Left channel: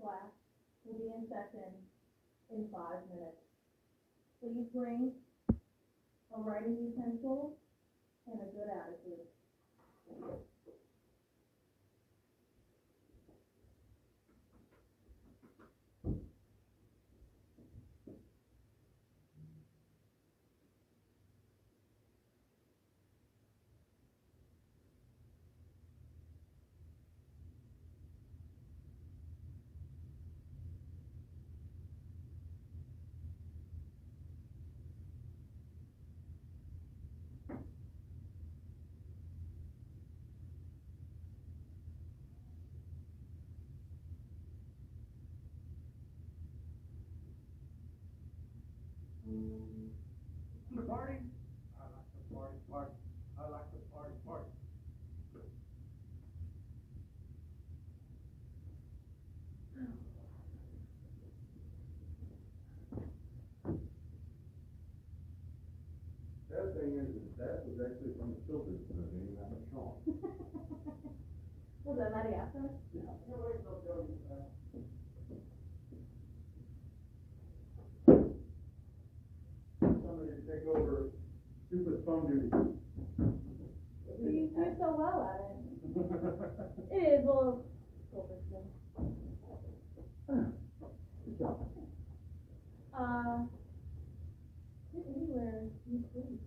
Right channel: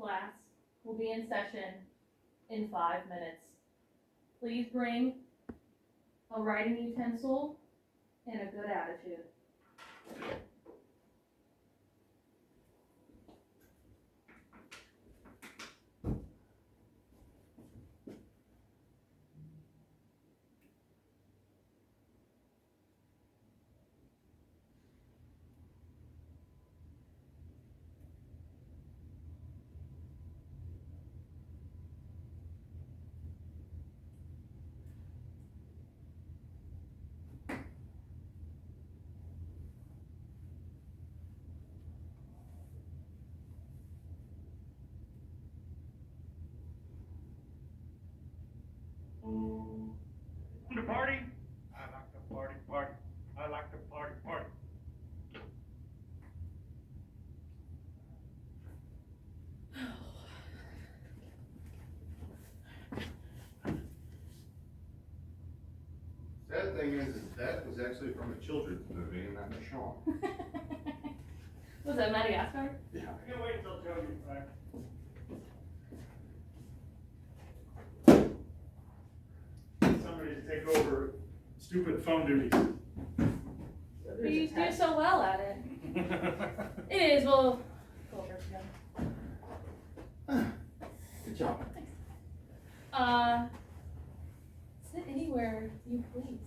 Class will be in session in 5 minutes. Please bring a writing utensil and a good attitude. The party? I like the party, party. I like the party, party. Sad thing is that was actually from a children's movie, and that was Sean. Was that Madagascar? Yeah. I can't wait until Joe gets back. Somebody to take over stupid phone duties. But you do so well at it. It is, well, culture. Good job. Sit anywhere you please.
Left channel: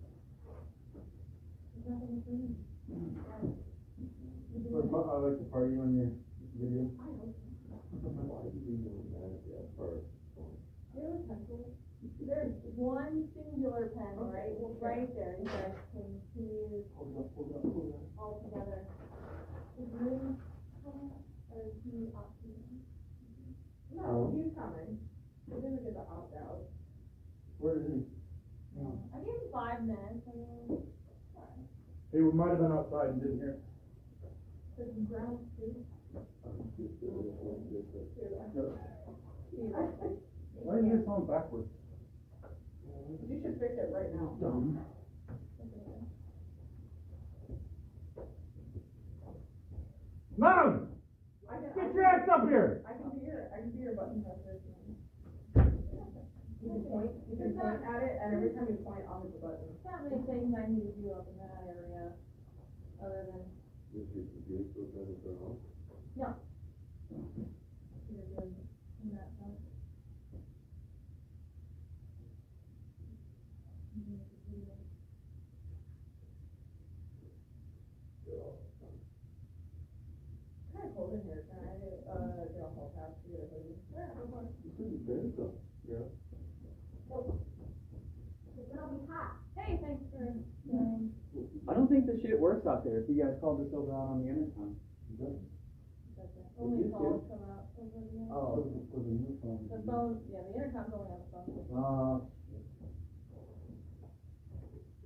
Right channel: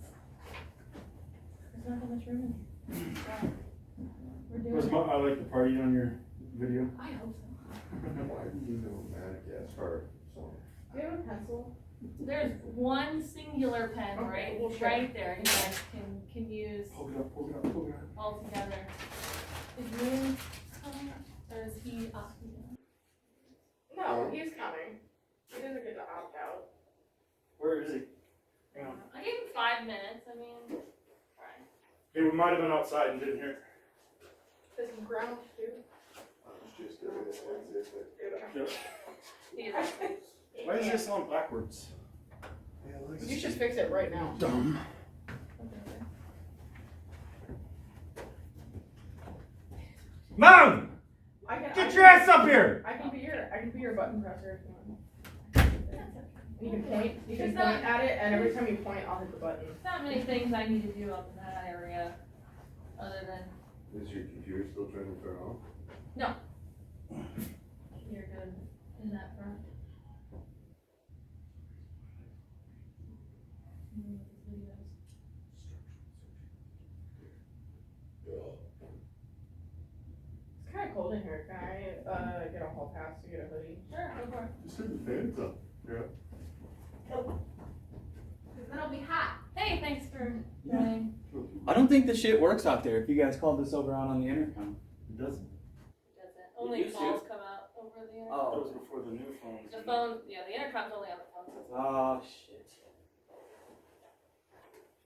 There's not that much room in here. So, we're doing it. I like the party on your video. I hope so. Why do you know Madagascar song? Do you have a pencil? There's one singular pen Okay, we'll right there. You guys can use Pull it up, pull it up, pull it up. all together. Is Moon coming or is he opting in? No, he's coming. He doesn't get to opt out. Where is he? Yeah. I gave him 5 minutes. I mean, alright. Hey, we might have been outside and didn't hear it. Does he ground too? I was just doing it. Yeah. He's- Why is this on backwards? You should fix it right now. Dumb. Mom! Get your ass up here! I can be your button presser if you want. You can point at it, and every time you point, I'll hit the button. There's not many things I need to do up in that area, other than Is your computer still trying to turn on? you're good in that front. Videos. for joining. I don't think the shit works out there if you guys called this over on the intercom. It doesn't. Doesn't. Only used to. calls come out over the intercom. That Oh. was before the new phones. The phone, yeah, the intercom's only on the phone system. Oh, shit.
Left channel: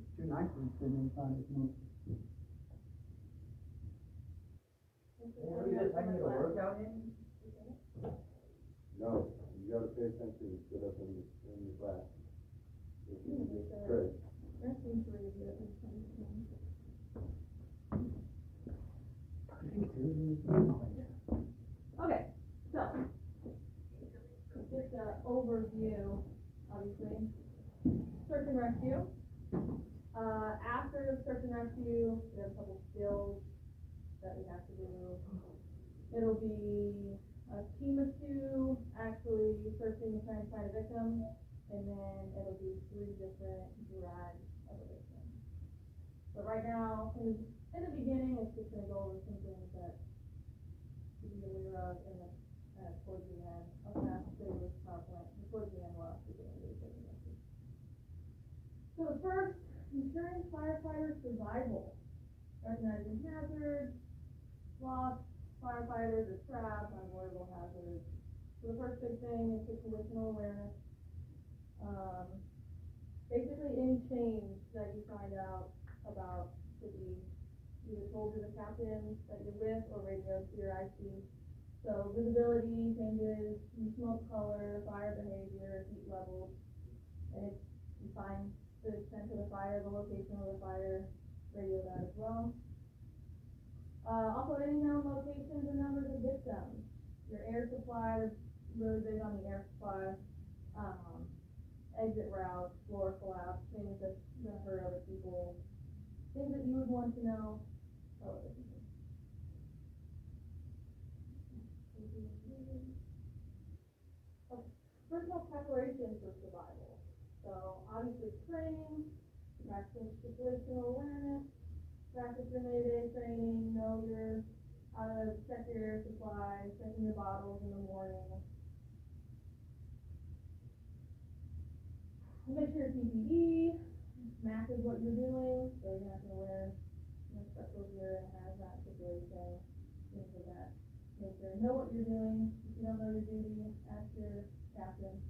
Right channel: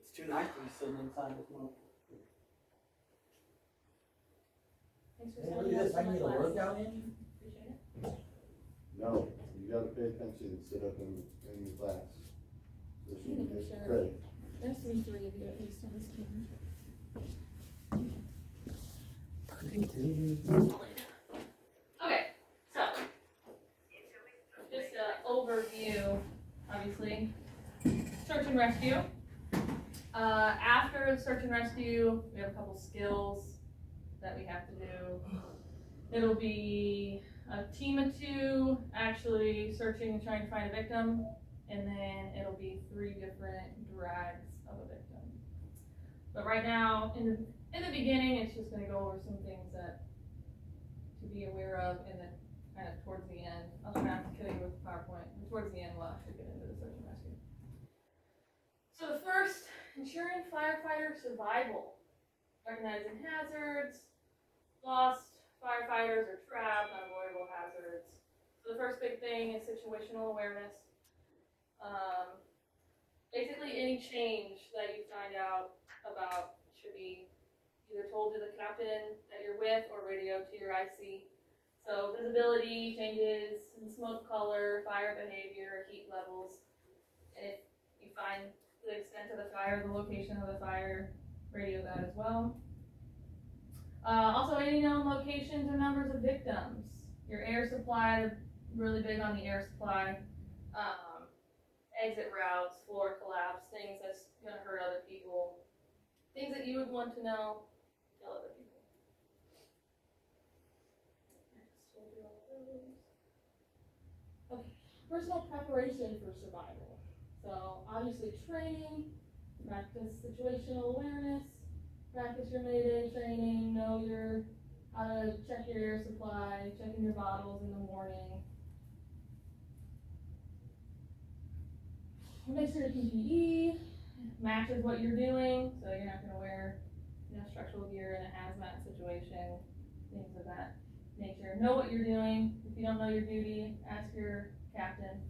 It's too nice to be sitting inside this month. Thanks for Hey, sending look at us this, I can get a my workout glasses. in? Appreciate it. No, you gotta pay attention and sit up in the class. So you can get Sure. credit. There's three of you at least on this team. Okay, so, just an overview, obviously, search and rescue. After search and rescue, we have a couple skills that we have to do. It'll be a team of 2 actually searching and trying to find a victim, and then it'll be 3 different drags of a victim. But right now, in the beginning, it's just gonna go over some things that to be aware of, and then kind of towards the end, I'll try not to kill you with PowerPoint, and towards the end, we'll actually get into the search and rescue. So the first, ensuring firefighter survival, recognizing hazards, lost firefighters or trapped, unavoidable hazards. So the first big thing is situational awareness. Basically any change that you find out about should be either told to the captain that you're with or radioed to your IC. So visibility changes in smoke color, fire behavior, heat levels, and if you find the extent of the fire, the location of the fire, radio that as well. Also any known locations or numbers of victims. Your air supply, really big on the air supply. Exit routes, floor collapse, things that's gonna hurt other people. Things that you would want to know, tell other people. Next, we'll do all those. Okay, personal preparation for survival. So obviously training, practice situational awareness, practice your Mayday training, know how to check your air supply, checking your bottles in the morning. Make sure your PPE matches what you're doing, so you're not gonna wear, structural gear in a hazmat situation, things of that nature. Know what you're doing. If you don't know your duty, ask your captain.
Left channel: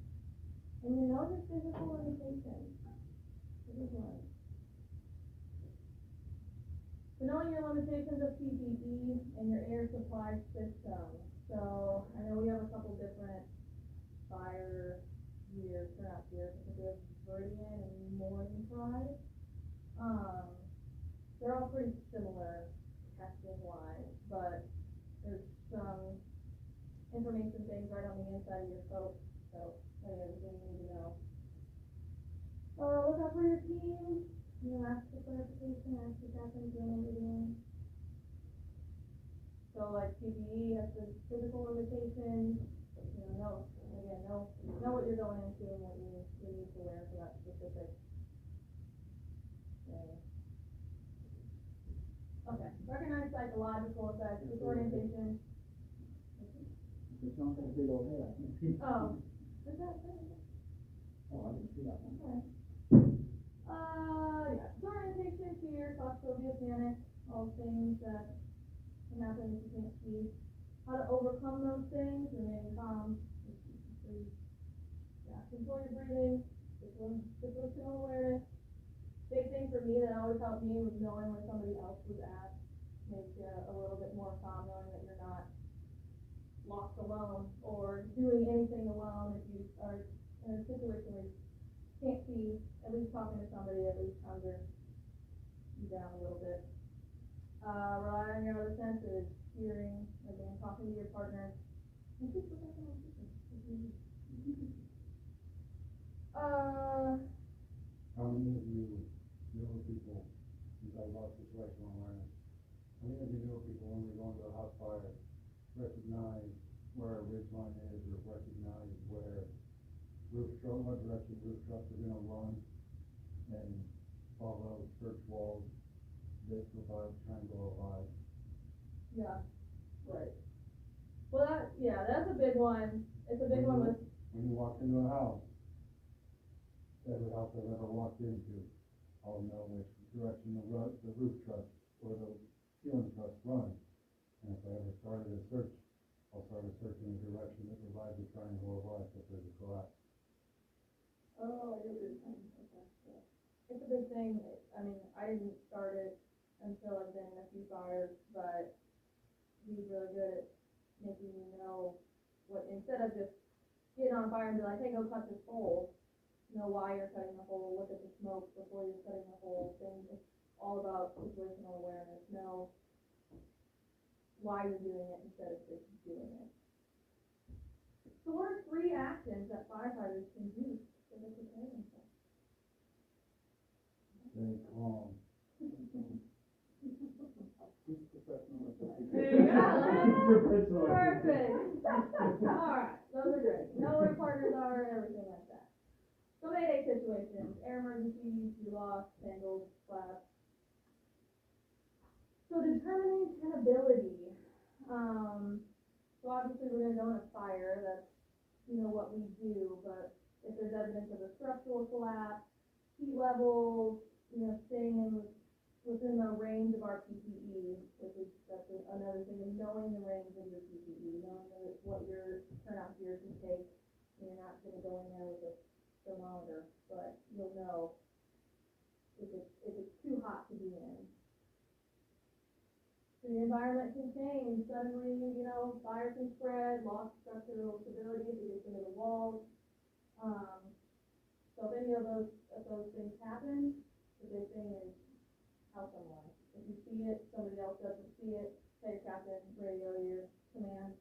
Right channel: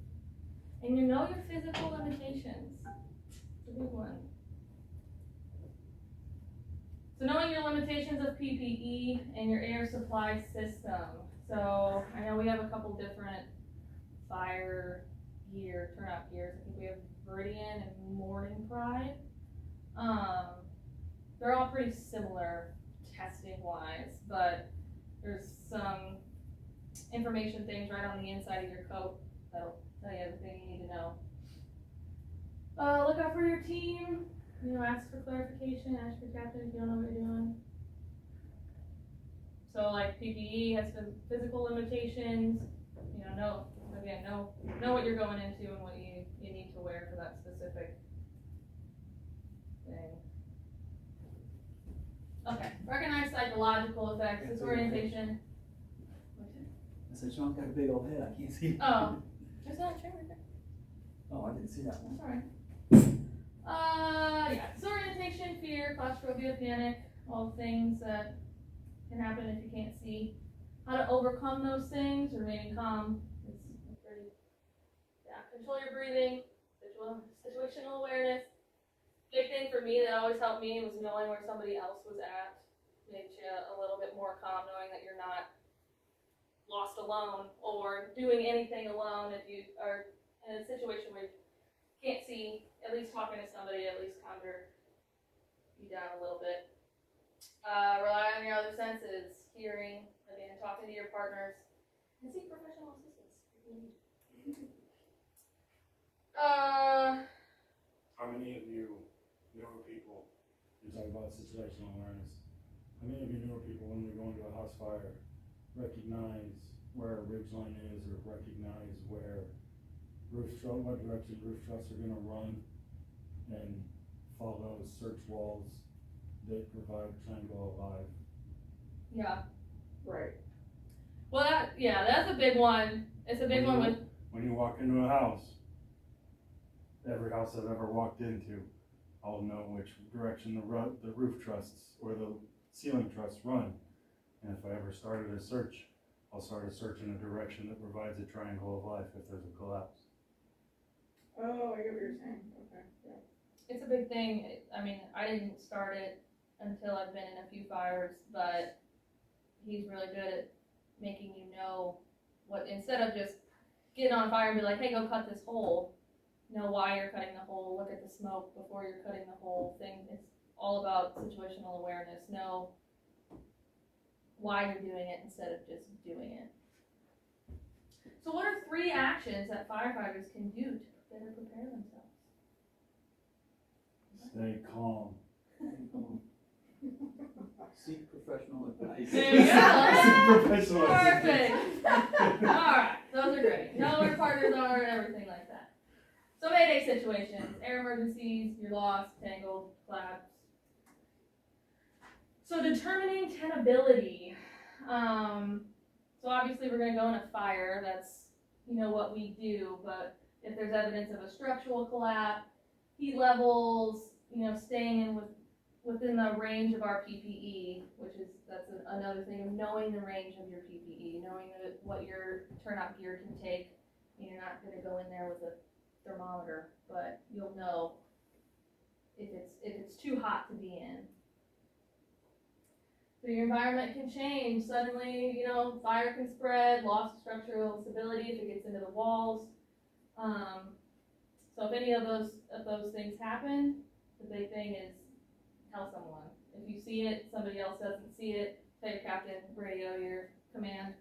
And you know your physical limitations. It's a big one. So knowing your limitations of PPE and your air supply system. So I know we have a couple different fire gear, turnout gears. I think we have Viridian and Morning Pride. They're all pretty similar testing wise, but there's some information things right on the inside of your coat that'll tell you everything you need to know. Look out for your team. Ask for clarification, ask your captain if you don't know what you're doing. So like PPE has physical limitations, know what you're going into and what you need to wear for that specific thing. Okay, recognize psychological effects, disorientation. I said, Sean got a big old head, I can't see. Oh, there's not a chair right there. Oh, I didn't see that one. Sorry. Yeah, disorientation, fear, claustrophobia, panic, all things that can happen if you can't see. How to overcome those things, remaining calm. It's pretty, control your breathing, situational awareness. Big thing for me that always helped me was knowing where somebody else was at. Makes you a little bit more calm, knowing that you're not lost alone or doing anything alone. If you are in a situation where you can't see, at least talking to somebody at least calms you down a little bit. Rely on your other senses, hearing, again, talking to your partners, and seek professional assistance if you need. How many of you newer people, you talk about situational awareness, how many of you newer people, when we go into a house fire, recognize where a ridge line is, or recognize where what direction roof truss are gonna run, and follow search walls that provide triangle alive? Yeah. Right. Well, that's a big one. It's a big one with. When you walk into a house, every house I've ever walked into, I'll know which direction the roof trusses or the ceiling trusses run. And if I ever started a search, I'll start a search in a direction that provides a triangle of life if there's a collapse. Oh, I get what you're saying, okay, yeah. It's a big thing. I mean, I didn't start it until I've been in a few fires, but he's really good at making you know what, instead of just getting on fire and be like, hey, go cut this hole, know why you're cutting the hole, look at the smoke before you're cutting the whole thing. It's all about situational awareness. Know why you're doing it instead of just doing it. So what are 3 actions that firefighters can do to better prepare themselves? Stay calm. Seek professional advice. There you go. Professional Perfect. Alright, those are great. Know where partners are and everything like that. So mayday situations, air emergencies, you're lost, tangled, collapse. So determining tenability. So obviously we're gonna go in a fire, that's, what we do, but if there's evidence of a structural collapse, heat levels, staying in within the range of our PPE, that's another thing of knowing the range of your PPE, knowing what your turnout gear can take. You're not gonna go in there with a thermometer, but you'll know if it's too hot to be in. So your environment can change. Suddenly, fire can spread, loss of structural stability if it gets into the walls. So if any of those things happen, the big thing is tell someone. If you see it, somebody else doesn't see it, tell your captain, radio your command.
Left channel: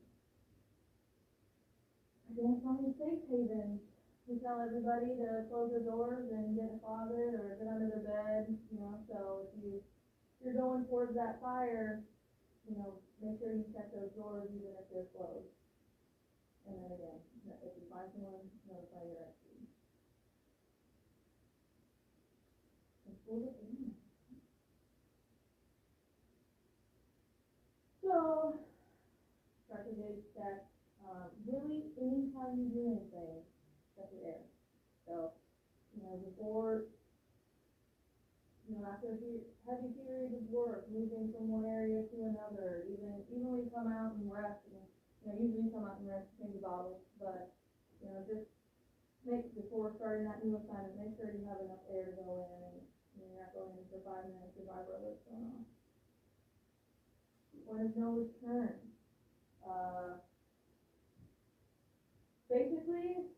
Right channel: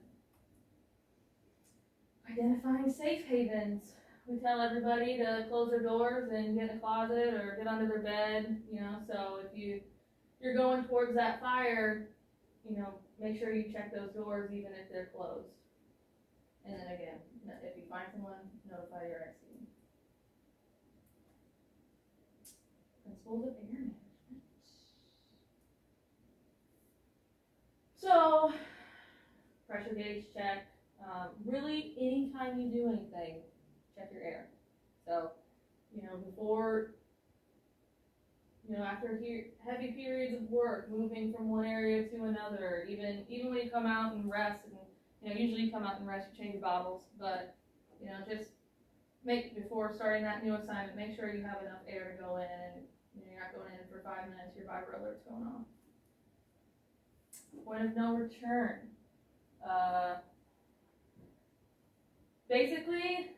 Identifying safe havens. We tell everybody to close their doors and get in a closet or get under their bed, so if you're going towards that fire, make sure you check those doors even if they're closed. And then again, if you find someone, notify your ex team. Principles of air management. So, pressure gauge check. Really, anytime you do anything, check your air. So, before, after heavy periods of work, moving from one area to another, even when you come out and rest, and usually you come out and rest, you change your bottles, but just before starting that new assignment, make sure you have enough air to go in, and you're not going in for 5 minutes, your vibro alert's going off. Point of no return. Basically,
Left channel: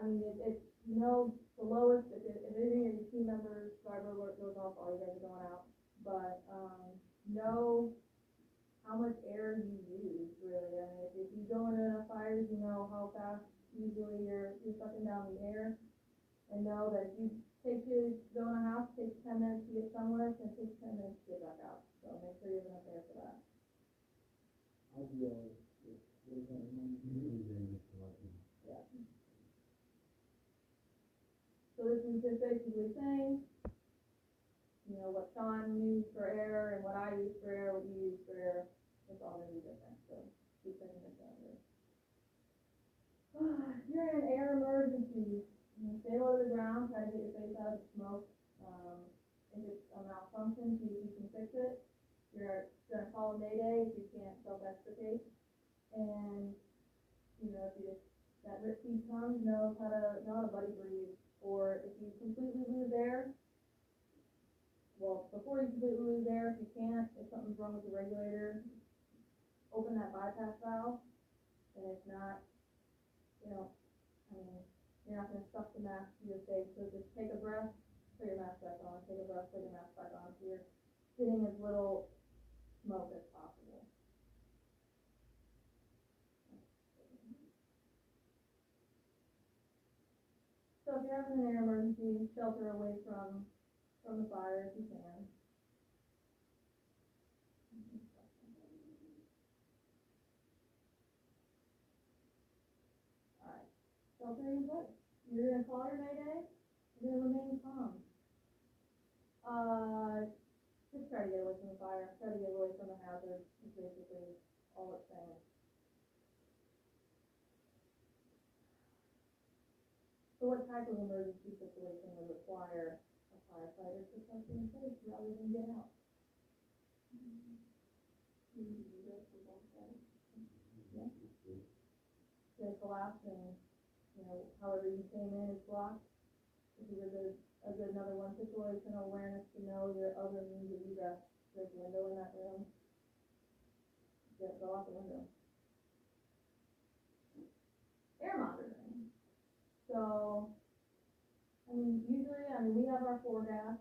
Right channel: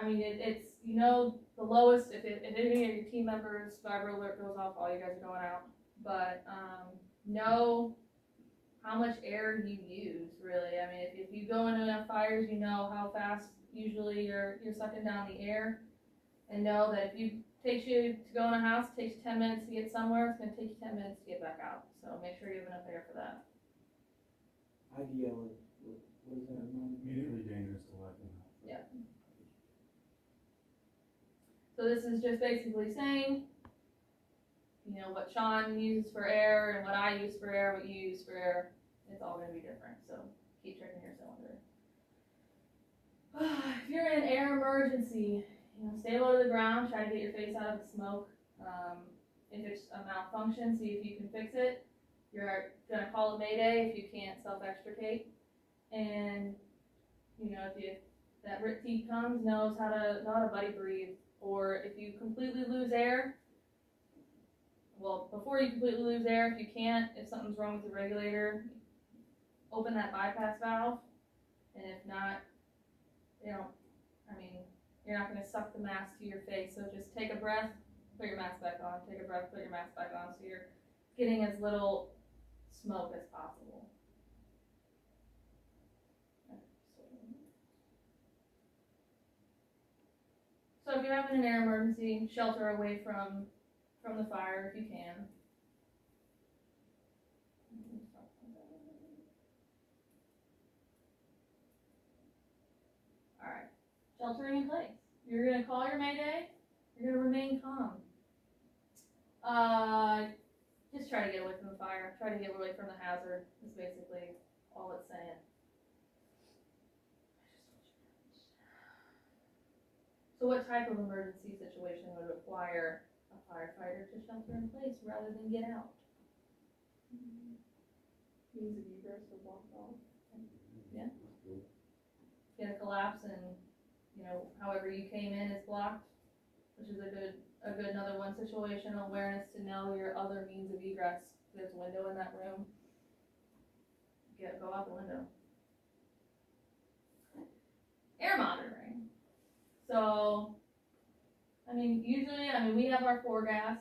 I mean, it's the lowest, if any of your team members' vibro alert goes off, all you guys are going out. But know how much air you use, really. I mean, if you go into enough fires, you know how fast usually you're sucking down the air. And know that if takes you to go in a house, it takes you 10 minutes to get somewhere, it's going to take you 10 minutes to get back out. So make sure you have enough air for that. IDL, what is that? Immediately dangerous to let them know. Yeah. So this is just basically saying, what Sean uses for air and what I use for air, what you use for air, it's all going to be different. So keep checking your cylinder. If you're in an air emergency, stay low to the ground, try to get your face out of the smoke. If it's a malfunction, see if you can fix it. You're going to call a mayday if you can't self-extricate. And, if that RIT team comes, knows how to buddy breathe. Or if you completely lose air, before you completely lose air, if you can't, if something's wrong with the regulator, open that bypass valve. And if not, you're not going to suck the mask to your face. So just take a breath, put your mask back on, take a breath, put your mask back on, so you're getting as little smoke as possible. So if you're having an air emergency, shelter away from the fire if you can. Alright, sheltering in place. You're going to call your mayday, you're going to remain calm. Just try to get away from the fire, try to get away from the hazard, is basically all it's saying. So what type of emergency situation? situation would require a firefighter to shelter in place rather than get out. Means of egress or blocked off. Get a collapse and, however you came in is blocked, which is a good another one, situational awareness to know your other means of egress. There's a window in that room. Go out the window. Air monitoring. So, usually, we have our 4-gas.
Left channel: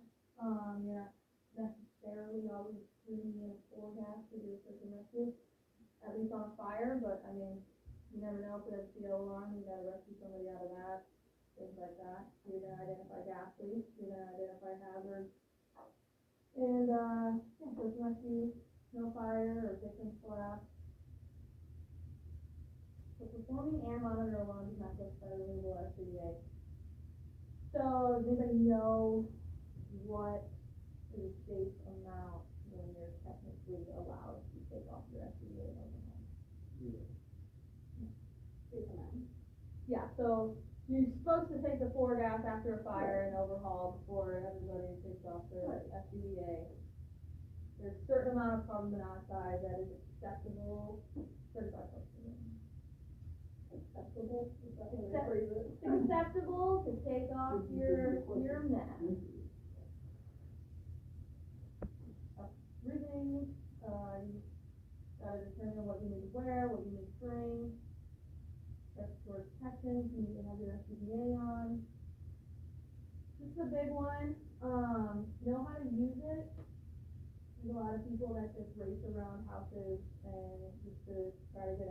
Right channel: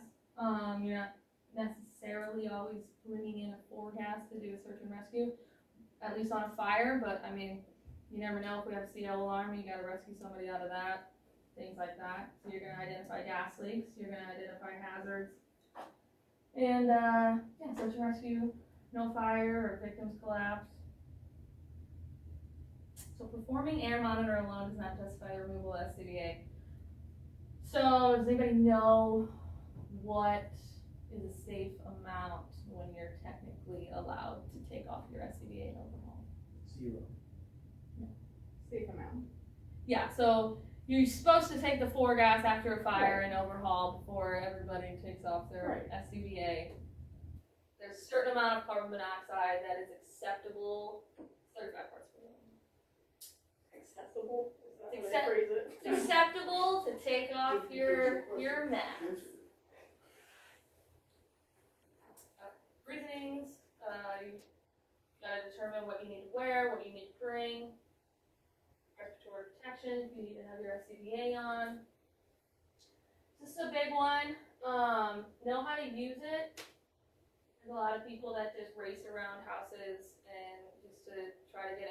You're not necessarily always bringing in a 4-gas to do a search and rescue, at least on a fire, but you never know if we have a CO alarm, you gotta rescue somebody out of that, things like that. So you're gonna identify gas leaks, you're gonna identify hazards. And, search and rescue, no fire or victims collapse. So performing air monitor alone does not justify the removal of SCBA. So does anybody know what is a safe amount when you're technically allowed to take off your SCBA and overhaul? 0. Safe amount. Yeah, so you're supposed to take the 4-gas after a fire and overhaul before everybody takes off their SCBA. There's a certain amount of carbon monoxide that is acceptable, 35 parts per million. Accessible, is that the way Accept- to phrase it? It's acceptable to take off your mask. Reasonings, you gotta determine what you need to wear, what you need to bring. Respiratory protection, if you need to have your SCBA on. This is a big one, know how to use it. There's a lot of people that just race around houses and just to try to get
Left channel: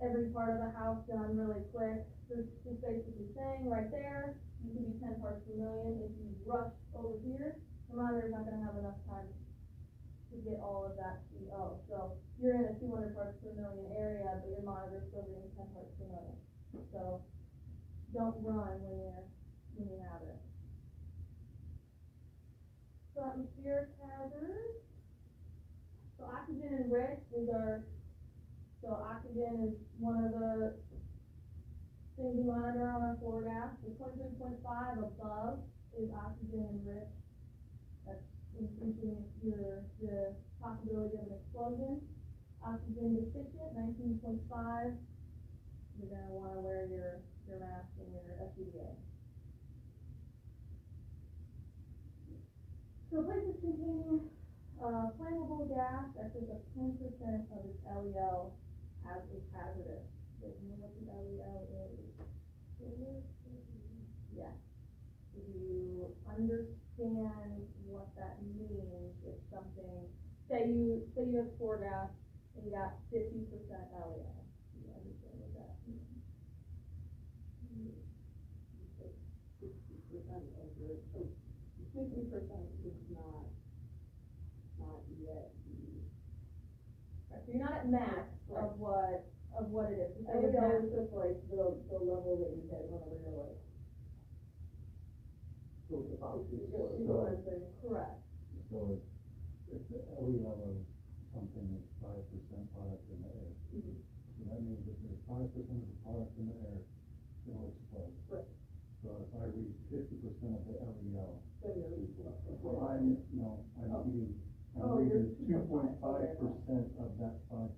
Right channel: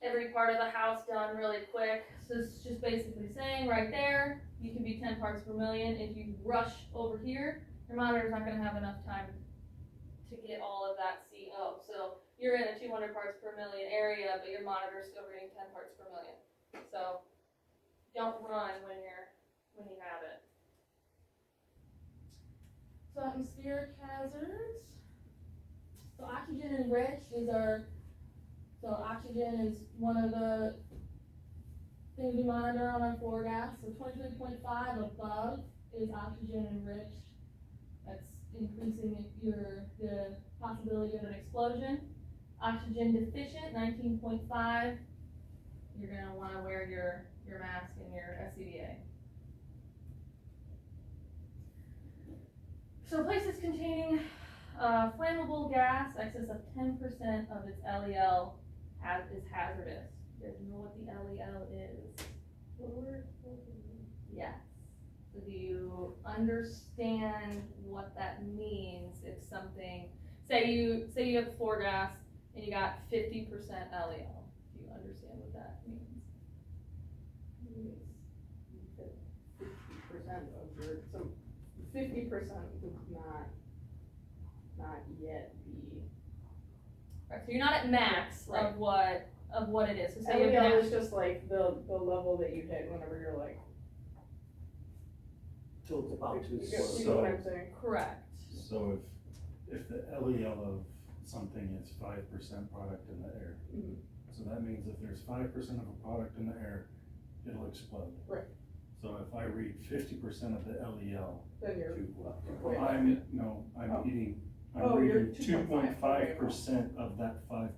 every part of the house done really quick. So it's just basically saying right there, you can be 10 parts per million. If you rush over here, your monitor's not gonna have enough time to get all of that CO. So you're in a 200 parts per million area, but your monitor's still reading 10 parts per million. So don't run when you have it. So atmospheric hazards. So oxygen enriched so oxygen is one of the things we monitor on our 4-gas. So 23.5 above is oxygen enriched. That's increasing the possibility of an explosion. Oxygen deficient, 19.5. You're gonna wanna wear your mask and your SCBA. So places containing flammable gas, excess of 10% of its LEL is hazardous. You guys know what the LEL is? Yes. So do you understand what that means if something, say you have 4-gas and you got 50% LEL. Do you understand what that means? 50% of your, so 50% would not yet be. Right, so you're not at max Right. of what it is. So say you're LEL gonna is just like the level that you hit whenever you're like. Till it's about to You know what I'm saying? correct. So if the LEL of something is 5% product in the air, Mhm. so that means if there's 5% of a product in the air, it'll explode. Right. So if I read 50% of the LEL, Then you're. I'm Oh, you're reading 2.5% of that 5%.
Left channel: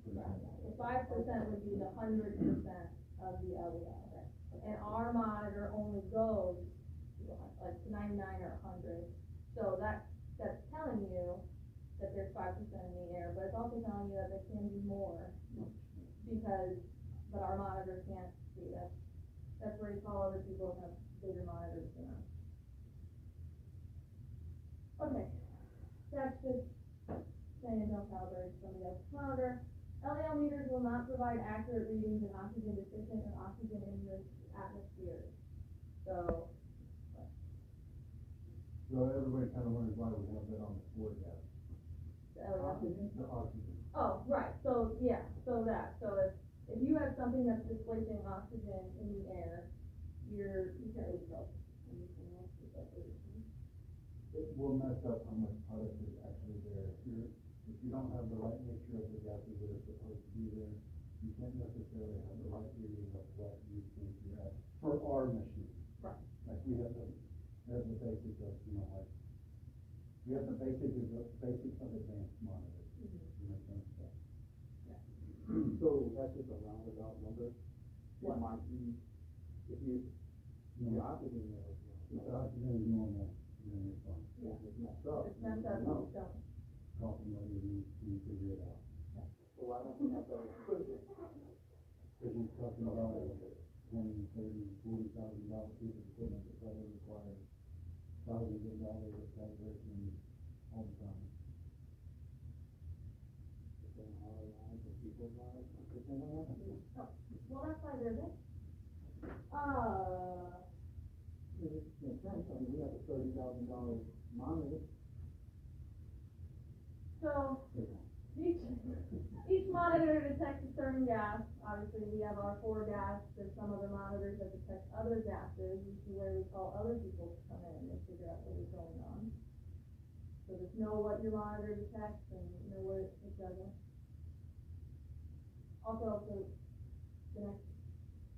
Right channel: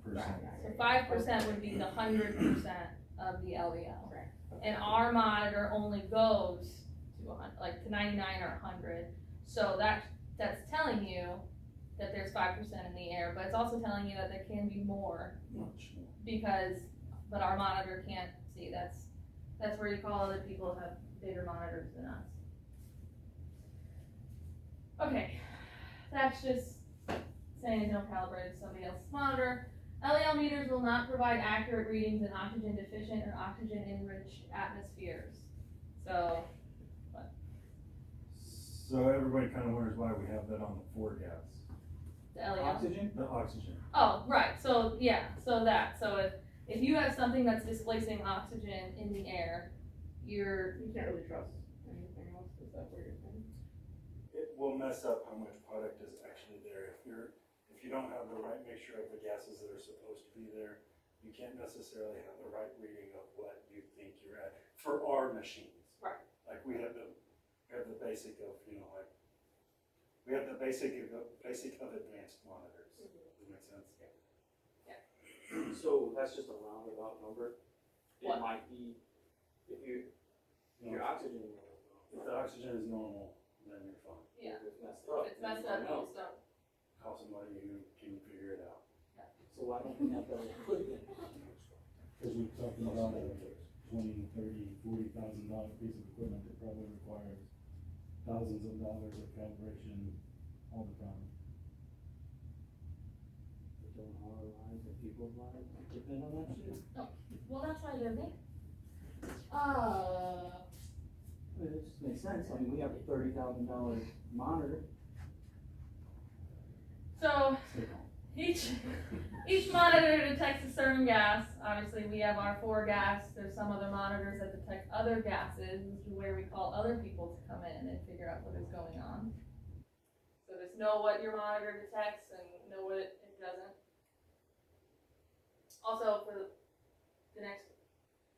So 5% would be the 100% of the LEL. Right. And our monitor only goes to 100, like to 99 or 100. So that's telling you that there's 5% in the air, but it's also telling you that there can be more Much more. but our monitor can't see. That's where you call other people who have bigger monitors than us. Okay, that's just saying don't calibrate somebody else's monitor. LEL meters will not provide accurate readings in oxygen deficient or oxygen enriched atmospheres. So, So everybody kind of wonders why we have that on the 4-gas, the LEL. Oxygen? the oxygen. Oh, right, so if you have something that's displacing oxygen in the air, You can't really trust anything else, is that what you're saying? It will mess up how much product is actually there. If you don't have the right mixture of the gases that are supposed to be there, you can't necessarily have the right reading of what you think you're at, for our machines. Right. Like we have the basic of, you know, like, we have the basic of advanced monitors. Does that make sense? So that's just a roundabout number? What? It might be, if you, No, your oxygen level is if the oxygen is normal, then you're fine. Yeah. If it's messed up. If it's messed up, no. it's done. Call somebody who can figure it out. So why don't we have that equipment? Cause we're talking about a $20,000, $30,000, $40,000 piece of equipment that probably requires thousands of dollars of calibration all the time. Don't our lives and people's lives depend on that shit? Well, that's why they're there. I mean, it just makes sense, I mean, we have a $30,000 monitor. So, Stay calm. each monitor detects a certain gas. Obviously, we have our 4 gas. There's some other monitors that detect other gases, which is where we call other people to come in and figure out what is going on. So just know what your monitor detects and know what it doesn't. Also, for the next,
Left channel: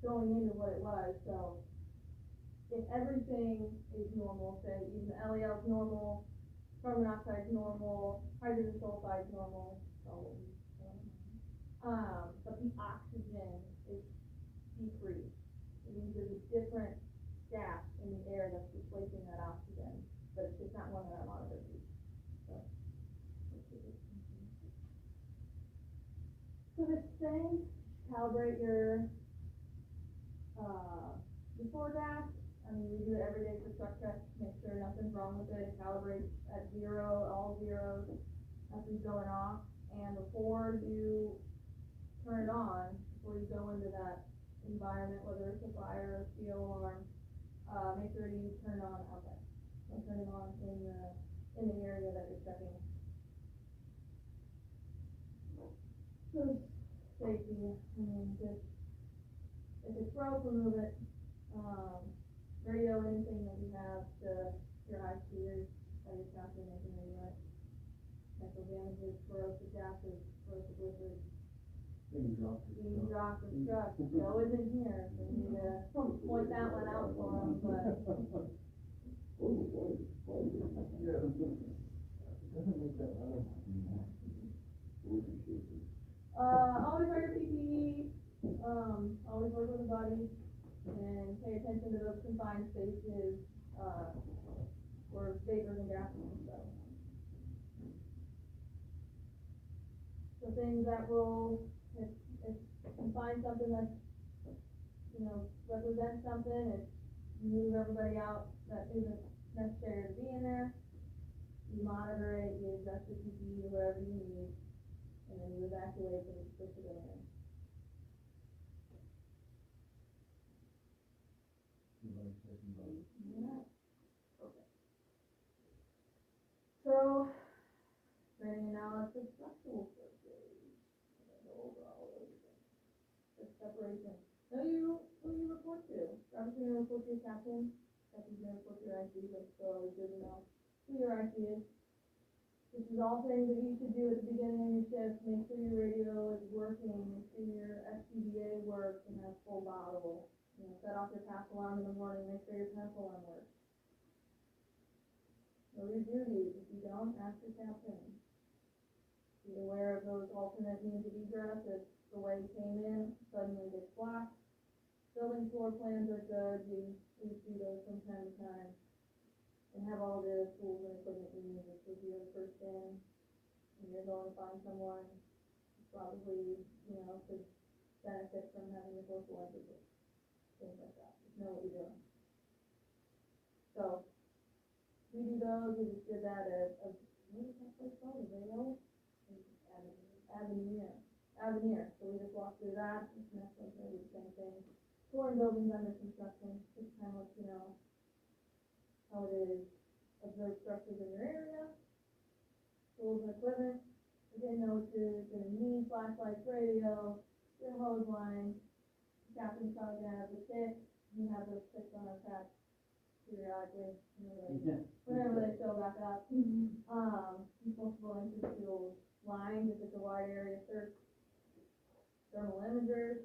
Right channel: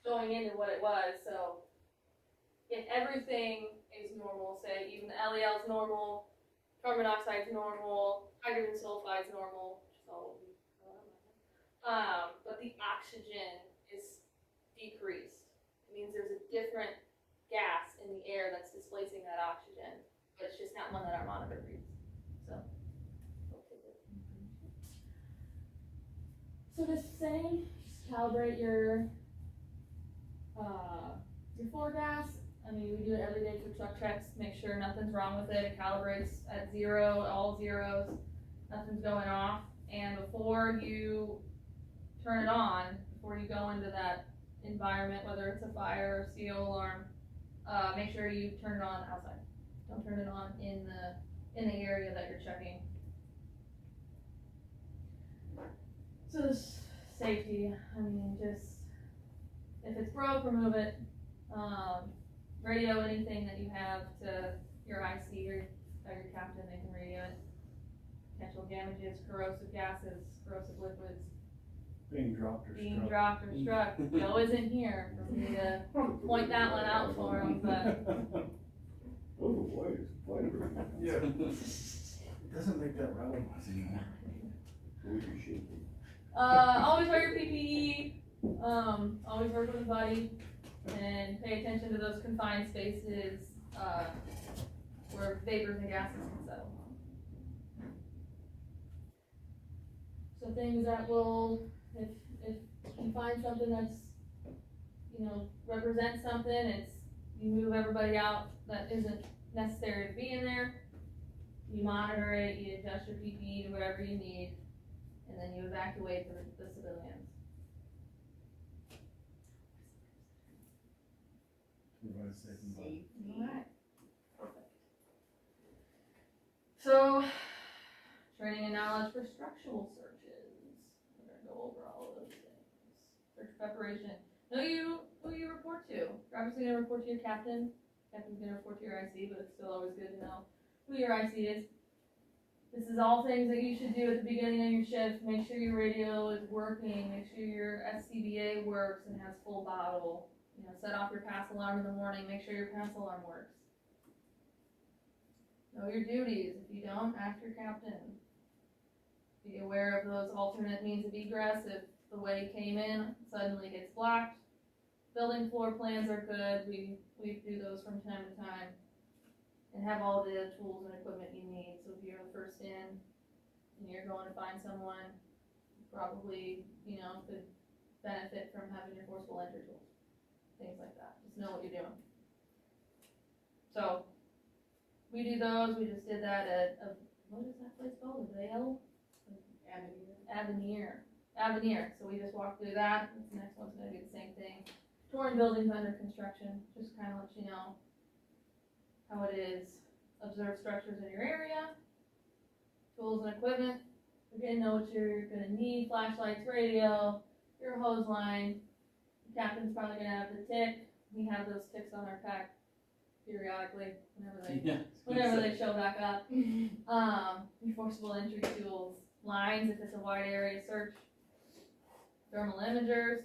going into what it was, so if everything is normal, say even the LEL is normal, carbon monoxide is normal, hydrogen sulfide is normal, so, but the oxygen is decreased. It means there's a different gas in the air that's displacing that oxygen, but it's just not one that our monitor reads, so. So just saying, just calibrate your floor gas. I mean, we do it every day for truck checks, make sure nothing's wrong with it, it calibrates at 0, all zeros, nothing's going off. And before you turn it on, before you go into that environment, whether it's a fire or CO alarm, make sure you turn it on outside. Don't turn it on in the area that you're checking. So just safety, I mean, just, if it's broke, remove it. Radio anything that you have to your IC or your captain, they can radio it. Potential damages, corrosive gases, corrosive liquids, Being dropped or being struck. dropped or struck. Joe isn't here for me to point that one out for him, but Oh, why is fiber? Yeah. It doesn't make that rattle noise anymore. We should be. always wear your PPE, always work with a buddy, and pay attention to those confined spaces, where vapors and gases can settle. So things that will, if you find something that's, you know, represents something, it's, you move everybody out that isn't necessary to be in there, you monitor it, you adjust your PPE to whatever you need, and then you evacuate the civilians. Everybody's safe and well. Alright. So, training and knowledge for structural searches. We're gonna go over all of those things. Search preparation. Know who you report to. You're obviously gonna report to your captain. Captain's gonna report to your IC, but it's still always good to know who your IC is. This is all things that you should do at the beginning of your shift. Make sure your radio is working. Make sure your SCBA works and has full bottle. You know, set off your pass alarm in the morning. Make sure your pass alarm works. Know your duties. If you don't, ask your captain. Be aware of those alternate means of egress. If the way you came in suddenly gets blocked. Building floor plans are good. We do those from time to time. And have all the tools and equipment you need. So if you're the first in and you're going to find someone, probably, you know, could benefit from having your forcible entry tools. Things like that. Just know what you're doing. So we do those. We just did that at what is that place called? Avail? Avenir. So we just walked through that. This next one's gonna be the same thing. Touring buildings under construction. Just kind of let you know how it is. Observe structures in your area. Tools and equipment. Again, know what you're gonna need. Flashlights, radio, your hose line. The captain's probably gonna have the tick. We have those ticks on our pack periodically whenever they show back up. Your forcible entry tools, lines if it's a wide area search, thermal imagers,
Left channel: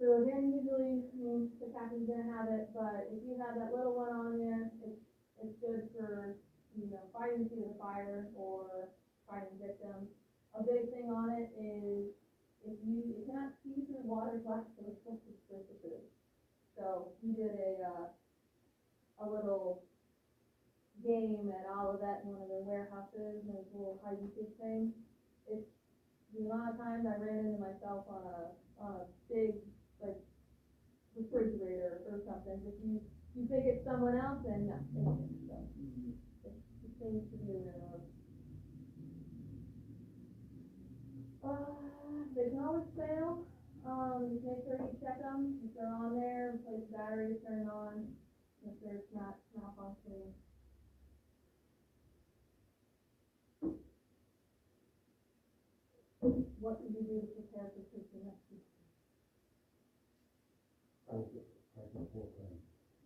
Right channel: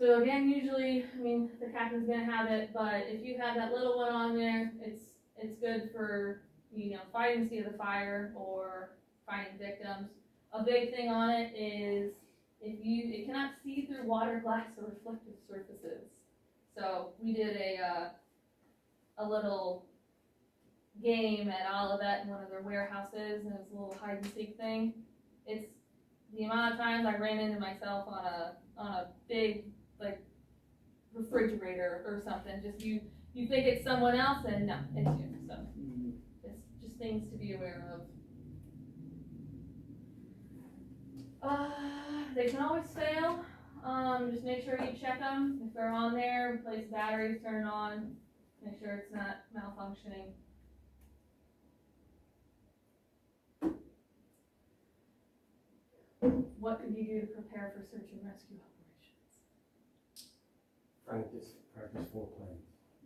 So again, usually, I mean, the captain's gonna have it, but if you have that little one on there, it's good for, you know, fighting the seat of the fire or finding victims. A big thing on it is it cannot see through water, glass, or reflective surfaces. So we did a little game at Olivet in one of their warehouses, and it was a little hide and seek thing. It's the amount of times I ran into myself on a big, like, refrigerator or something. Just you think it's someone else, and no, it's you. So it's just things to be aware of. They can always fail. Just make sure you check them. If they're on there, replace batteries, turn it on. Make sure it's not malfunctioning. What could you do to prepare for search and rescue operations? Practice foreplay.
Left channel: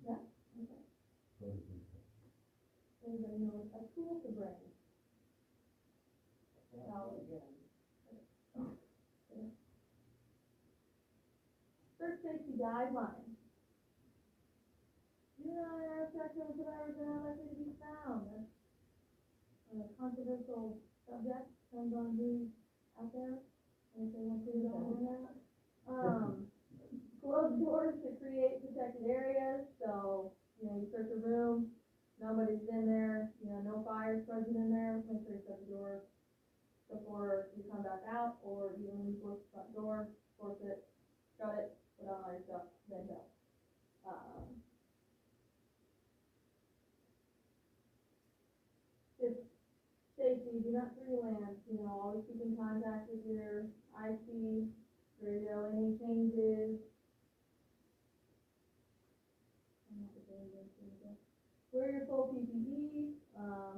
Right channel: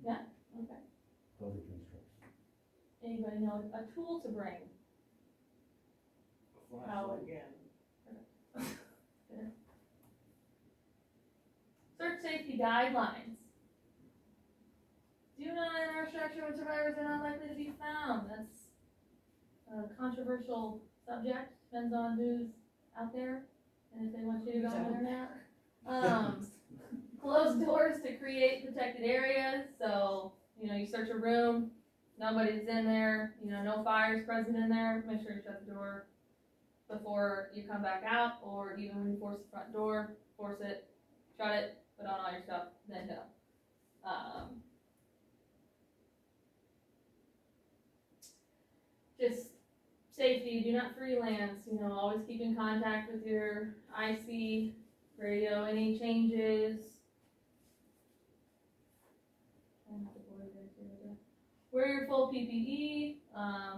Okay. Public instruction. Anybody know a tool to bring? Flashlight. Again. Search safety guidelines. Do not enter a structure when survivors are not likely to be found. That's a controversial subject. Depends on who's out there and if they want you to go in there or not. Close doors to create protected areas. So, you know, you search a room, nobody's in there, you know, no fires present in there. Make sure you shut the door before you come back out, or even when you force the front door, force it, shut it, put on all your stuff, then go. Just safety, do not freelance, you know, always keep in contact with your IC, radio, any changes. Wear your full PPE,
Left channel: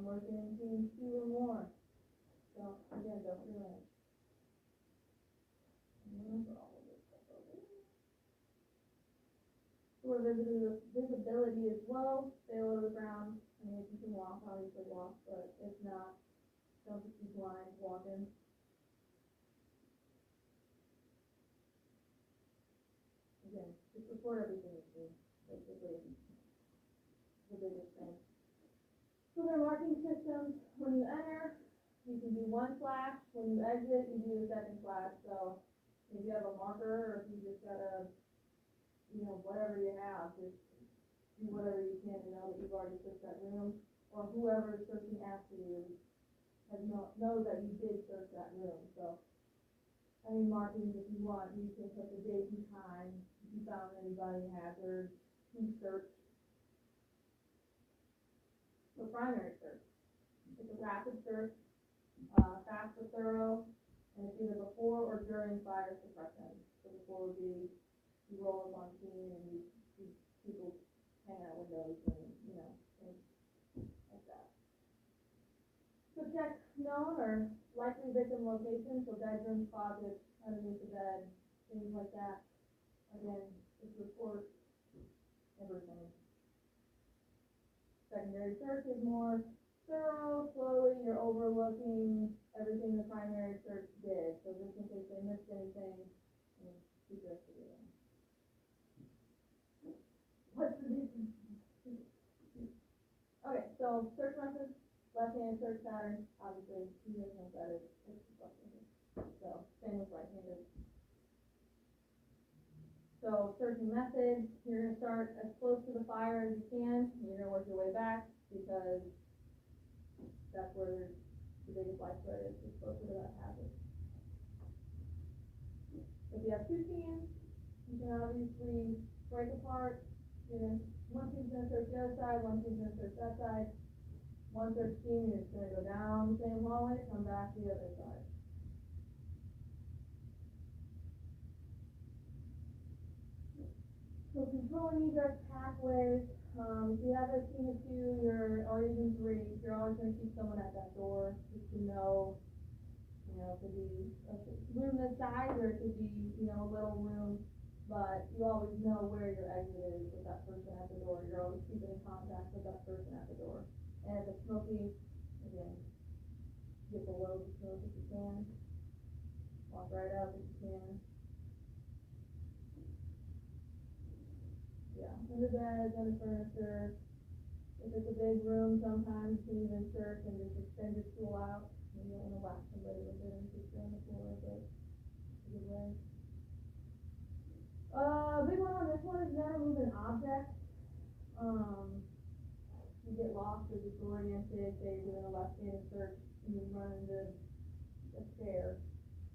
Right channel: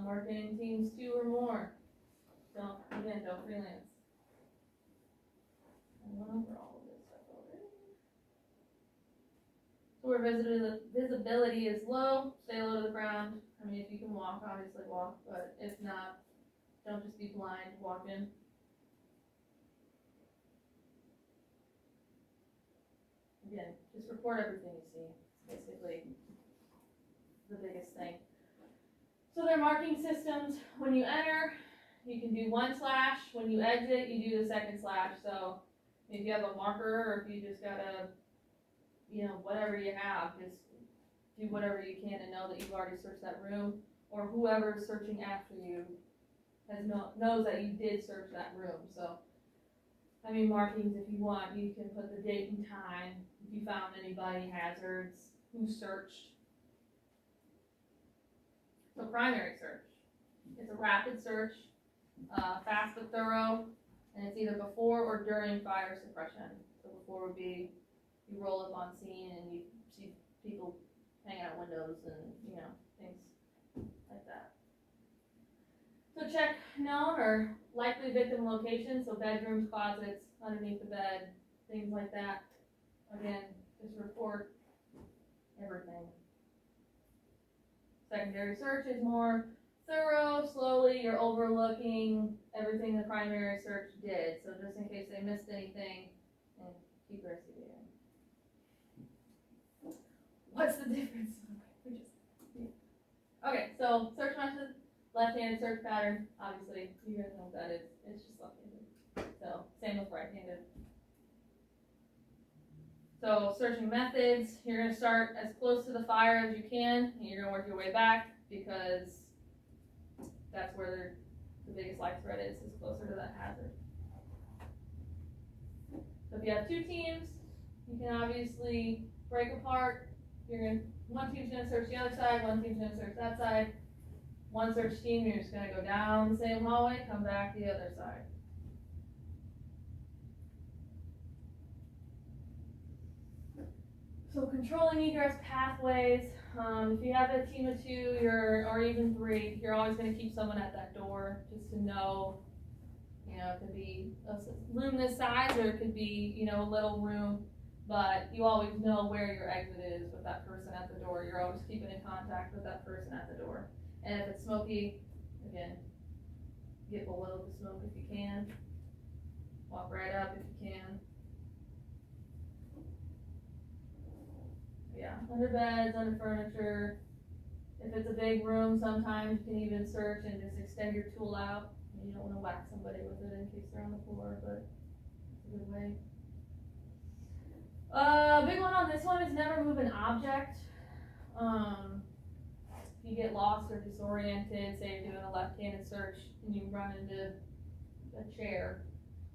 work in teams 2 or more. Don't freelance. I went over all of this stuff already. So where visibility is low, stay low to the ground. I mean, if you can walk, obviously walk, but if not, don't just be blind walking. Again, just report everything you see, basically the biggest thing. So their marking systems, when you enter, you can do 1 slash, when you exit, you do the 2nd slash. So if you have a marker, or if you just gotta, you know, whatever you have, just do whatever you can to know that you've already searched that room, or whoever's searching after you knows that you did search that room. So, I mean, markings, if you want, you can put the date and time, if you found anybody, hazards, who searched. So primary search, it's a rapid search, fast but thorough, and it's either before or during fire suppression. So before would be, you roll up on scene and you see people hanging out windows and, you know, things like that. So check known or likely victim locations, so bedrooms, closets, underneath the bed, things like that. Again, just report everything. Secondary search is more thorough, slowly, you're overlooking everything the primary search did, so just in case they missed anything, and keep investigating. What's the difference? Okay, so search method, left-handed search pattern, obviously, you guys know what that is, it's just left-handed. So, same with right-handed. So searching methods, you're gonna start as close to the fire as you can, and you're gonna work your way back, because that's where the biggest life threat is closer to that hazard. So if you have 2 teams, you can obviously break apart. One team's gonna search the other side, one team's gonna search that side. One search team, you're just gonna go down the same hallway, come back the other side. So controlling egress pathways, if you have a team of 2, or even 3, you're always gonna keep someone at that door, just to know, you know, it could be a room this size, or it could be, you know, a little room, but you always know where your exit is with that person at the door. You're always keeping in contact with that person at the door. And if it's smoky, again, get below the smoke if you can, walk right up if you can. Yeah, under beds, under furniture. If it's a big room, sometimes you can even search and just extend your tool out. You don't wanna whack somebody with it in case they're on the floor, but it's a good way. Big one on this one is never move an object. If you get lost or disoriented, say you're doing a left-handed search and you run into a chair,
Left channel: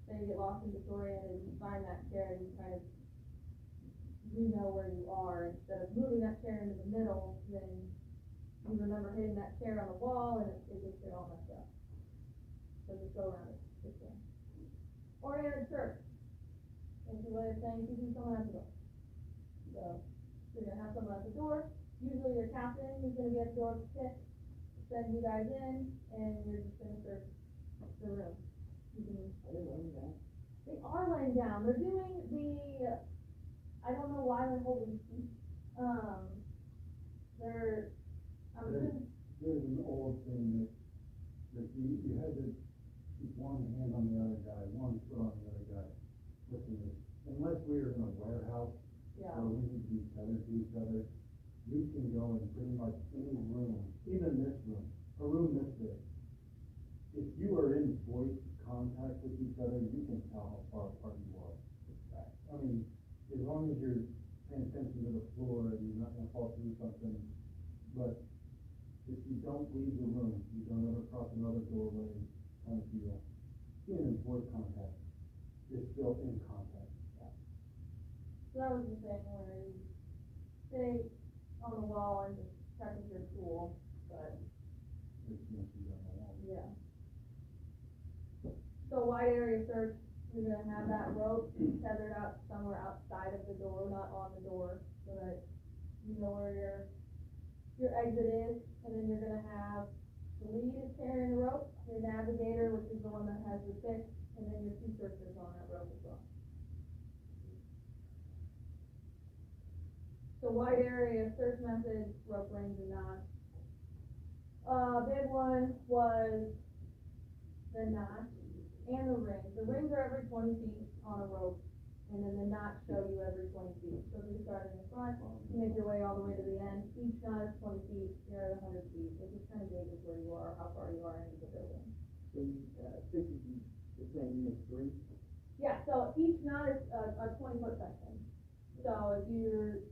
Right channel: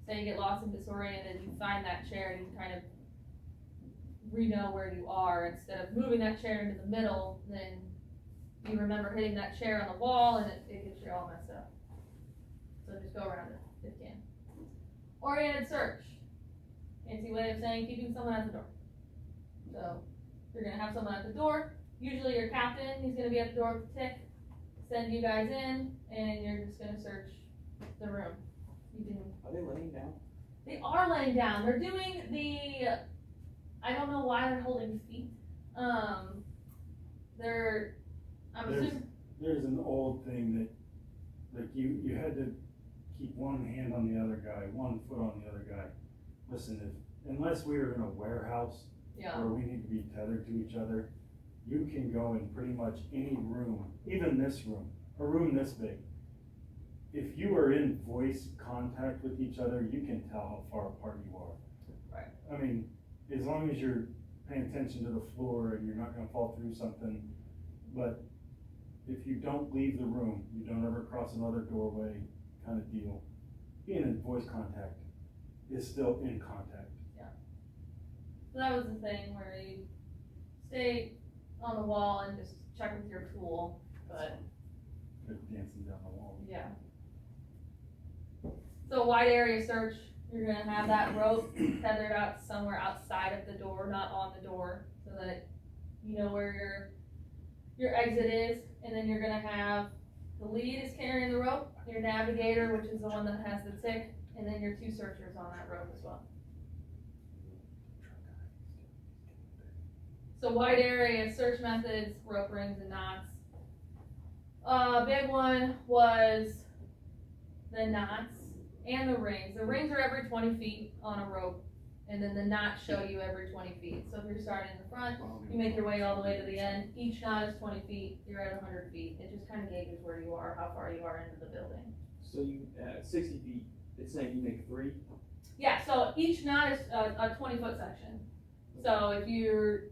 say you get lost and disoriented, you find that chair and you kind of re-know where you are. Instead of moving that chair into the middle, then you remember hitting that chair on the wall and it gets you all messed up. So just go around it if you can. Oriented search. Fancy way of saying keeping someone at the door. So you're gonna have someone at the door, usually your captain, he's gonna be at the door with the tick, send you guys in, and you're just gonna search the room. You can, Are they laying down? they are laying down, they're doing the, I don't know why they're holding feet. They're, I'm assuming, There's an old thing that, like you had to keep one hand on the other guy, one foot on the other guy. Listen, unless we are in a warehouse yeah, where we need to be tethered to each other, you can go in pretty much any room, even this room, a room this big. If you are in voice contact with each other, you can tell how far apart you are. Right. I mean, as long as you're paying attention to the floor and you're not gonna fall through something, but if you don't leave the room, you don't ever cross another doorway kind of deal, being in voice contact is still in contact. so that was the thing where you stay on the wall and just check with your tool, but They're dancing down the wall. yeah. So wide area search, you're gonna have that rope tethered out somewhere outside of the door, not on the door, so that you know where your exit is, and then you're gonna have, the lead is carrying the rope, your navigator, which is the one that has the tick, and then your two searchers on that rope as well. So wide area search methods, rope rings and knots. Big one was the knots and the rings. The rings are every 20 feet on a rope, and then the knots show you every 20 feet. So if you're starting in the front, you make your way all the way to the end. Each knot is 20 feet, you're at 100 feet. It just kind of gauges where you are, how far you are into the building. So you, at 60 feet, it's saying you make 3? Yeah, so each knot is a 20-foot section. So if you're,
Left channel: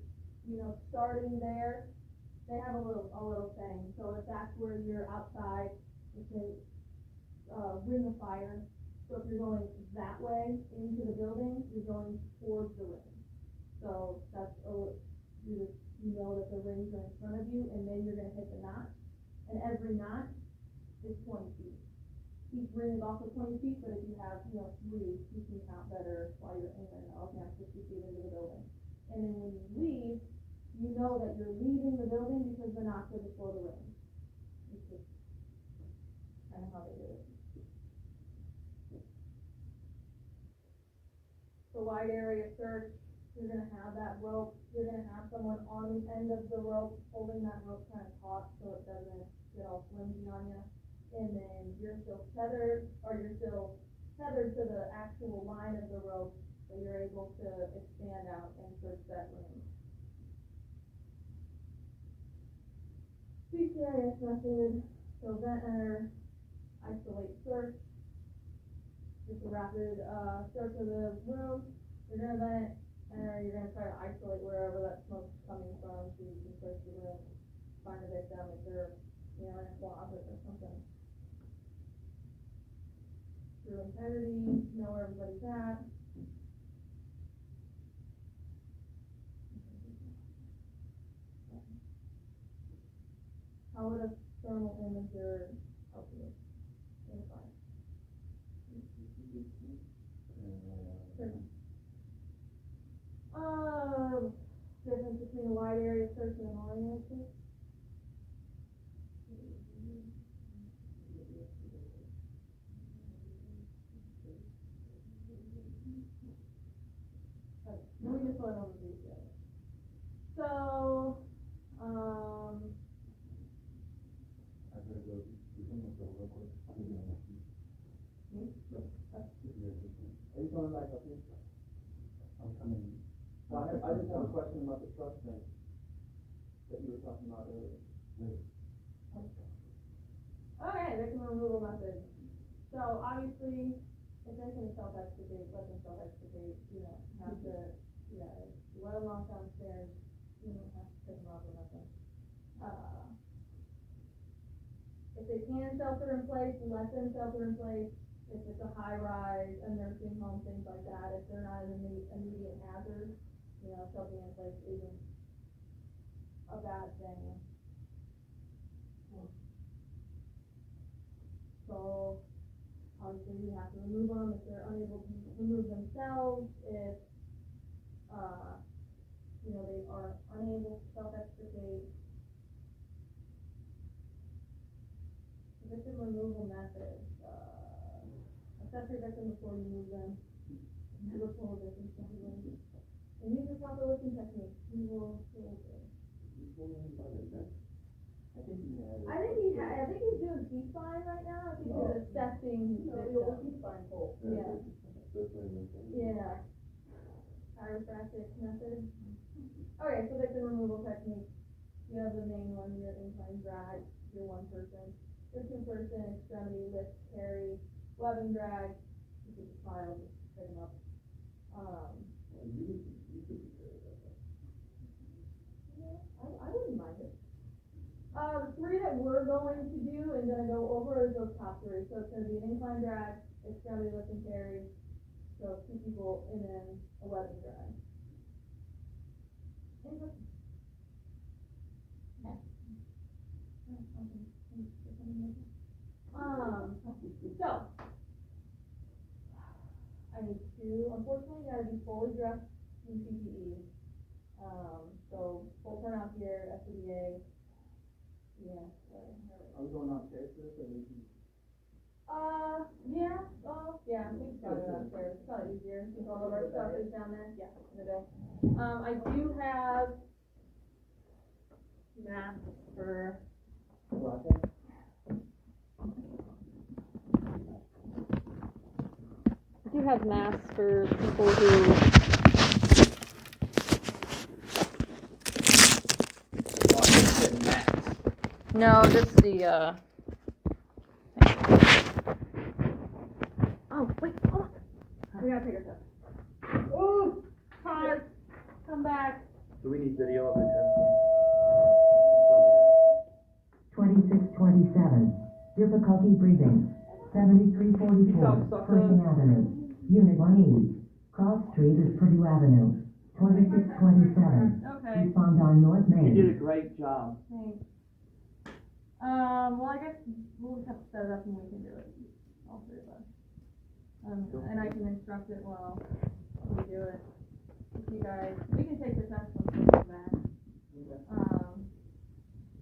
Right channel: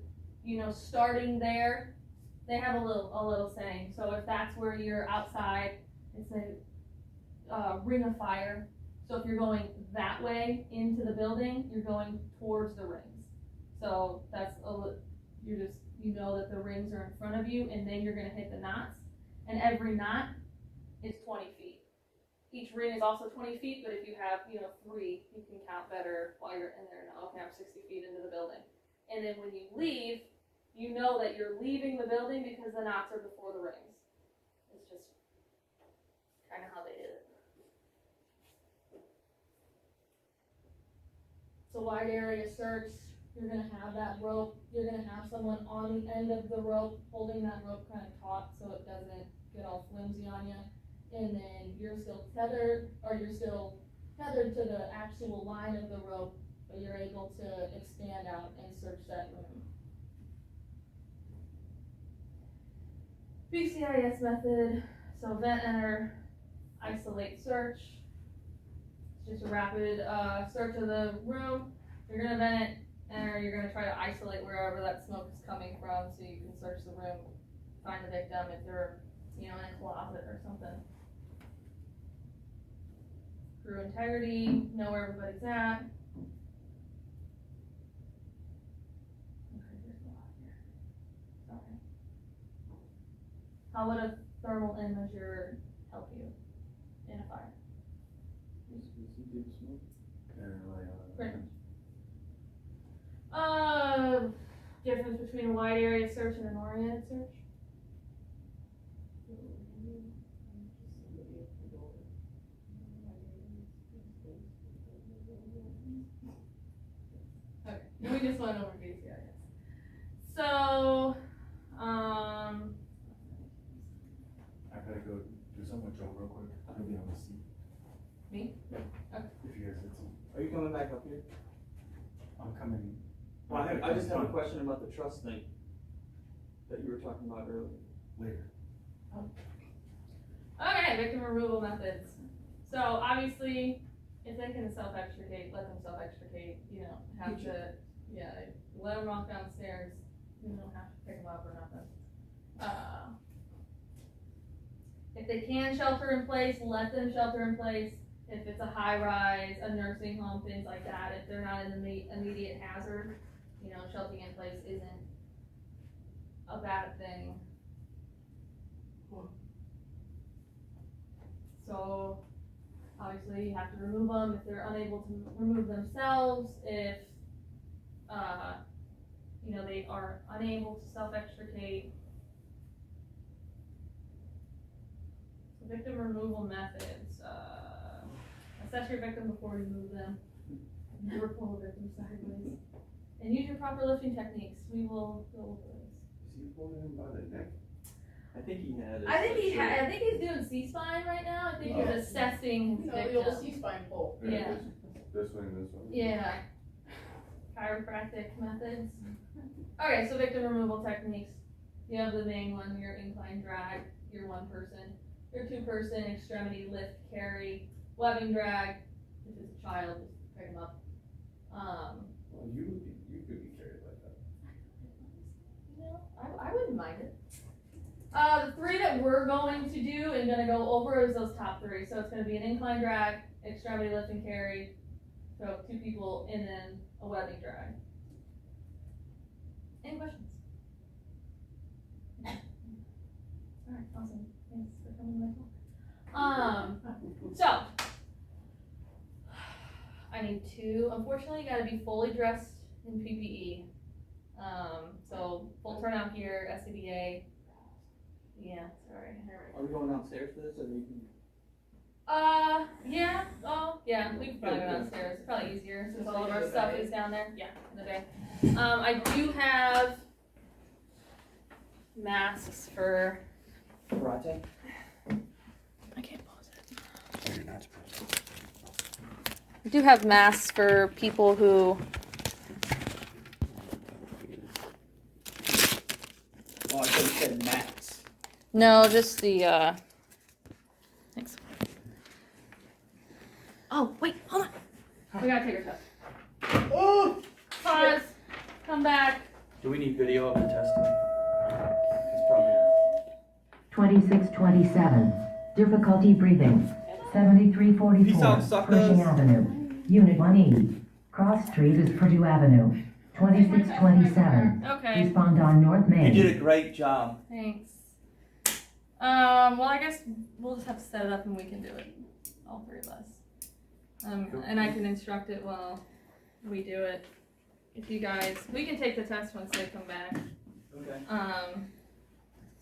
starting there, they have a little saying. So if that's where you're outside, it's a ring of fire. So if you're going that way into the building, you're going towards the rings. So that's you know that the rings are in front of you, and then you're gonna hit the knots. And every knot is 20 feet. Each ring is also 20 feet, but if you have, 3, you can count better while you're in there. Now, okay, I'm 60 feet into the building. And then when you leave, you know that you're leaving the building because the knots are before the rings. It's just kind of how they did it. So wide area search, you're gonna have that rope, you're gonna have someone on the end of the rope, holding that rope kind of taut so it doesn't get all flimsy on you. And then you're still tethered to the actual line of the rope, but you're able to expand out and search that room. BCIS method, so vent, enter, isolate, search. It's just a rapid search of the room. You're gonna vent it, enter, you're gonna try to isolate wherever that smoke is coming from so you can search the room, find the victim if they're, in a closet or something. Crew integrity, know where everybody's at. Okay, there's a lot here. Okay. How would a thermal imager help you in a fire? Pretty much. Difference between a wide area search and an oriented search? Okay, we just went over BCIS. So, I gotta go do something with Joe real quick. I'll be on the seat. Me? If you guys had some, Are you coming back up here? I'm coming. Well, I just have a question about the trust thing. that you were talking about earlier. later. Okay, victim removal methods. So obviously, if they can self-extricate, let them self-extricate, you know, have to, yeah, let them walk downstairs, you don't have to pick them up or nothing. If they can shelter in place, let them shelter in place. If it's a high rise, a nursing home, things like that, if they're not an immediate hazard, you know, sheltering in place isn't a bad thing. So, obviously, you have to remove them if they're unable to remove themselves, if, you know, they are unable to self-extricate. So victim removal methods, assess your victim before you move them. Never pull a victim sideways. And use your proper lifting techniques. We will do this. Is he pulling him by the neck? I think he had. I think he's doing C-spine right now. I think he's assessing his No, victim. the old C-spine pull. Yeah. This way and this way? Yeah. Chiropractic methods. Okay, so victim removal techniques. You have the main one, your incline drag, your one person, your two person, extremity lift, carry, webbing drag, if it's a child, just pick them up. Well, you could be carried like that. You know, I wouldn't mind it. The three that we're going to do and gonna go over is those top three. So it's gonna be an incline drag, extremity lift and carry, so two people, and then a webbing drag. Any questions? Alright, awesome. Thanks for coming back. So I need two. Unfortunately, you gotta be fully dressed in PPE. So full turnout gear, SCBA. Yeah, sorry. Are we going downstairs for this, or we can? Yeah. Oh, yeah. We can probably go downstairs. It's probably easier since all of our stuff is down there. Yeah, in the bay. I do have masks for. Karate? I can't pause it. I do have masks for people who. Oh, I just said mats. No, just the. Oh, wait, hold on. We gotta take our test. Oh! Pause. Come back. Do we need video of the testing? It's probably. 2627, difficulty breathing. Peace 7344, out, suckers. Pershing Avenue. Unit 1E. Cross Street is Purdue Avenue. 2627. Okay. Respond on North Main. You did a great job. Thanks. Well, I guess we'll just have to set it up and we can do it. All three of us. And I can instruct it while we do it. If you guys, we can take the test once they come back. Okay.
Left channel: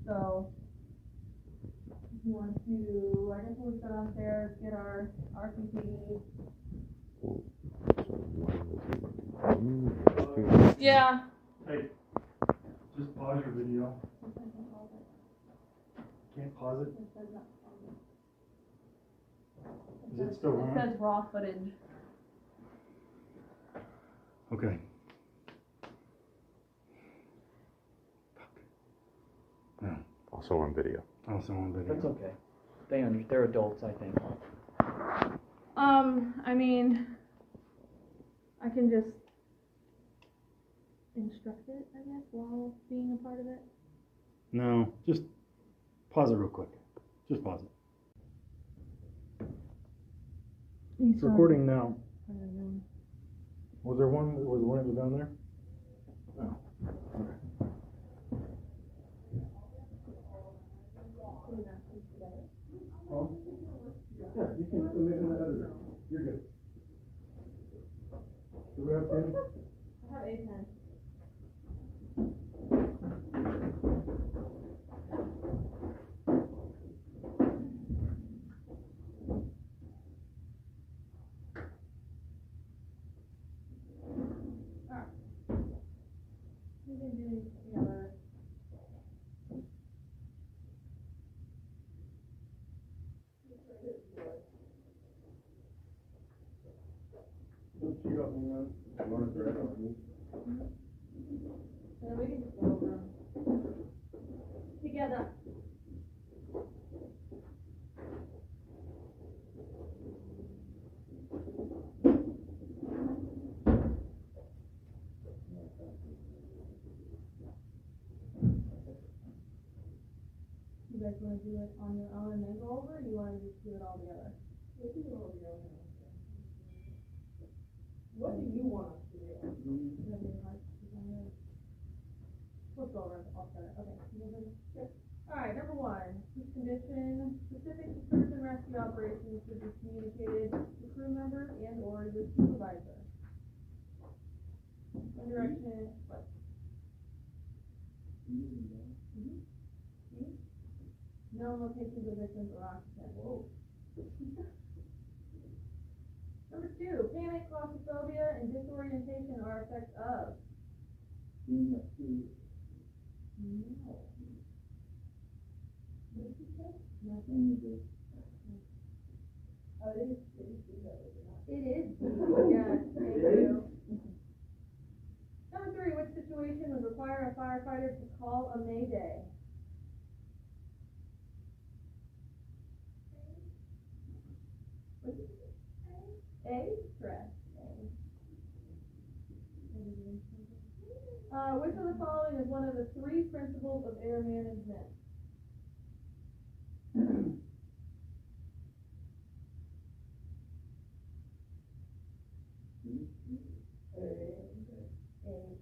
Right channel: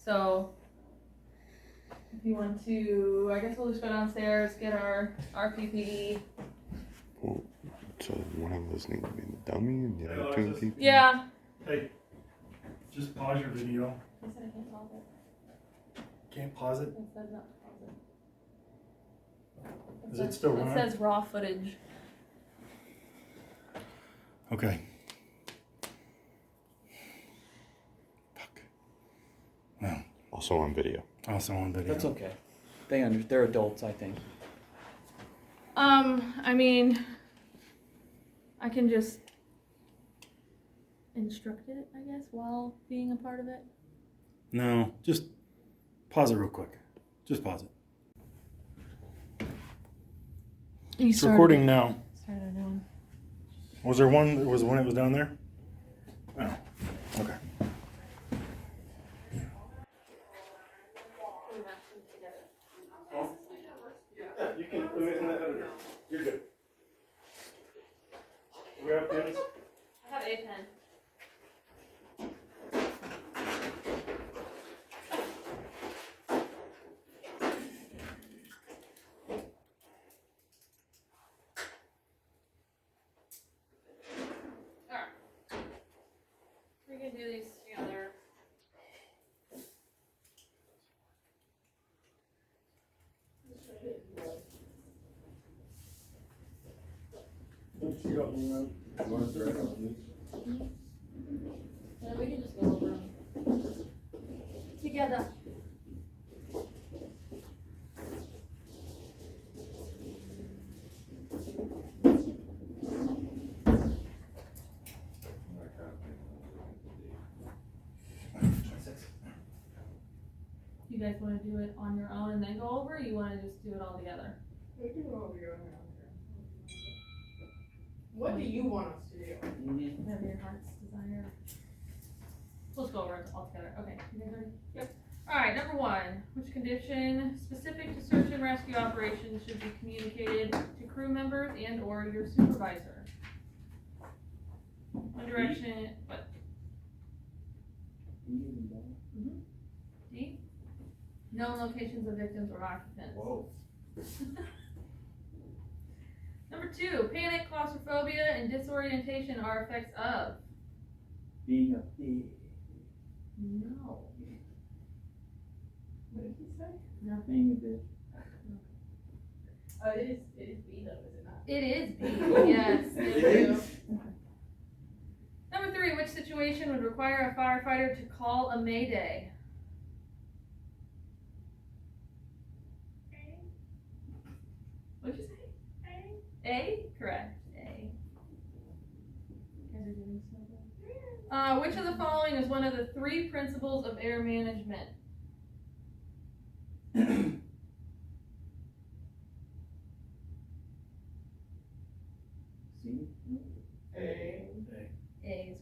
So if you want to, I guess we'll just go downstairs, get our PPE. Oh, so one of those needs to be dummy, the other two. Yeah. Hey, just pause your video. I said I can't pause it. Can't pause it? It says not to pause it. Is it still It on? says raw footage. Okay. Fuck. No, Also on video. also on video. That's okay. They're adults, I think. I mean, I can just instruct it, I guess, while being a part of it. No, just pause it real quick. Just pause it. It's recording now. Started a new one. Was there one that was when it was down there? Oh, okay. Put them actually together. Oh. Yeah, you can put it in the editor. You're good. Do we have pins? I have a pen. Alright. We can do these together. You want to direct on these? Yeah, we can just go over them. you guys wanna do it on your own and then go over, or you wanna just do it all together? We can go over your own house. What do you want us to do? Whatever your heart's desire. Let's go over it all together. Okay, you guys ready? Yep. Alright, number 1, which condition specific to search and rescue operations should be communicated to crew members and or your supervisor? One direction, what? D? Known locations of victims or occupants. Whoa. Number 2, panic, claustrophobia, and disorientation are effects of. Being a thief. No. What did he say? Being a bitch. It is B though, is it not? It is B, yes. It is? Number 3, which situation would require a firefighter to call a mayday? What'd you say? A? Correct. A. You guys are doing so good. Which of the following is one of the 3 principles of air management? See? A. A is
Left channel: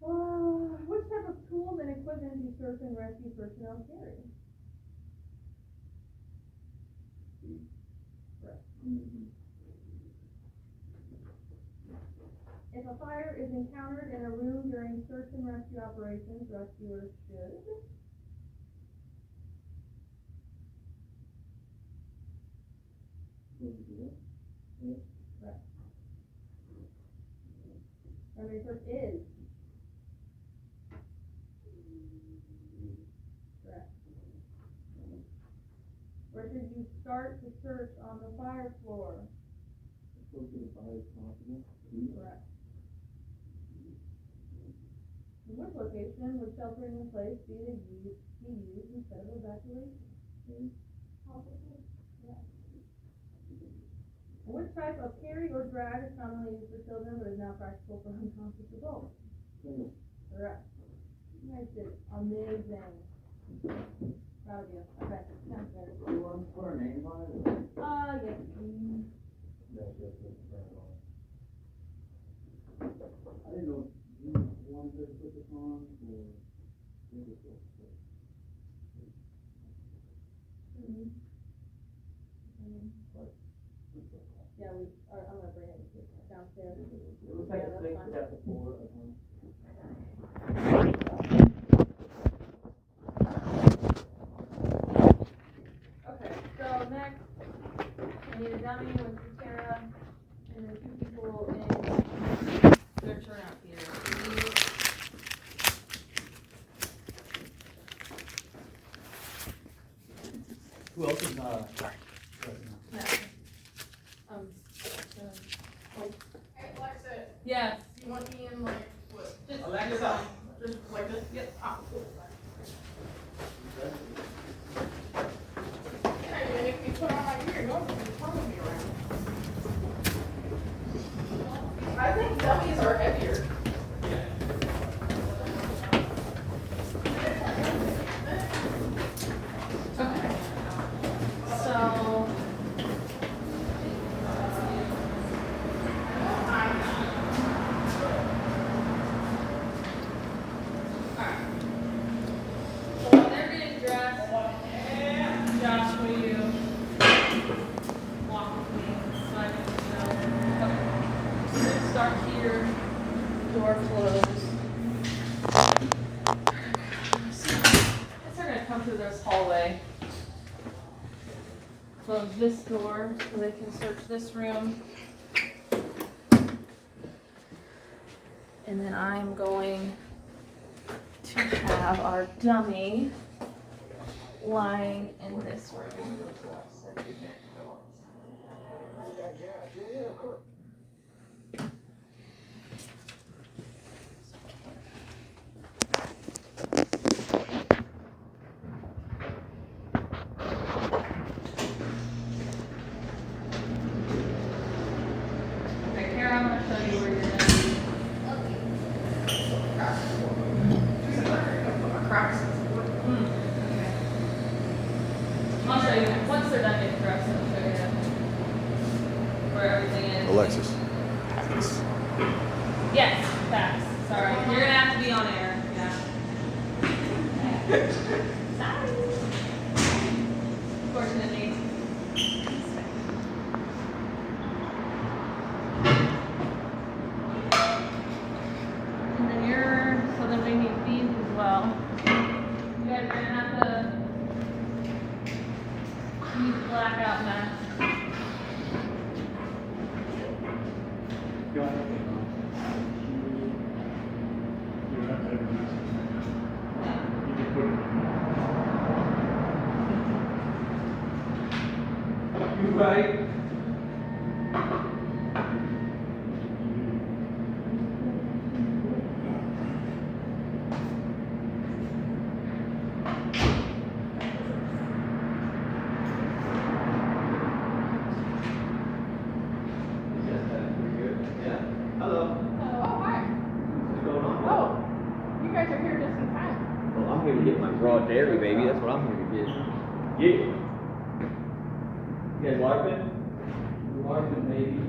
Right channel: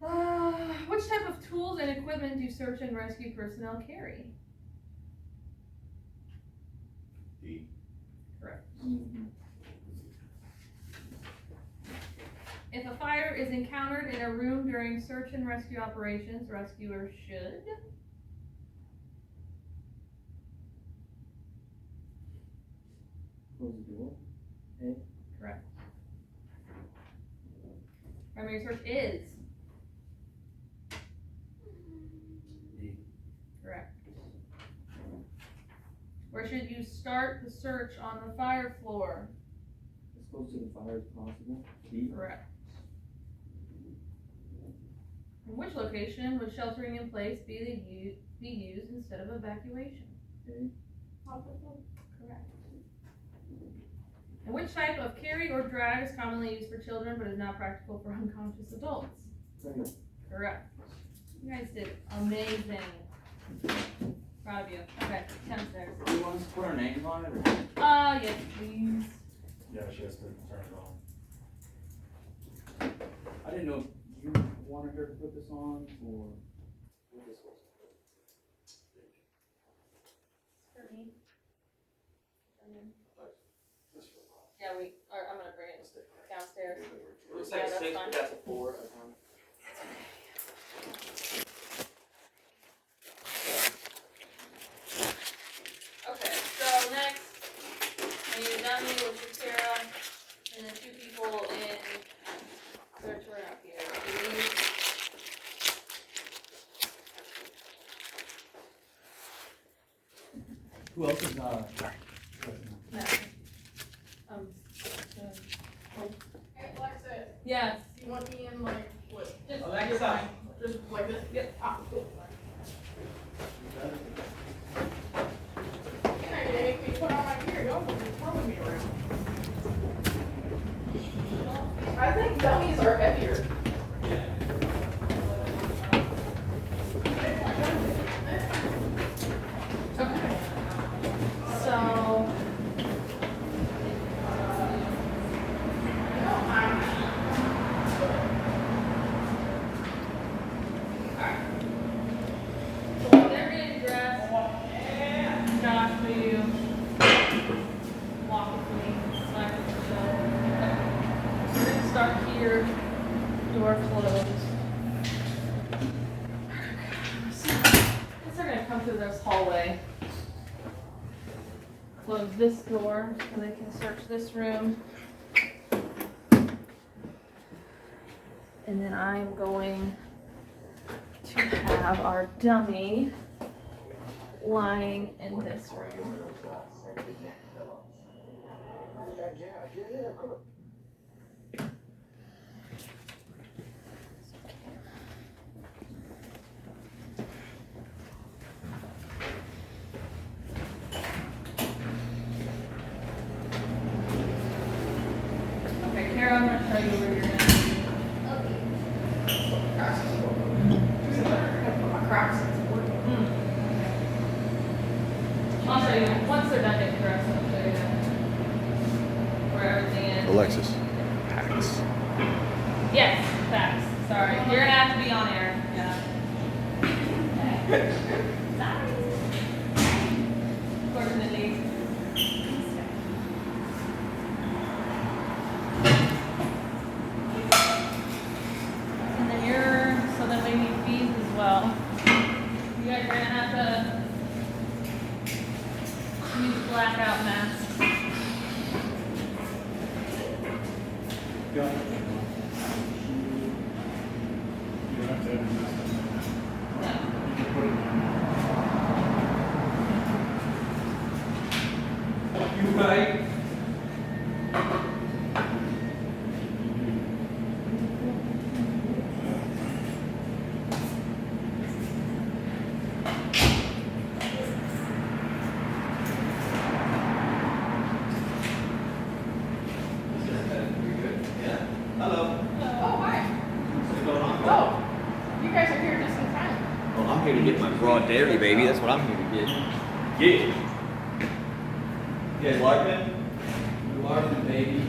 correct. Which type of tools and equipment do search and rescue personnel carry? D. Correct. Mm-hmm. If a fire is encountered in a room during search and rescue operations, rescuers should. Close the door. Correct. Primary search is. D. Correct. Where should you start the search on the fire floor? As close to the fire as possible. D. Correct. In which location would sheltering in place be used instead of evacuation? A. Correct. And which type of carry or drag is commonly used for children but is not practical for unconscious adults? Second. Correct. You guys did amazing. Proud of you. Okay, downstairs. Do you want us to put our names on it or? Yes, please. Yeah, she has to turn it on. I didn't know if you wanted her to put this on or we're just supposed to put it. For me. Just for the call. Yeah, I'm gonna bring it downstairs. Looks like like Yeah, 6, that's but that's a 4. Okay, so next, I need a dummy with Sarah, and then 2 people in, they're turning up here. Who else is, No. Hey, Alexa, Yes. you want me in like, what? Just- Alexa. Just like this? Yep. Ah, cool. You're not gonna make me put on my gear, don't you? You're throwing me around. I think dummies are heavier. Okay. So. So when they're getting dressed, Josh, will you walk with me so I can know? We're gonna start here, door closed. Guess they're gonna come through this hallway. Close this door so they can search this room. And then I'm going to have our dummy lying in this room. Okay, Kara, I'm gonna show you where you're gonna be. My Crocs. I'll show you, once they're done getting dressed, I'll show you where everything is. Alexis. Hacks. Yes, facts, sorry, you're gonna have to be on air, yeah. Sorry. Fortunately. And then so then we need fees as well. You guys are gonna have to use blackout masks. You don't have to have a mask. You can put it You right? Oh, hi. What's going on? Oh, you guys are here just in time. Well, I'm here to get my raw dairy, baby. That's what I'm here to get. Yeah. You guys larping? You larping, baby.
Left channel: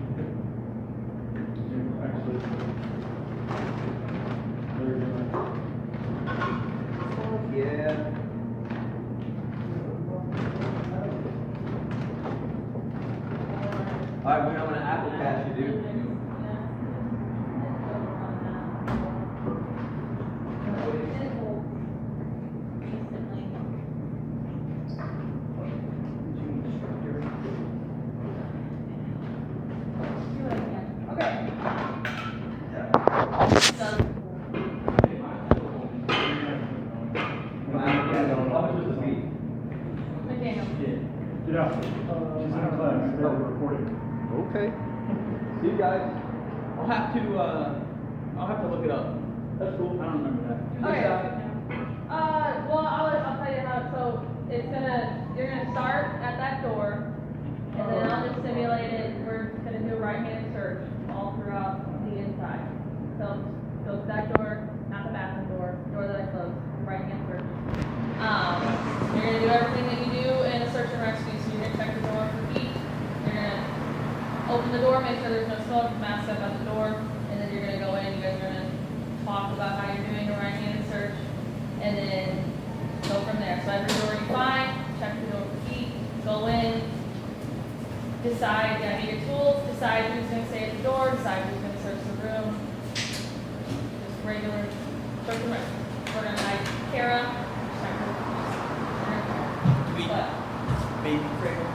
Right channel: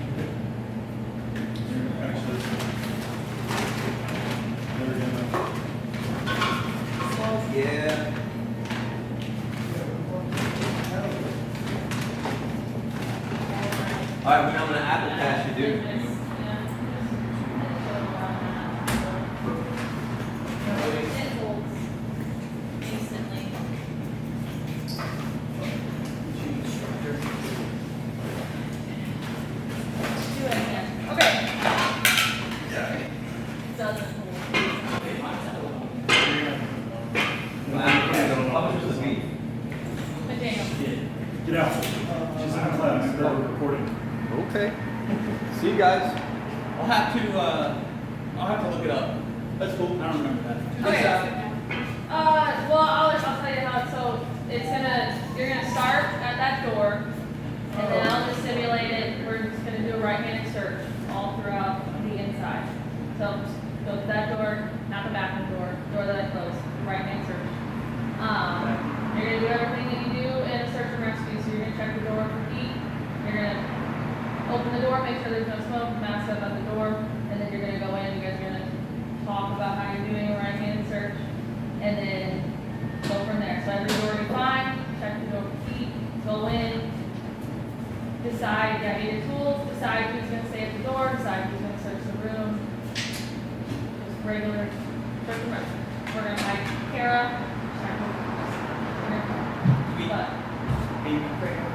actually. They're gonna. Yeah. Alright, we're on an apple pasture, dude. How much was the fee? Get out. She's in class. They're recording. Okay. See you guys. I'll have to look it up. That's cool. I don't remember that. Okay. Well, I'll tell you how, so you're gonna start at that door, and then I'll just simulate it, we're just gonna do a right-handed search all throughout the inside. So, just go to that door, not the back of the door that I closed, right-hand search. You're gonna do everything that you do in a search and rescue, so you're gonna check the door for heat, you're gonna open the door, make sure there's no smoke, mask up at the door, and then you're gonna go in, you guys are gonna talk about how you're doing a right-handed search, and then go from there. So every door you find, check the door for heat, go in, decide, get your tools, decide who's gonna stay at the door, decide who's gonna search the room. Just regular search and rescue. We're gonna hide Kara, check the but Baby cradle.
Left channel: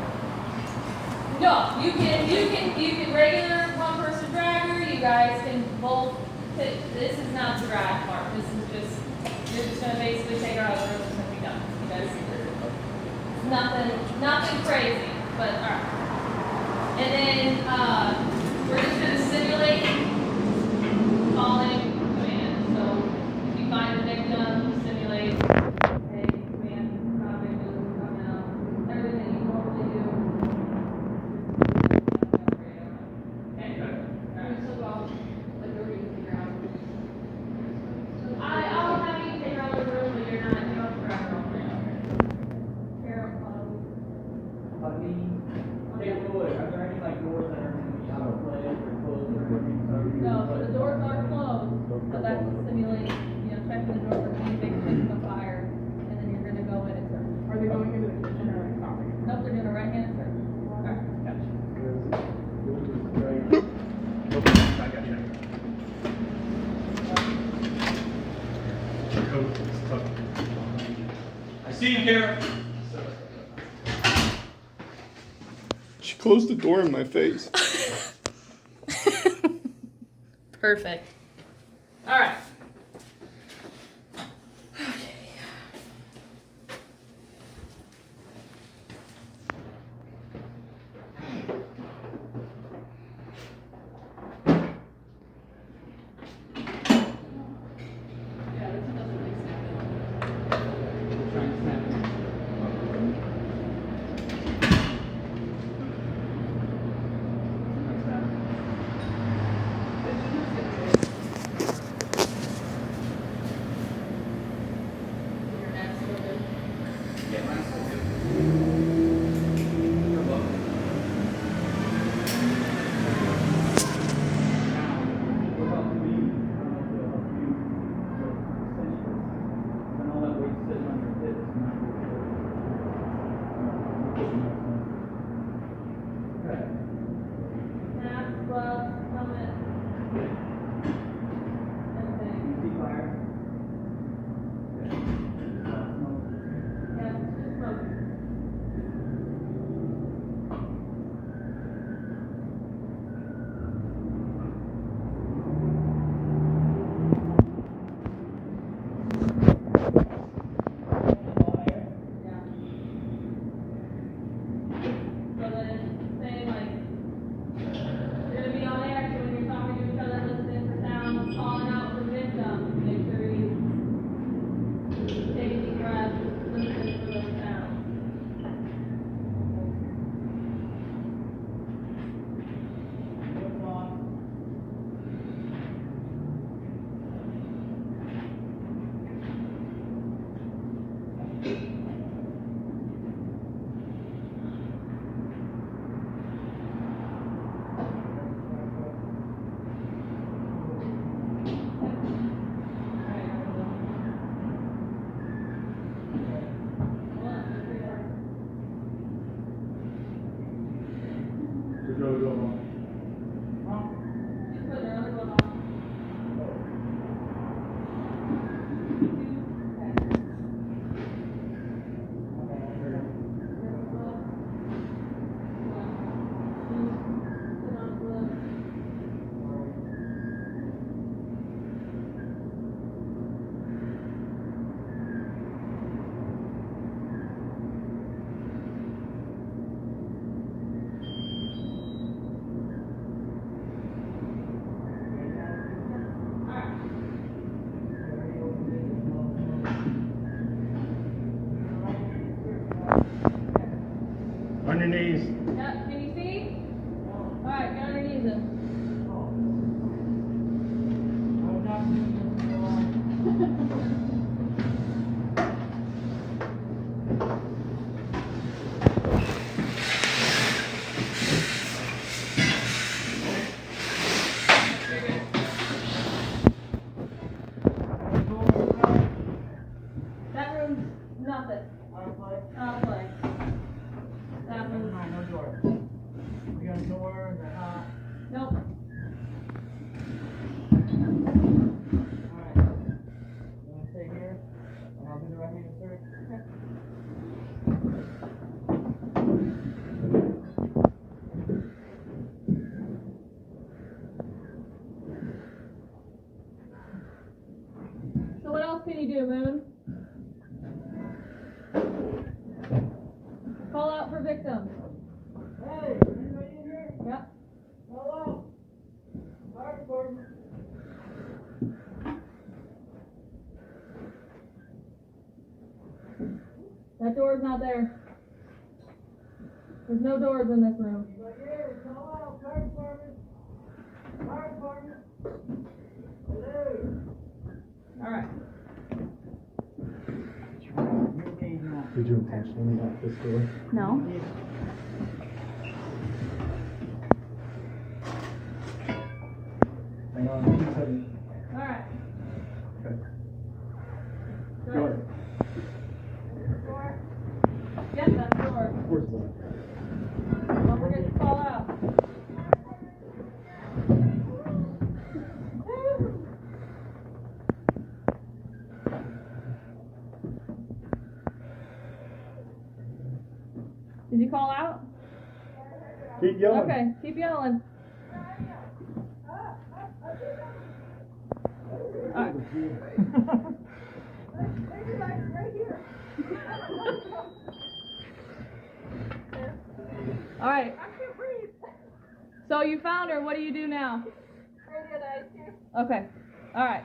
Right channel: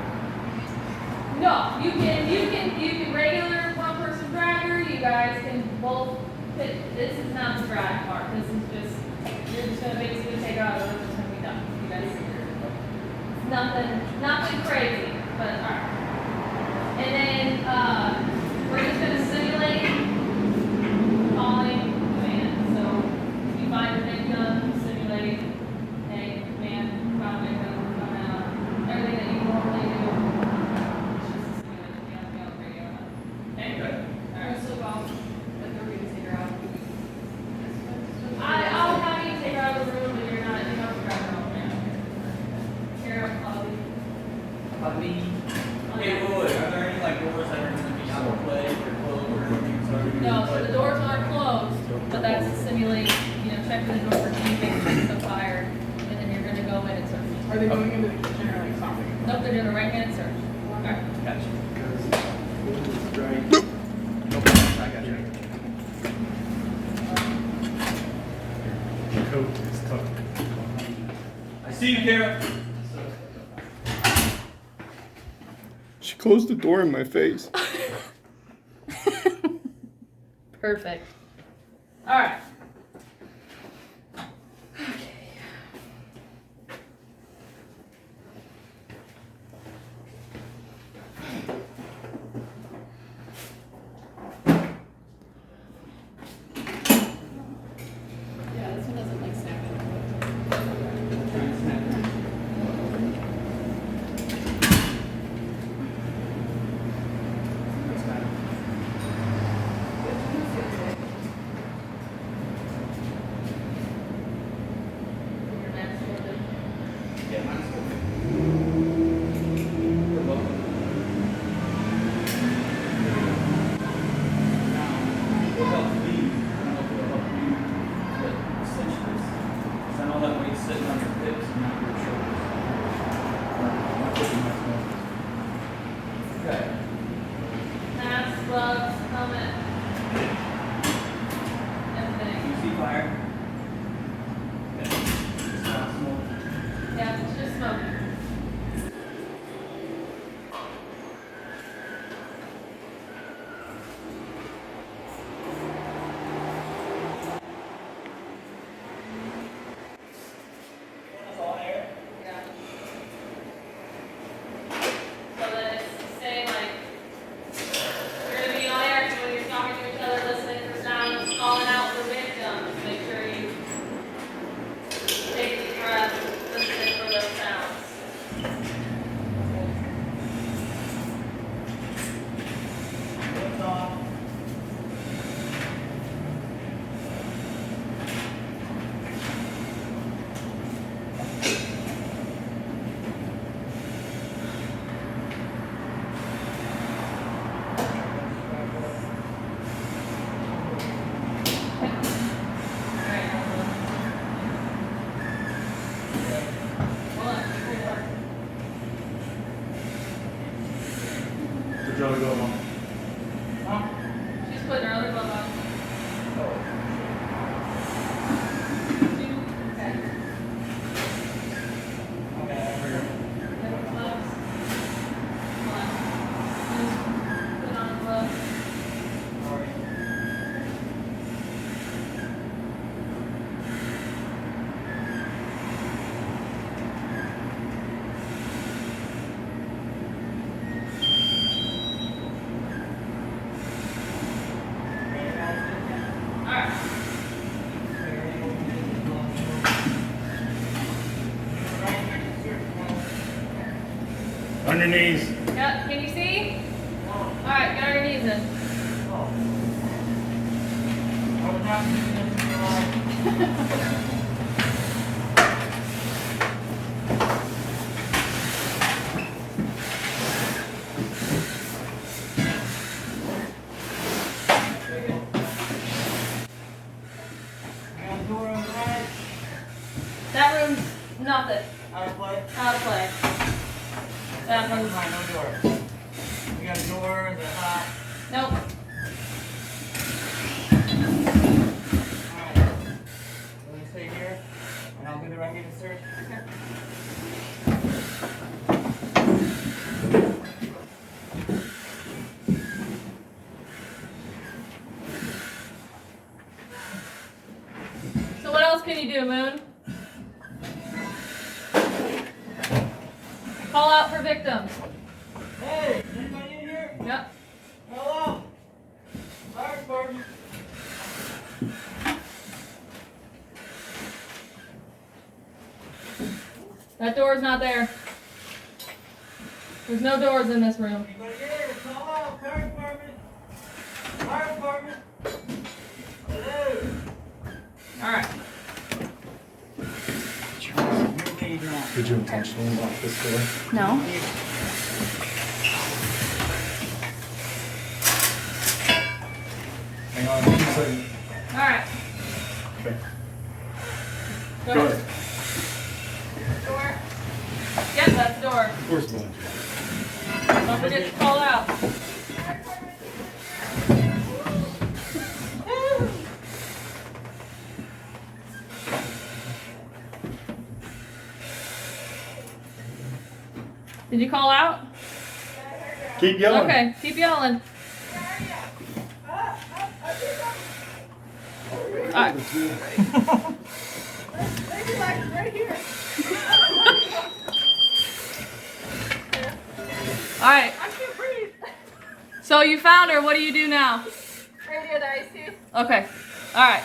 no, you can regular one person dragger, you guys can both pick, this is not the drag part, this is just, you're just gonna basically take her out of the room, it's gonna be done, you guys. Nothing crazy, but alright. And then, we're just gonna simulate calling command, so if you find a victim, simulate, hey, command, found victim, come out, everything that you normally do. It's just a simulation, you have to be on the radio. Okay? Alright. So, like, you're going to take her out. I'll have you take her out of the room, but you don't have to grab her off now. Kara, Hey, wait. Are there any like doors that are going to be out of play or closed or anything? no, so the doors aren't closed, but that's to simulate, checking the door for heat, making sure it's not fired, and then you're gonna go in and search. Are they going into the kitchen or like something? Nope, they're doing a right-hand search. Okay. Gotcha. I got you. The coat is tough. I see you, Kara. She closed the door in my face. Perfect. All right. Yeah, this one doesn't like snap other glove on. She's putting her other glove on. On your knees. Yeah, can you see? Alright, get on your knees in. That room's nothing. Out of play? Out of play. That one's Fine, no door. We got a door, is it hot? nope. Alright. Let me stay here, and I'll do the right-handed search. So what else can you do, Moon? Call out for victims. Hey, anybody in here? Yep. Hello? Fire department. That door's not there. There's no doors in this room. Anybody here? Call out, fire department. Fire department. Hello? Alright. You're lead now. Did you intentionally lock this door? No. Hang on, 2 seconds. Alright. Okay. Go Go ahead. ahead. Door. Yep, that's the door. Where's the one? Don't forget to call out. Did you call out? Keep yelling. Okay, keep yelling. Alright. Alright. So you found her, what do you do now? Radio the IC. Okay. Alright.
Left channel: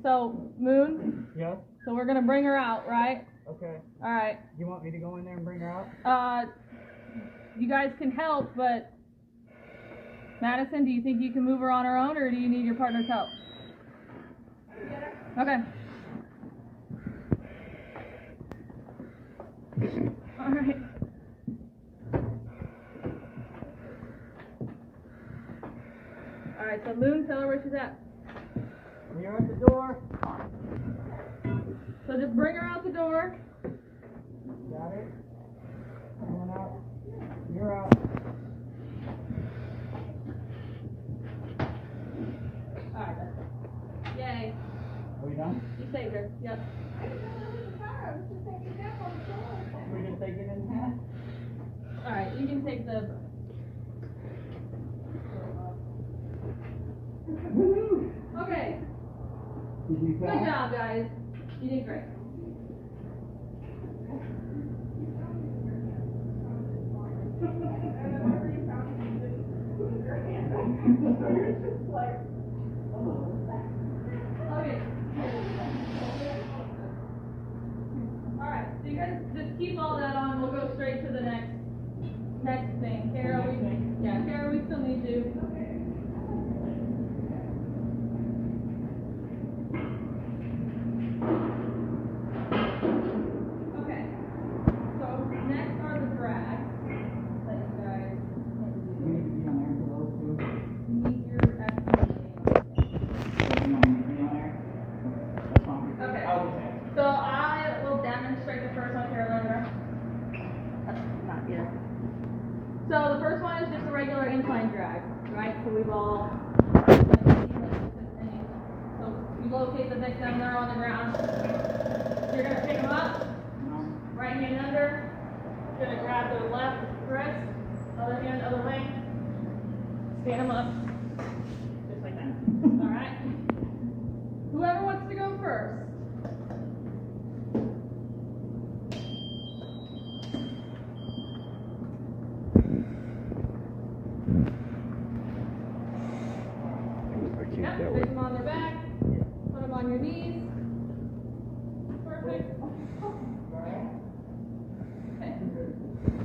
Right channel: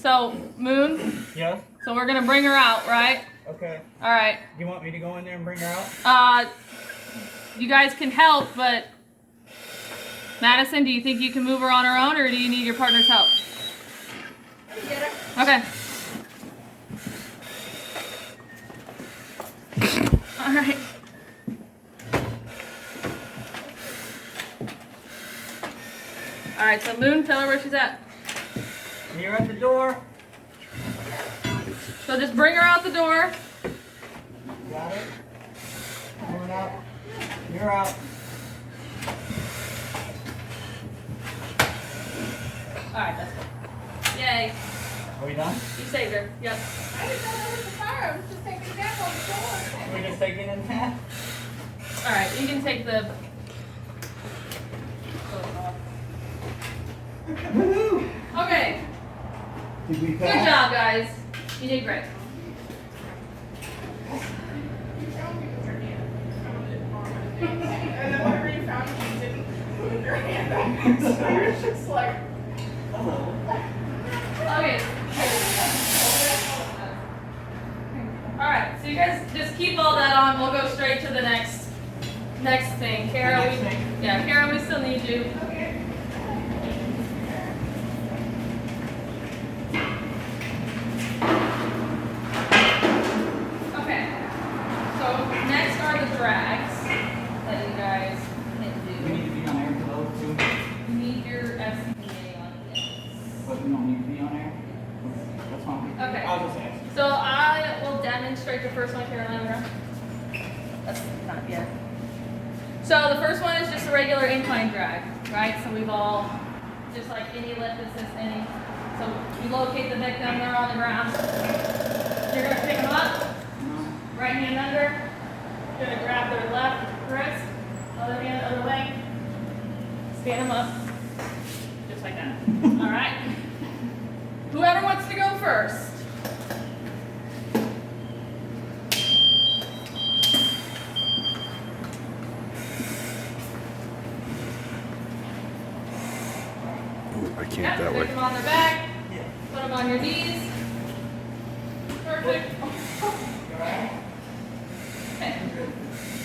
So, Moon, Yes? so we're gonna bring her out, right? Okay. Alright. You want me to go in there and bring her out? You guys can help, but Madison, do you think you can move her on her own, or do you need your partner's help? Okay. All right. All right. So Moon, tell her where she's at. You're at the door. So just bring her out the door. Got it? Coming out. You're out. All right. That's good. Yay. Are we done? You saved her. Yep. I didn't know there was a fire. I was just taking a nap on the floor. We're just taking in half. All right. You can take the. Woohoo! Okay. Did we Good pass? job, guys. You did great. And then whenever you found me, you didn't move your hand back. So you're just like, Okay. Alright, so you guys just keep all that on. We'll go straight to the next thing. Kara, Next thing? yeah, Kara, we still need you. Okay. So next are the drags that you guys can We do. need to be on air for those two. You need your FCA on it. So we don't need to be on air? That's fine. Okay. I'll just ask. So I will demonstrate the first one, Carolina. That's not yet. So the first one is just a regular incline drag, right? So we've all, just like any lift assist, any. So you locate the victim, they're on the ground. You're gonna pick them up, right hand under. You're gonna grab their left wrist, other hand, other leg. Stand them up, just like that. All right? Whoever wants to go first. Yep, pick them on their back, put them on your knees. Perfect. Okay.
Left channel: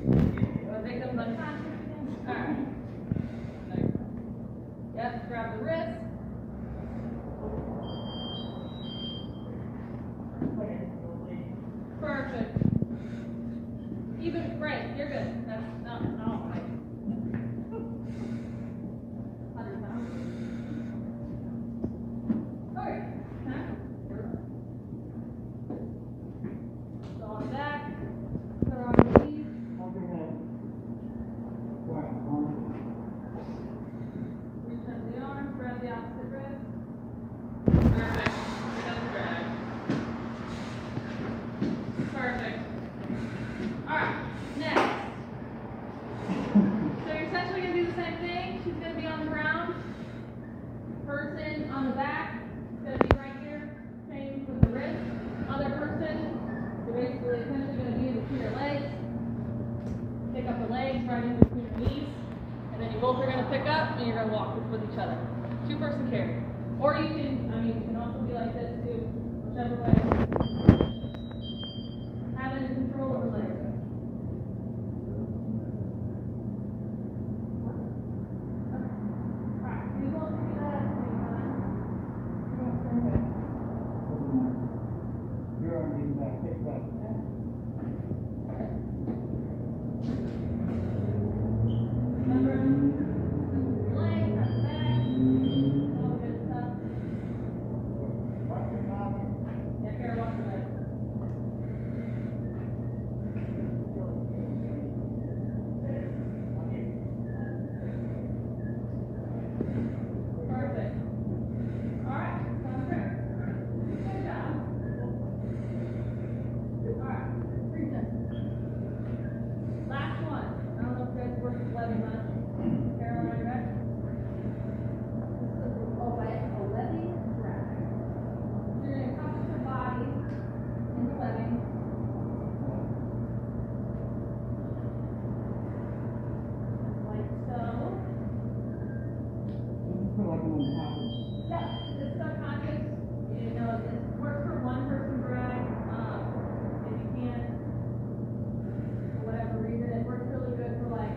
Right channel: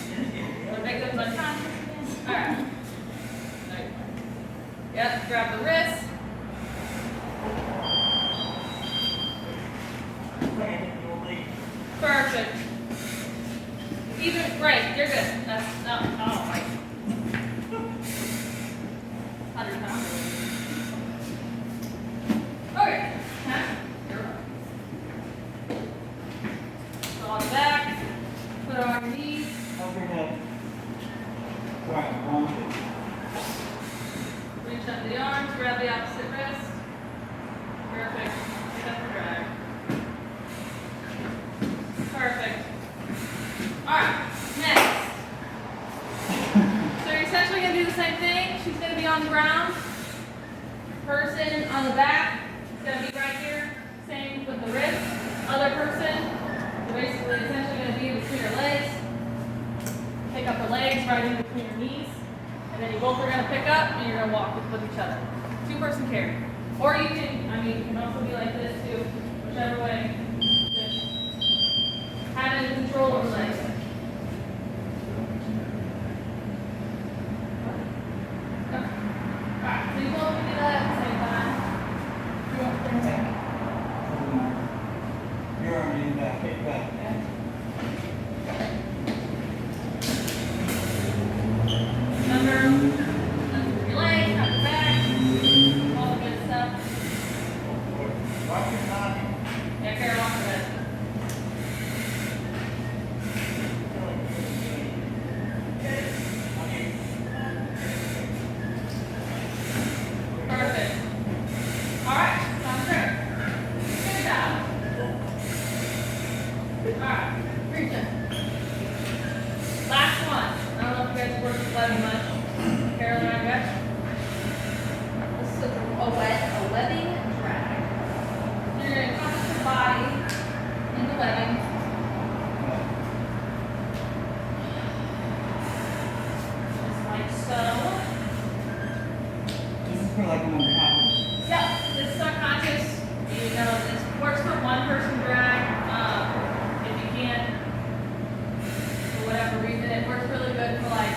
The victim's unconscious again. All right. Yep, grab the wrist. Perfect. Even, right, you're good. That's, no, right. 100 pounds. Okay. Go on the back. Put it on your knees. Reach under the arms, grab the opposite wrist. Perfect. Set the drag. Perfect. Alright, next. So you're essentially going to do the same thing. She's going to be on the ground. Person on the back is going to be right here. Same with the wrist. Other person, you're basically essentially going to be between your legs. Pick up the legs right in between your knees. And then you both are going to pick up and you're going to walk with each other. Two-person carry. Or you can, you can also be like this too. Whichever way. Having control of the legs. Alright, so you both can do that at the same time. You want to bring it back. You're already in that, kick back. Remember, your legs, have your back, all the good stuff. Watch your body. Yeah, Kara, walk your head. Perfect. Alright, sounds great. Good job. Alright, reach in. Last one. I don't know if you guys work with webbing much. Carolyn, I got This is a webbing drag. You're going to compress your body in the webbing. Just like so. This is for like an unconscious. Yep, this is unconscious. You know, this works for one person drag. If you can't, for whatever reason, it works really good for like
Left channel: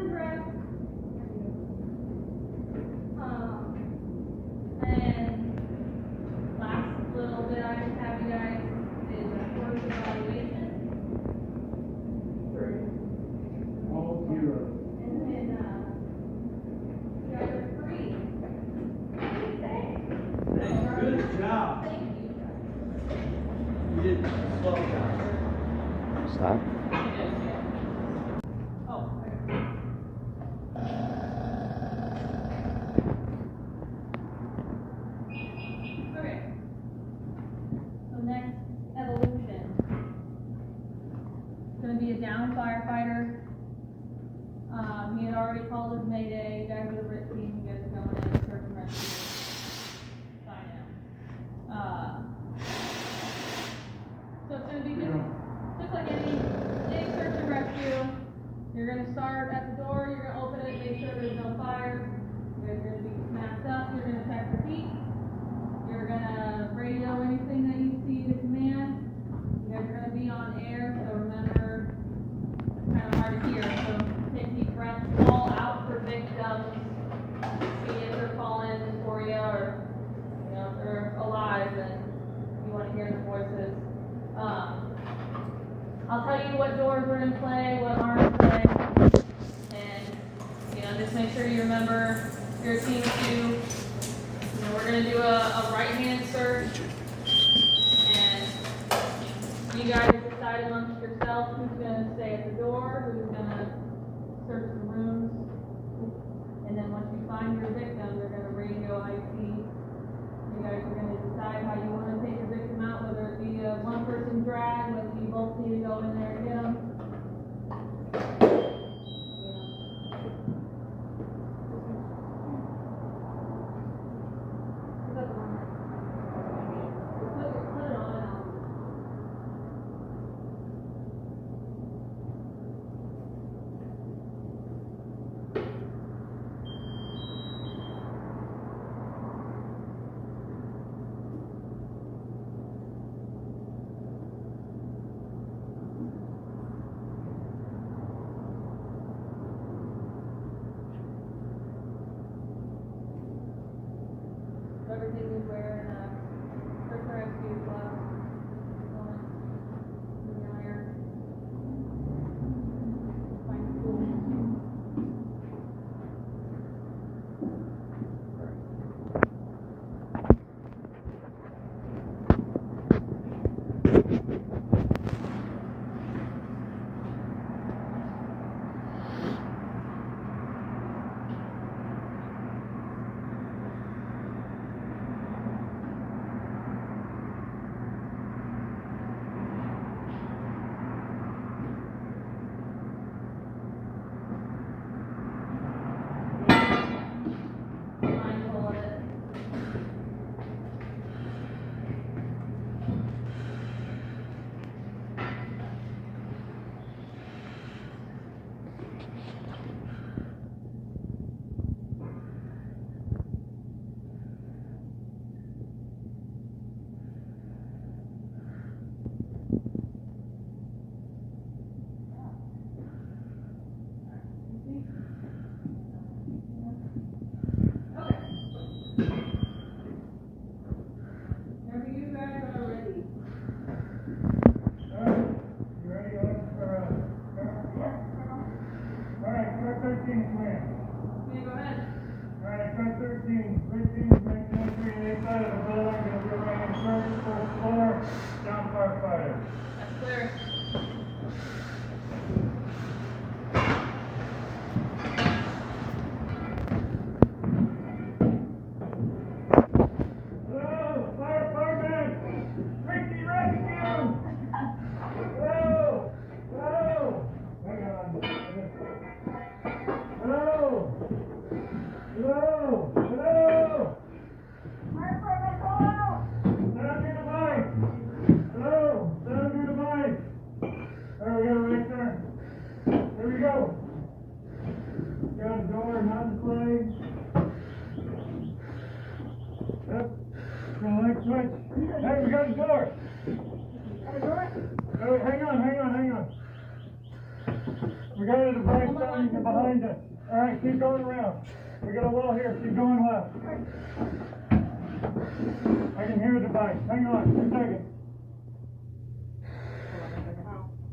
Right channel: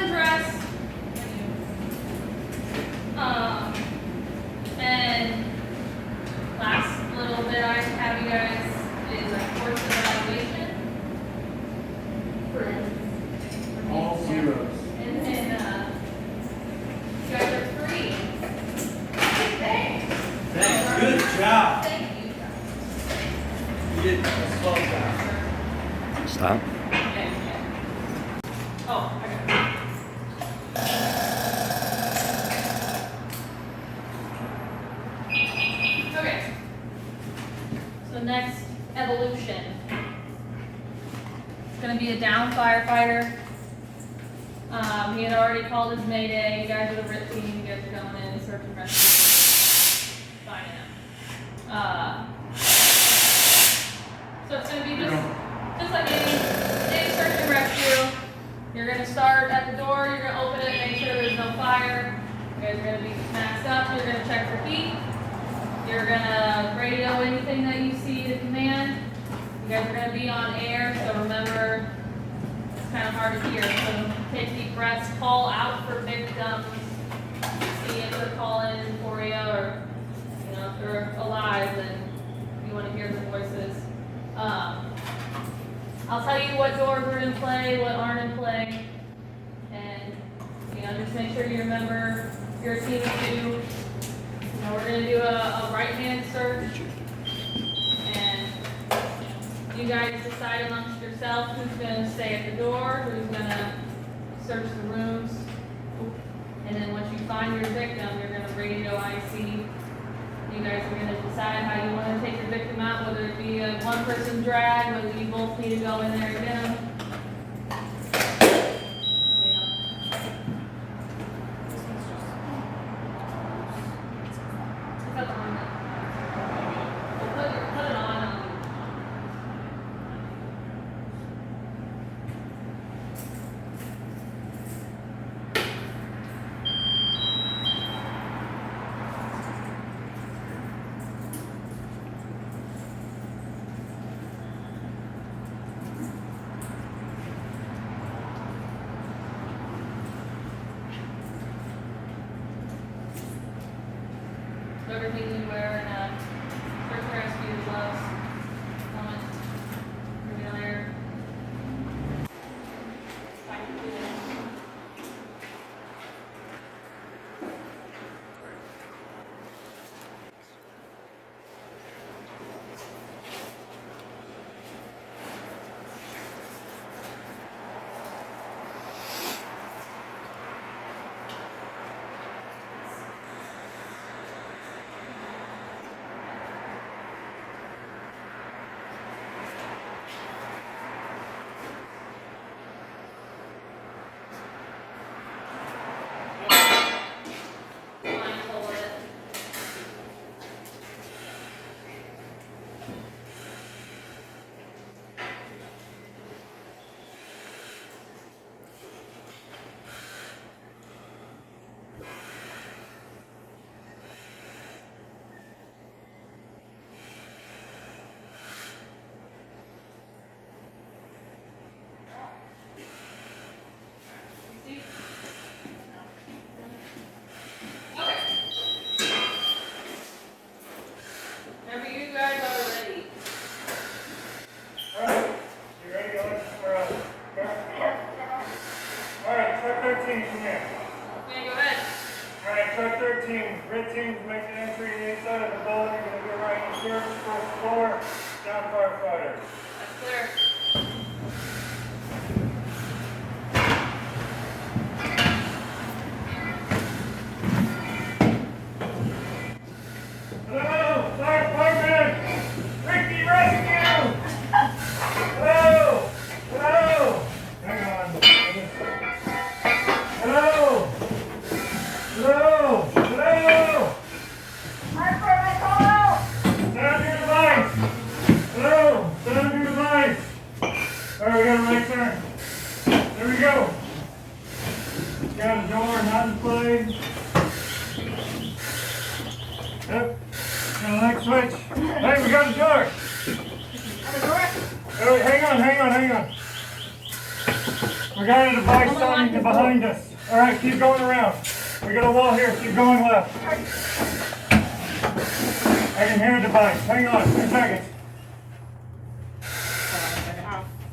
undress. And last little bit I have you guys is a course evaluation. All zeros. And then, you guys are free. Thanks. Thanks, good job. Thank you. You did a slow job. Stop. Oh, I got it. Okay. So next, evolution. It's gonna be a down firefighter. He had already called his mayday. You guys are the RIT team. You guys are going in, search and rescue. Finding him. So it's gonna be just like any search and rescue. You're gonna start at the door, you're gonna open it, make sure there's no fire. You guys are gonna be maxed up, you're gonna check for heat. You're gonna radio anything that you see to command. You guys are gonna be on air, so remember, it's kind of hard to hear. So take deep breaths, call out for victims. See if they're calling for you, or if they're alive, then you wanna hear the voices. I'll tell you what doors are in play, what aren't in play, and just make sure you remember your team too. We're gonna do a right-hand search, and you guys decide amongst yourself who's gonna stay at the door, who's gonna search the rooms, and then once you find your victim, you're gonna radio IC. You guys are gonna decide how you wanna take your victim out, whether it be a one-person drag, whether you both need to go in there and get them. Put it on. Everything you wear in a search and rescue gloves, helmet, you're gonna wear. Find your tool. Mindful of it. You see? Okay. Whenever you guys are ready. Alright, you ready, Alex, for, alright, truck 13, come here. Okay, go ahead. Alright, truck 13, red team's making entry inside of the building, we're gonna do a right search, first floor, down firefighter. That's clear. Hello, firefighter! Ricky rescue! Hello! Hello! Hang on. Hello! Hello! Hello! Firefighter, call out! Down your device! Hello! Down your device! Alright, we got a right turn. There we go. Got a door not in play. Yep. Got a light switch. Hey, we got the door. Alright, hang on. We got a device sounding behind us. All right, keep going around. We got a wall here, keep going left. I can hear a device. Hang on, 2 seconds.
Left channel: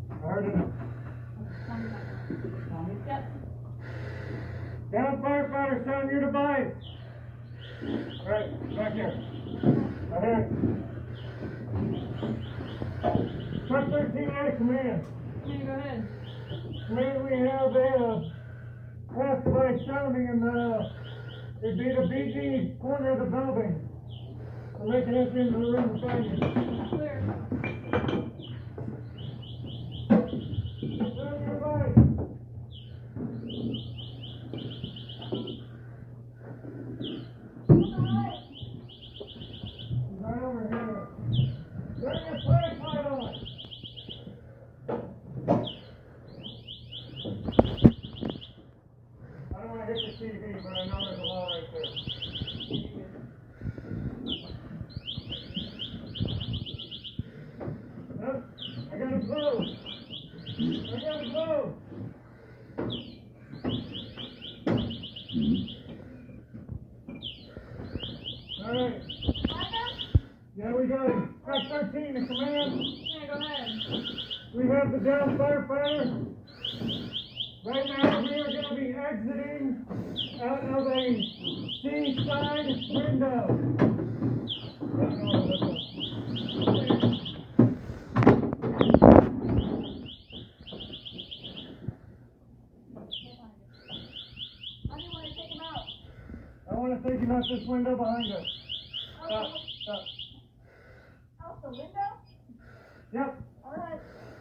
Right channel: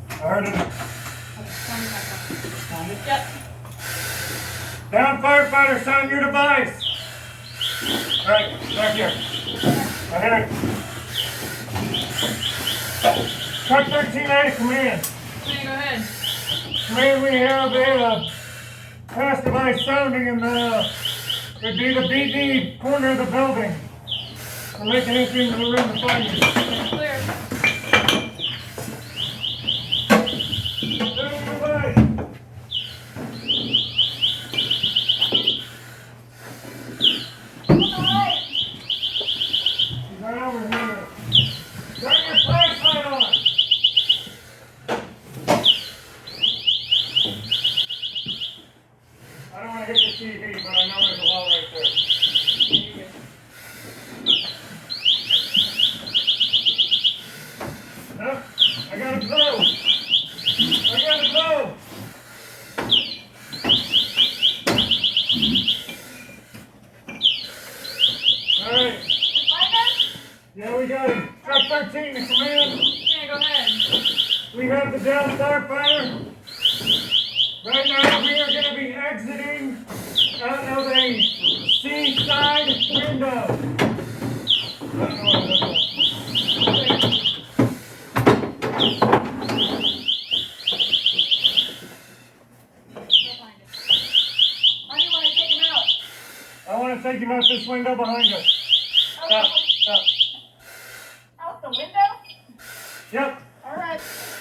I heard it. Yep. Down firefighter, sound your device. All right, back here. I hear it. Truck 13 out of command. Okay, go ahead. Command, we have a pass device sounding in the, it'd be the BD corner of the building. We're making it into the room to find you. It's clear. Sound your device. Right over here. Turn your flashlight on. I don't want to hit the TV, but I know there's a wall right there. Nope. I got a glow. I got a glow. All right. Yeah, we got it. Truck 13 to command. Okay, go ahead. We have the down firefighter. Right now, we are going to be exiting out of a seaside window. I don't know what that is. How do you want to take him out? I want to take him out this window behind us. Up. Out the window? Yep. All right.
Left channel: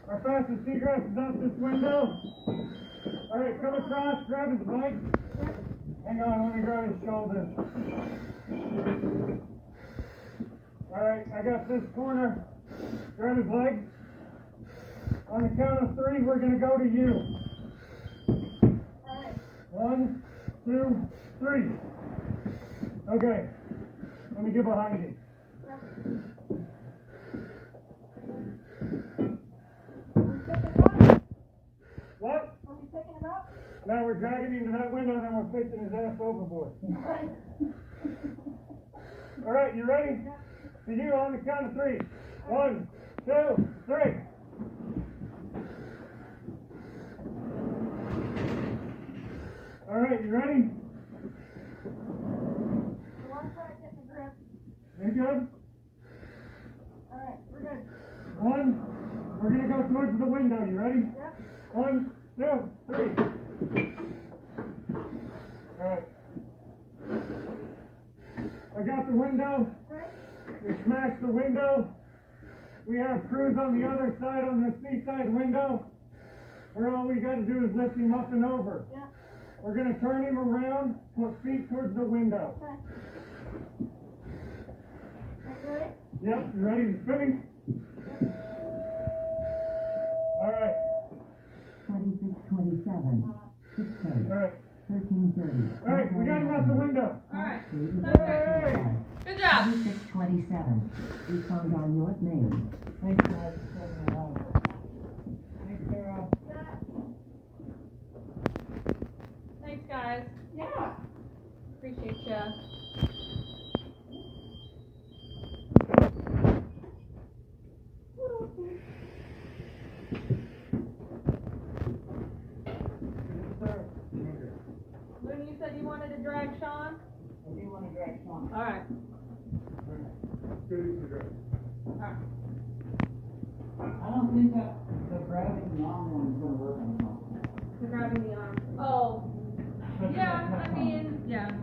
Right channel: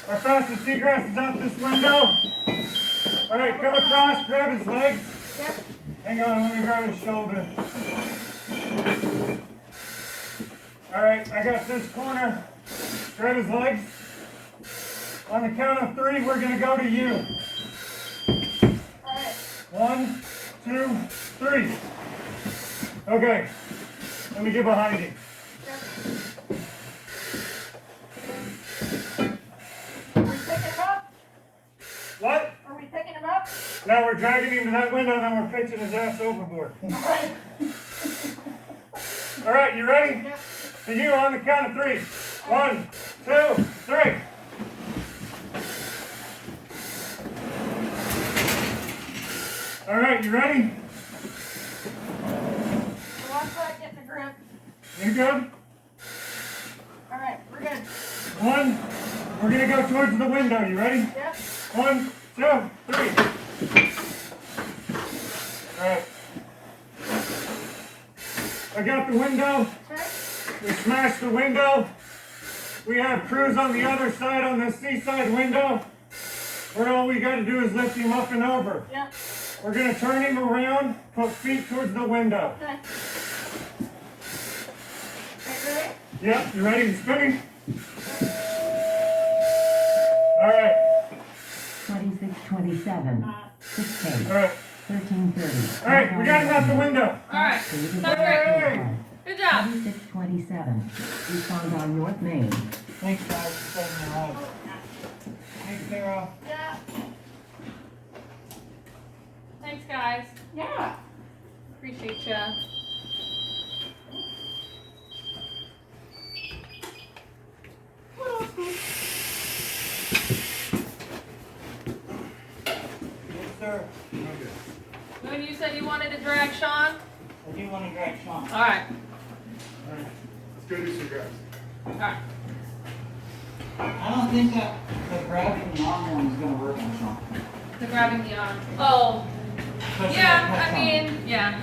Our fastest egress is out this window. All right, come across, grab his legs. Yep. Hang on, let me grab his shoulder. All right, I got this corner. Grab his legs. On the count of 3, we're gonna go to you. All right. 1, 2, 3. Okay, let me get behind you. Are we picking him up? What? Are we picking him up? Now we're dragging him to that window, then we're pitching his ass overboard. All right. All right, you ready? Yep. To you on the count of 3. 1, 2, 3. All right, you ready? Watch that, get the grip. You good? All right, we're good. 1, we're gonna go towards the window. You ready? Yep. 1, 2, 3. All right. I got the window. Okay. We smashed the window. We have crews on the other side on the seaside window. Where all we got to do is lift him up and over. Yep. We're going to turn him around, put feet towards the window. Okay. Ready? Yep, you ready to spinning? All right. 2627. 6 All right. 1330. All right, we got him out the window. All right. Street is Sounds great. Hey! Good job. 2627. Respond on North Main. Thanks, guys, for saving my life. Thanks, Sarah. Yeah. Thanks, guys. Yeah. Appreciate ya. Yes, sir. When you said you wanted to drag Sean? I do want to drag Sean. All right. All right, let's go do some guys. All right. I don't think that the grabbing the arm one is gonna work on Sean. The grabbing the arm. Oh, yeah, I mean, yeah.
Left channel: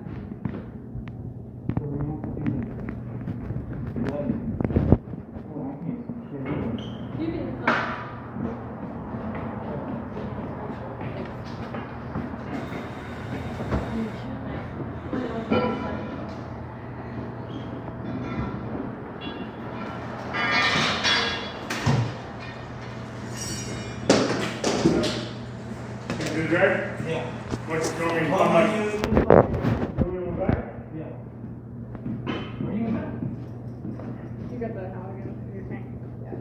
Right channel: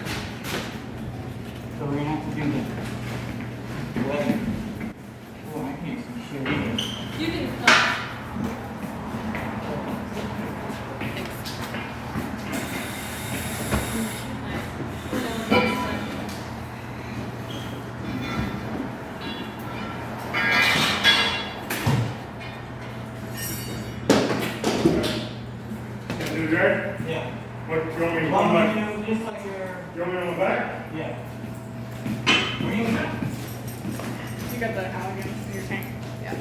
So we're gonna have to do the leg. Oh, I can't see shit either. You can, Can you do that? Yeah. What's going Well, on? you just like your, Going on the back? yeah. What do you mean? You got the Allegan in your tank? Yeah.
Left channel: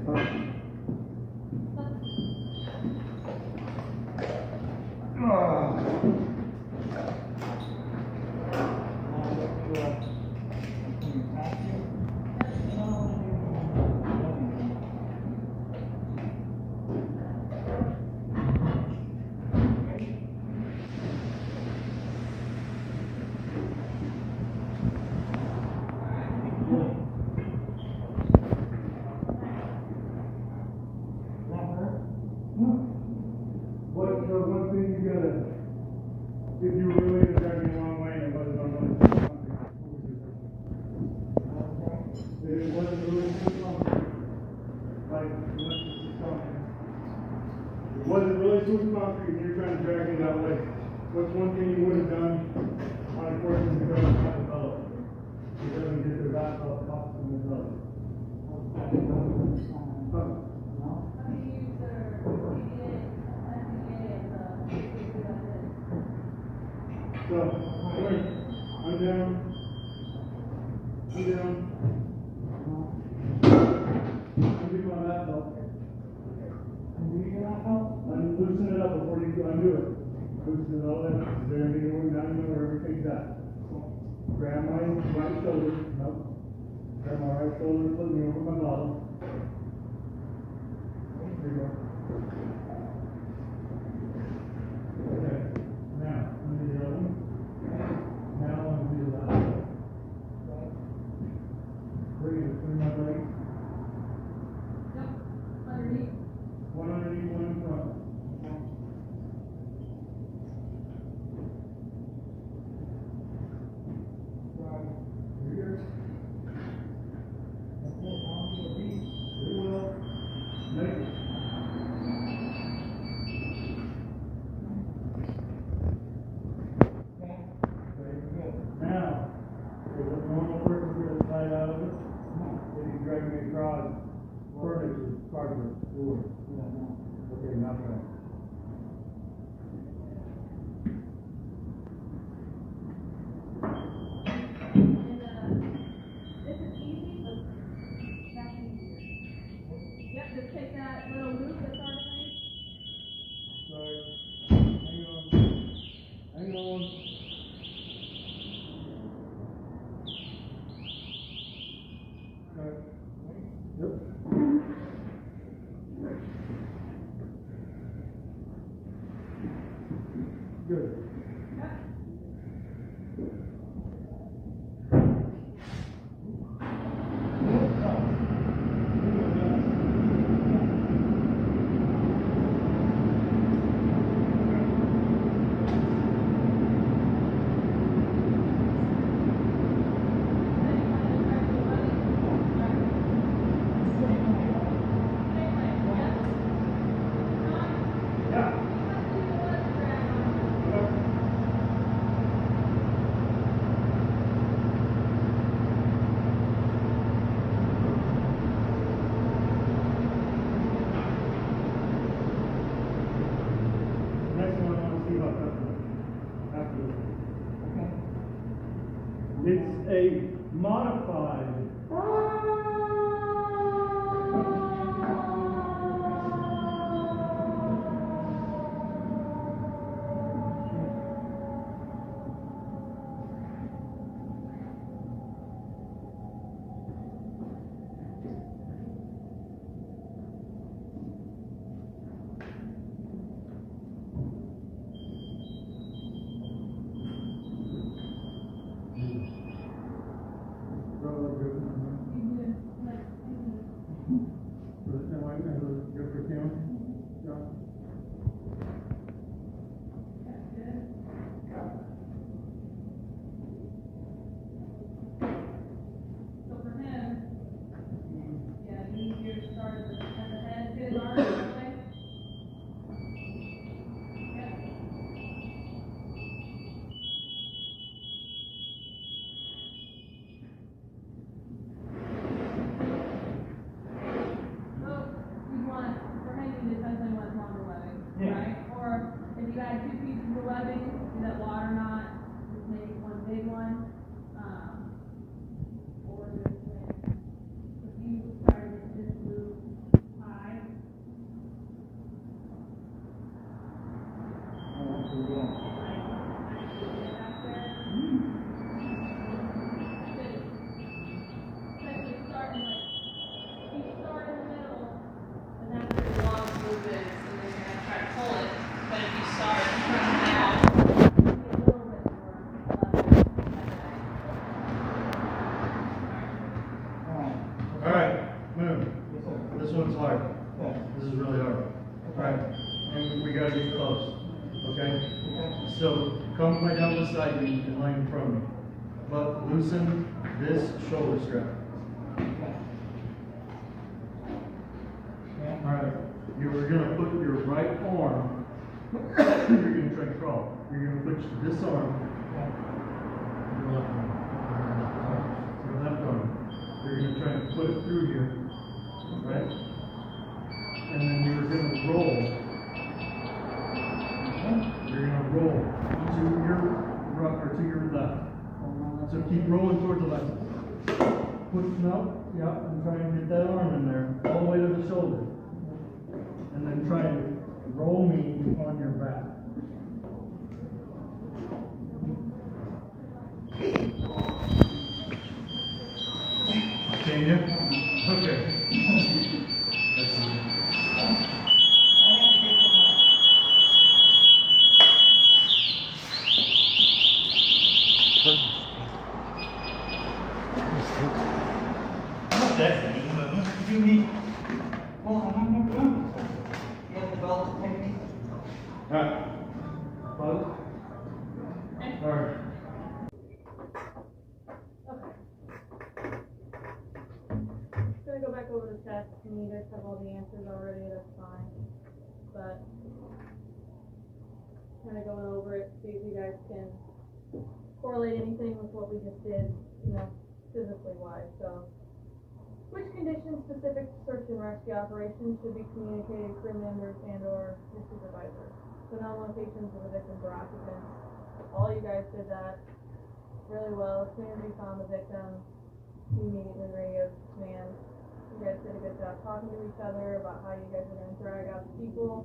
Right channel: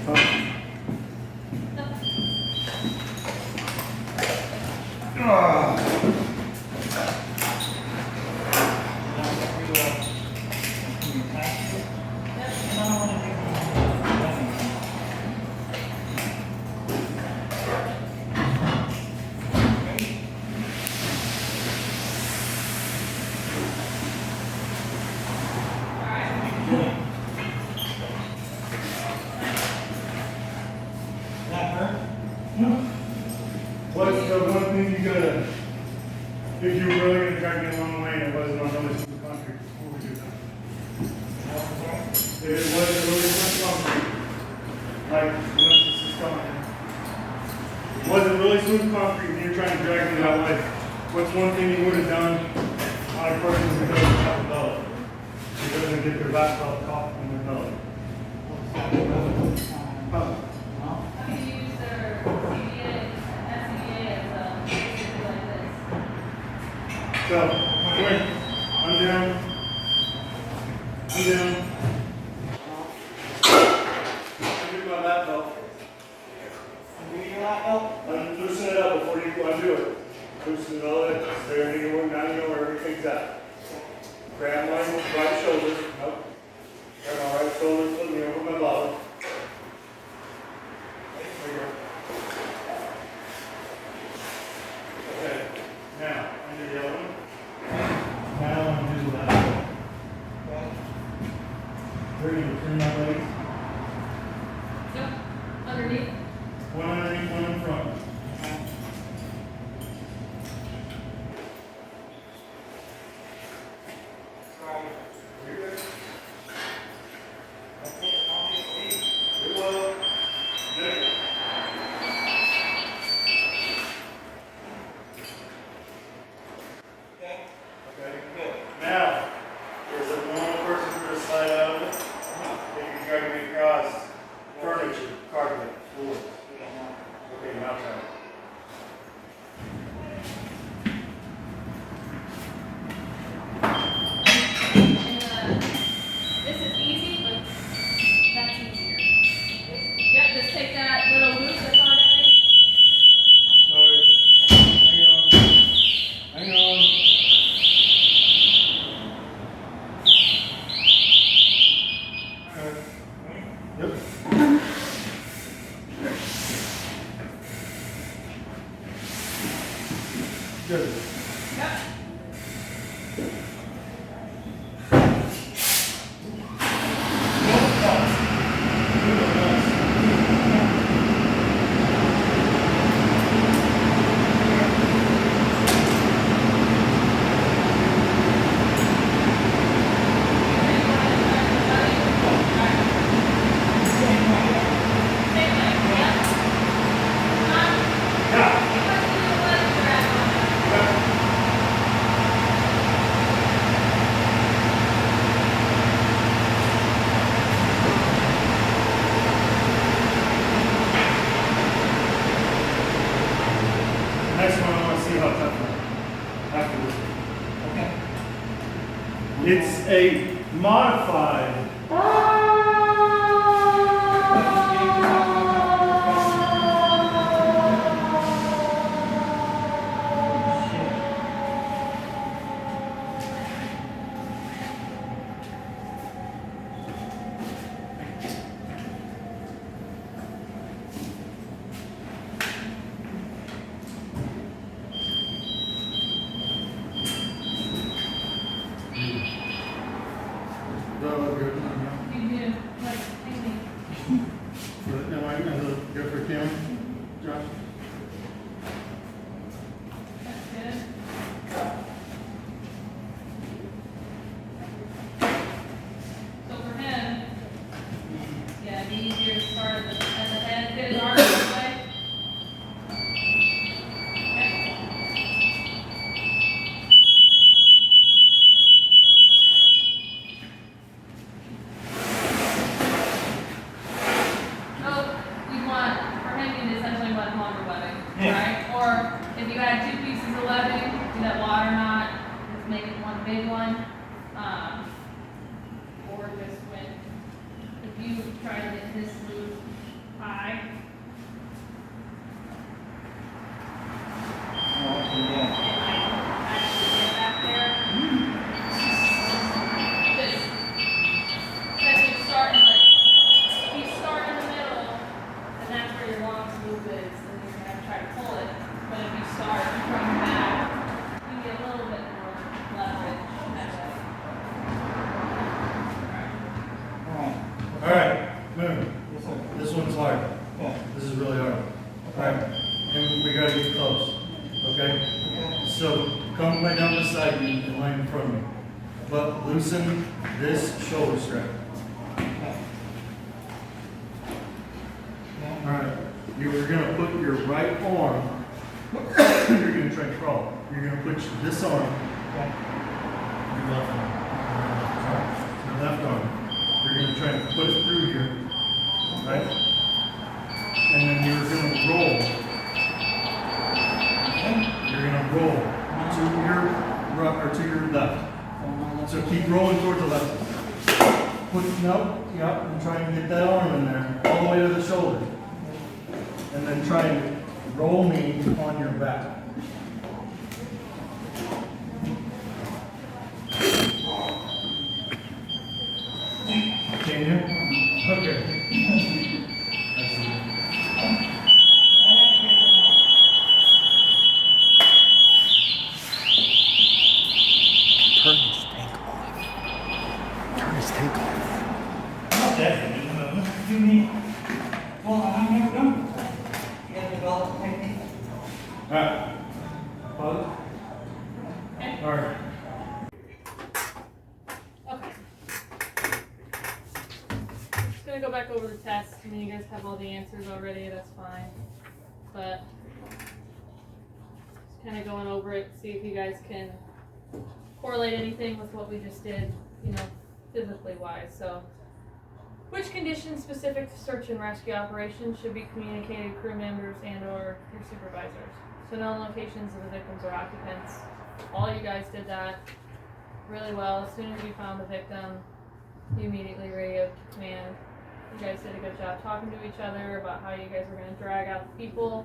if you were really gonna drag me a long way and it wasn't on really smooth concrete, before we do that. If it wasn't really smooth concrete, like, once this is coming, it wasn't really smooth concrete and you're trying to drag me that way, what's one thing you would have done on a person who doesn't have a belly? Who doesn't get their laptop caught in their belly? Huh? How do you use their CBA, SCBA as basically like this? So, come here. I'm down. I'm down. Undo my lap belt. Loosen it up before you undo it. Loosen it all in. There, you know where everything's at. Grab my right shoulder. Nope. Grab my right shoulder, put me over my bottom. There you go. Okay. Now, undo the other one. Now undo the left one. Where do you turn my legs? Yep, underneath. One underneath, one in front. You're good. You're well. Good. Okay. Now, there's a normal person who will slide out of it. They can drag me across furniture, carpet, floors. Okay, now turn. This is easy, but that's easier. Yep, just take that little loop that's on it. Sorry. Hang on. Hang on. Alright. Yep. Good. Yep. Next one, I want to see how tough I am afterwards. It's a modified. You So come right down beside me and line in front of me. But loosen this shoulder strap. Alright, you're gonna put your right arm, you're gonna try to crawl. You're gonna put this arm, your left arm, your left arm. You're gonna try and put it through here, right? And then you're gonna roll. You're gonna roll to your right or to your left. So keep rolling towards the left. And try and get that arm in there, all the way to the shoulder. And then try and roll me on your back. Can you? Okay. I see. Turn his tank off. Not definitely, but you need, well, I've never done it. You have developed technique. Alright. Pause. Alright. Okay. Just gonna go back over the test. I mean, you guys have all the answers already, that's fine. But just kind of going over it, see if you guys can correlate anything with what we just did, you know, physically wise. So, which conditions specific to search and rescue operations should be communicated to crew members and/or your supervisors? So, known locations of the victims or occupants. All you guys did that really well. As soon as you found the victim, you immediately radioed to command. You guys did a good job talking to each other about how you guys were going to drag out the people.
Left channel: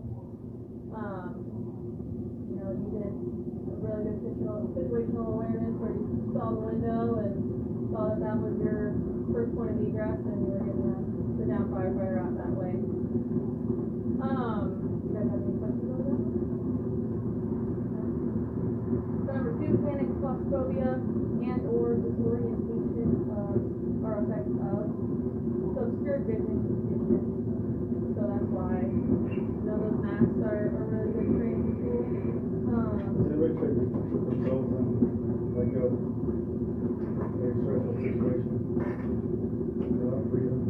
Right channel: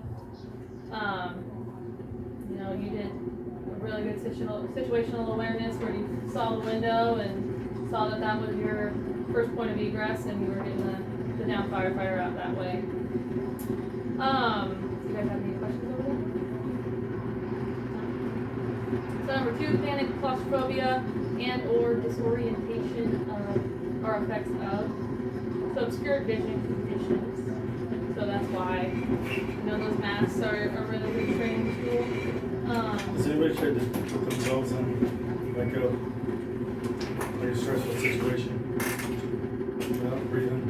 You know, you did a really good situational awareness where you saw the window and saw that that was your first point of egress and you were getting the down firefighter out that way. Do you guys have any questions over there? So number 2, panic, claustrophobia, and or disorientation of, or effects of. So obscured vision conditions. So that's why, you know, those masks are a really good training tool. Has anybody tried to put themselves in like a stressful situation without breathing?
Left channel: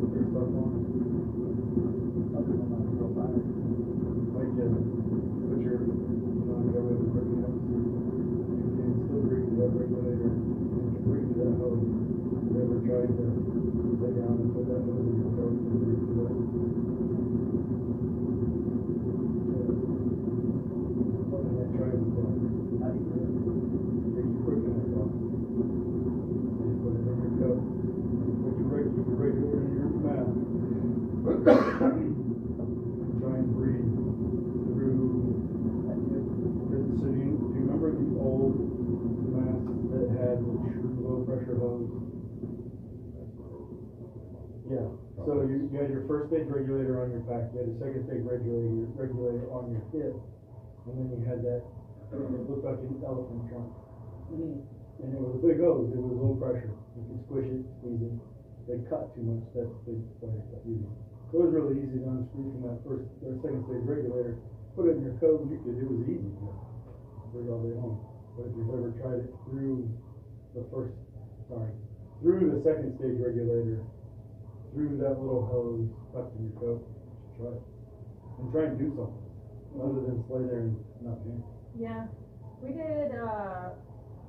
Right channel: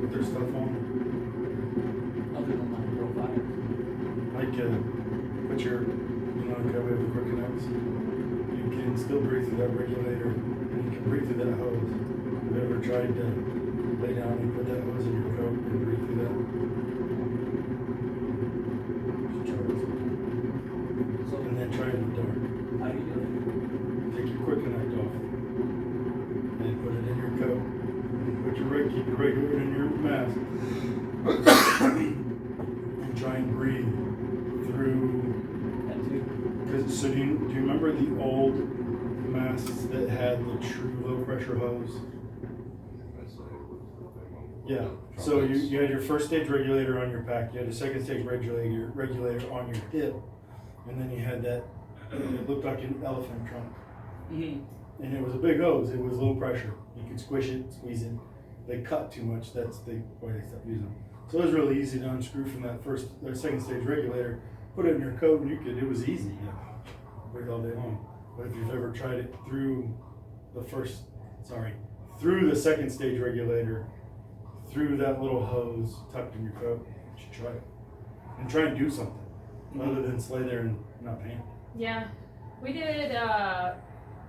With their stuff on? Like put your, like how we have the quick connects. You can still breathe through that regulator and you can breathe through that hose. Have you ever tried to lay down and put that hose in your coat and breathe through that? And then try it in the dark. How do you do it? Take your quick connect off. And put it in your coat. And keep your regulator in your mask. And try and breathe through. Because so do you remember the old masks that had the true low pressure hose? Yeah. So you had your first stage regulator on your back, you had a second stage regulator on your hip, and then you had that, it looked like an elephant trunk. Mm-hmm. And it was a big hose, it was low pressure. You could squish it, squeeze it. They cut too much, that's the why they stopped using them. So it was really easy to unscrew from that second stage regulator, put it in your coat, and it was easy, breathe all day long. But if you've ever tried it through through the second stage regulator, through that little hose tucked in your coat, you should try it. And try and do something, other than lay there and not panic. Yeah, we did,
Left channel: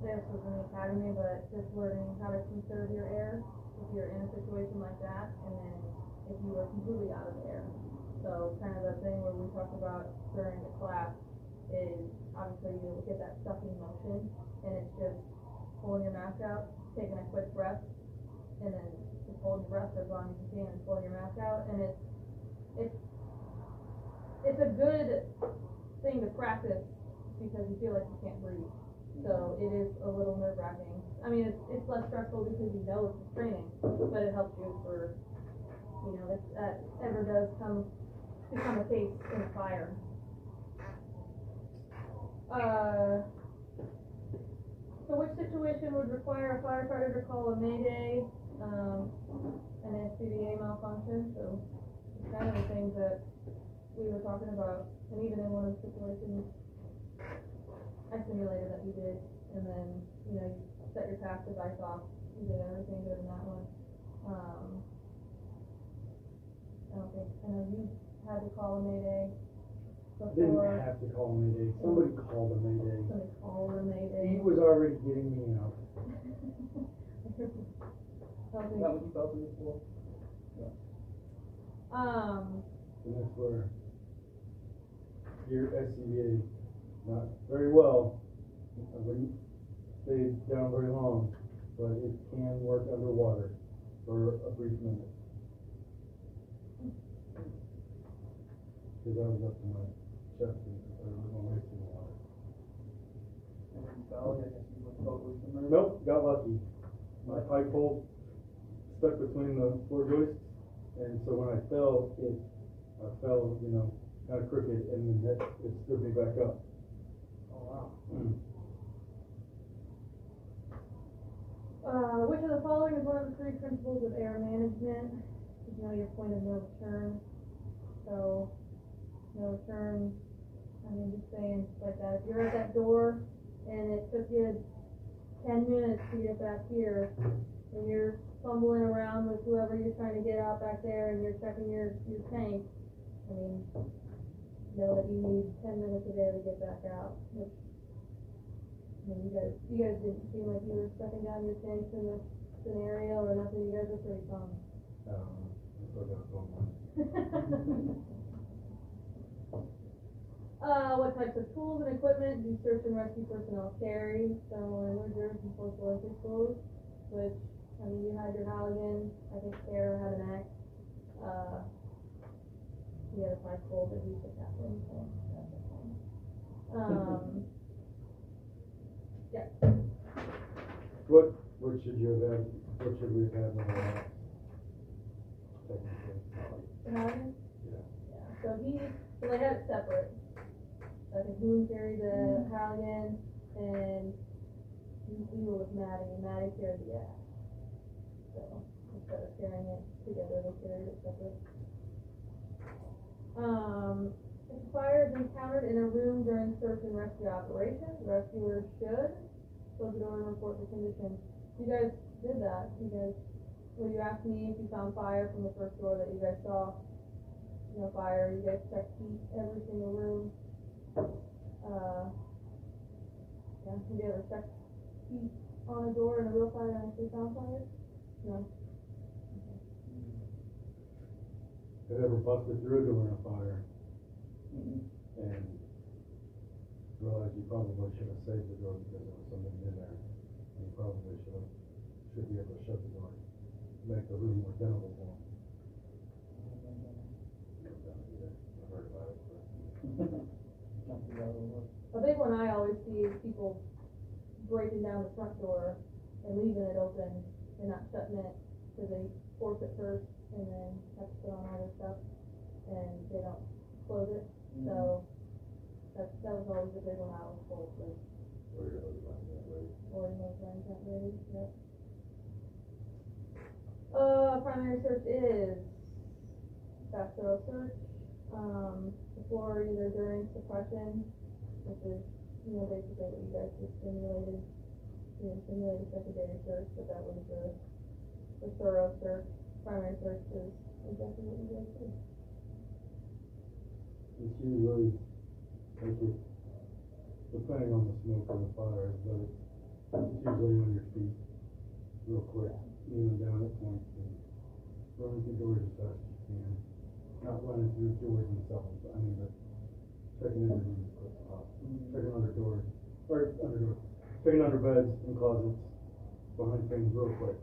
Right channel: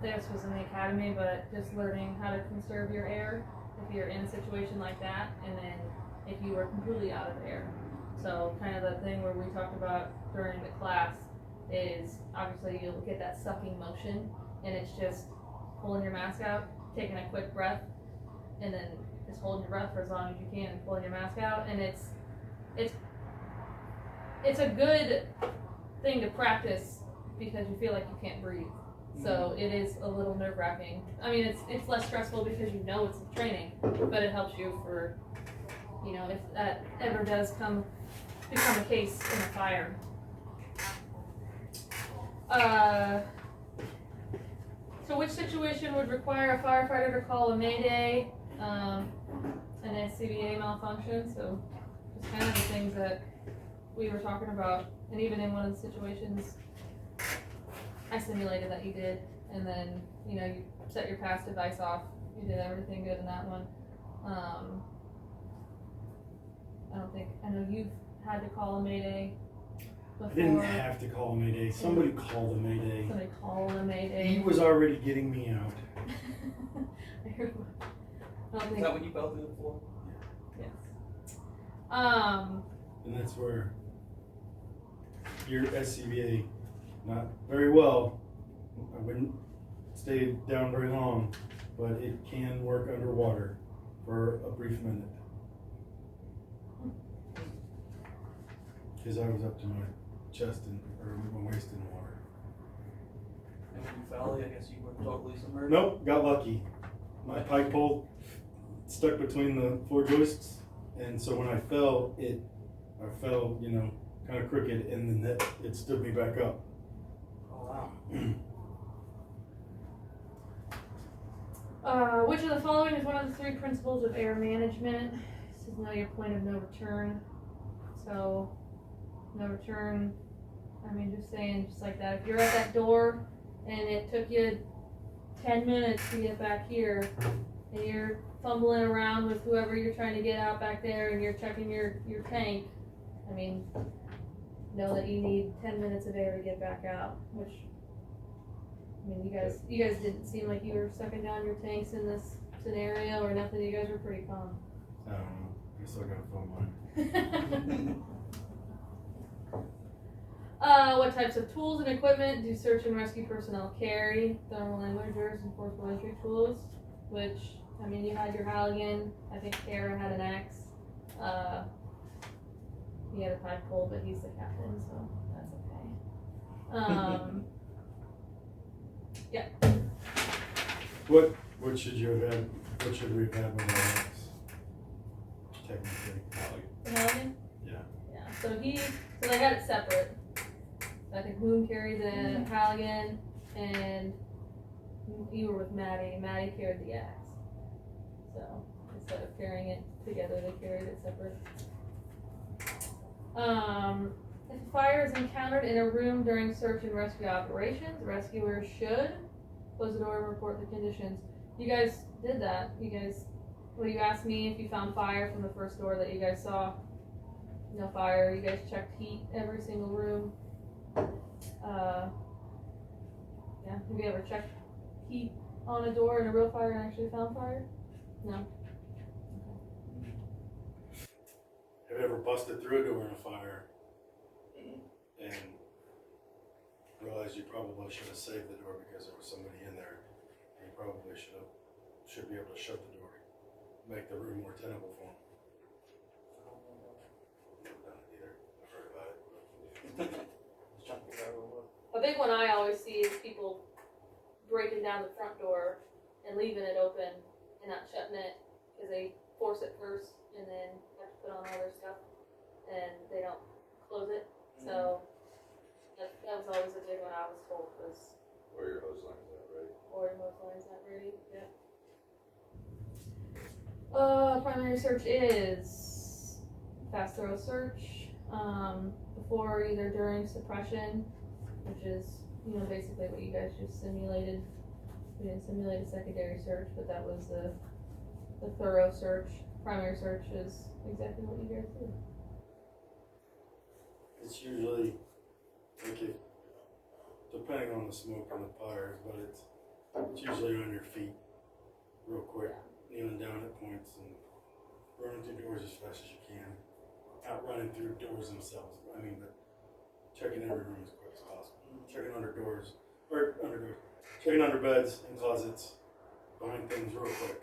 this was in the academy, but just learning how to conserve your air if you're in a situation like that, and then if you were completely out of air. So kind of the thing where we talked about during the class is obviously you'll get that sucking motion, and it's just pulling your mask out, taking a quick breath, and then just holding your breath for as long as you can and pulling your mask out. And it's a good thing to practice because you feel like you can't breathe. So it is a little nerve-wracking. I mean, it's less stressful because you know it's training, but it helps you for, you know, if that ever does become a case in a fire. So which situation would require a firefighter to call a mayday, an SCBA malfunction? So it's kind of the things that we were talking about, and even in one of the situations, I simulated that you did, and then, you know, you set your pass device off, you did everything good in that one. I know you've had to call a mayday I didn't before. have to call a mayday. Somebody called a mayday. Somebody called a mayday. He was already getting me out. I don't Is think, that what you fell through before? yes. And that's where your SCBA, not very well, I wouldn't stay down very long, but it can work underwater for a brief minute. Because I was up to my chest or my waist in the water. And when you fell, I guess you were totally submerged? Nope, got lucky. My pike pole stuck between the floor joists, and so when I fell, I fell, you know, kind of crooked, and then it stood me back up. Oh, wow. Which of the following is one of the 3 principles of air management? This is know your point of no return. So, no return, I mean, just saying, just like that. If you're at that door and it took you 10 minutes to get back here, and you're fumbling around with whoever you're trying to get out back there, and you're checking your tank, I mean, know that you need 10 minutes of air to get back out, which, I mean, you guys didn't seem like you were sucking down your tanks in this scenario or nothing. You guys were pretty calm. I don't know. I still got a phone line. What types of tools and equipment do search and rescue personnel carry? Thermal imagers and forcible entry tools, which, I mean, you had your Halligan, I think Kara had an axe, he had a pipe pole, but he's the captain, so that's okay. Yeah. What should you have had? What should we have had with our axe? Technically. The Halligan? Yeah. Yeah, so they had it separate. I think Moon carried the Halligan, and you were with Maddie. Maddie carried the axe. So instead of carrying it together, they carried it separate. If a fire is encountered in a room during search and rescue operations, rescuers should close the door and report the conditions. You guys did that. You asked me if you found fire from the first door that you guys saw. No fire. You guys checked heat every single room. Yeah, have you ever checked heat on a door in a real fire and actually found fire? No? Have you ever busted through a door in a fire and realized you probably should have saved the door because there was somebody in there, and you probably should be able to shut the door, make the room more tenable for them? Never done it either. I've heard about it. A big one I always see is people breaking down the front door and leaving it open and not shutting it because they force it first and then have to put on all their stuff and they don't close it. So that was always a big one I was told was. Or your hose line's not ready. Or your hose line's not ready, yep. Primary search is fast thorough search, before, either during suppression, which is, basically what you guys just simulated. We didn't simulate a secondary search, but that was the thorough search. Primary search is exactly what you guys did. It's usually, like depending on the smoke and the fires, but it's usually on your feet, real quick, kneeling down at points and running through doors as fast as you can. Not running through doors themselves, but checking every room as quick as possible. Checking checking under beds and closets, behind things real quick,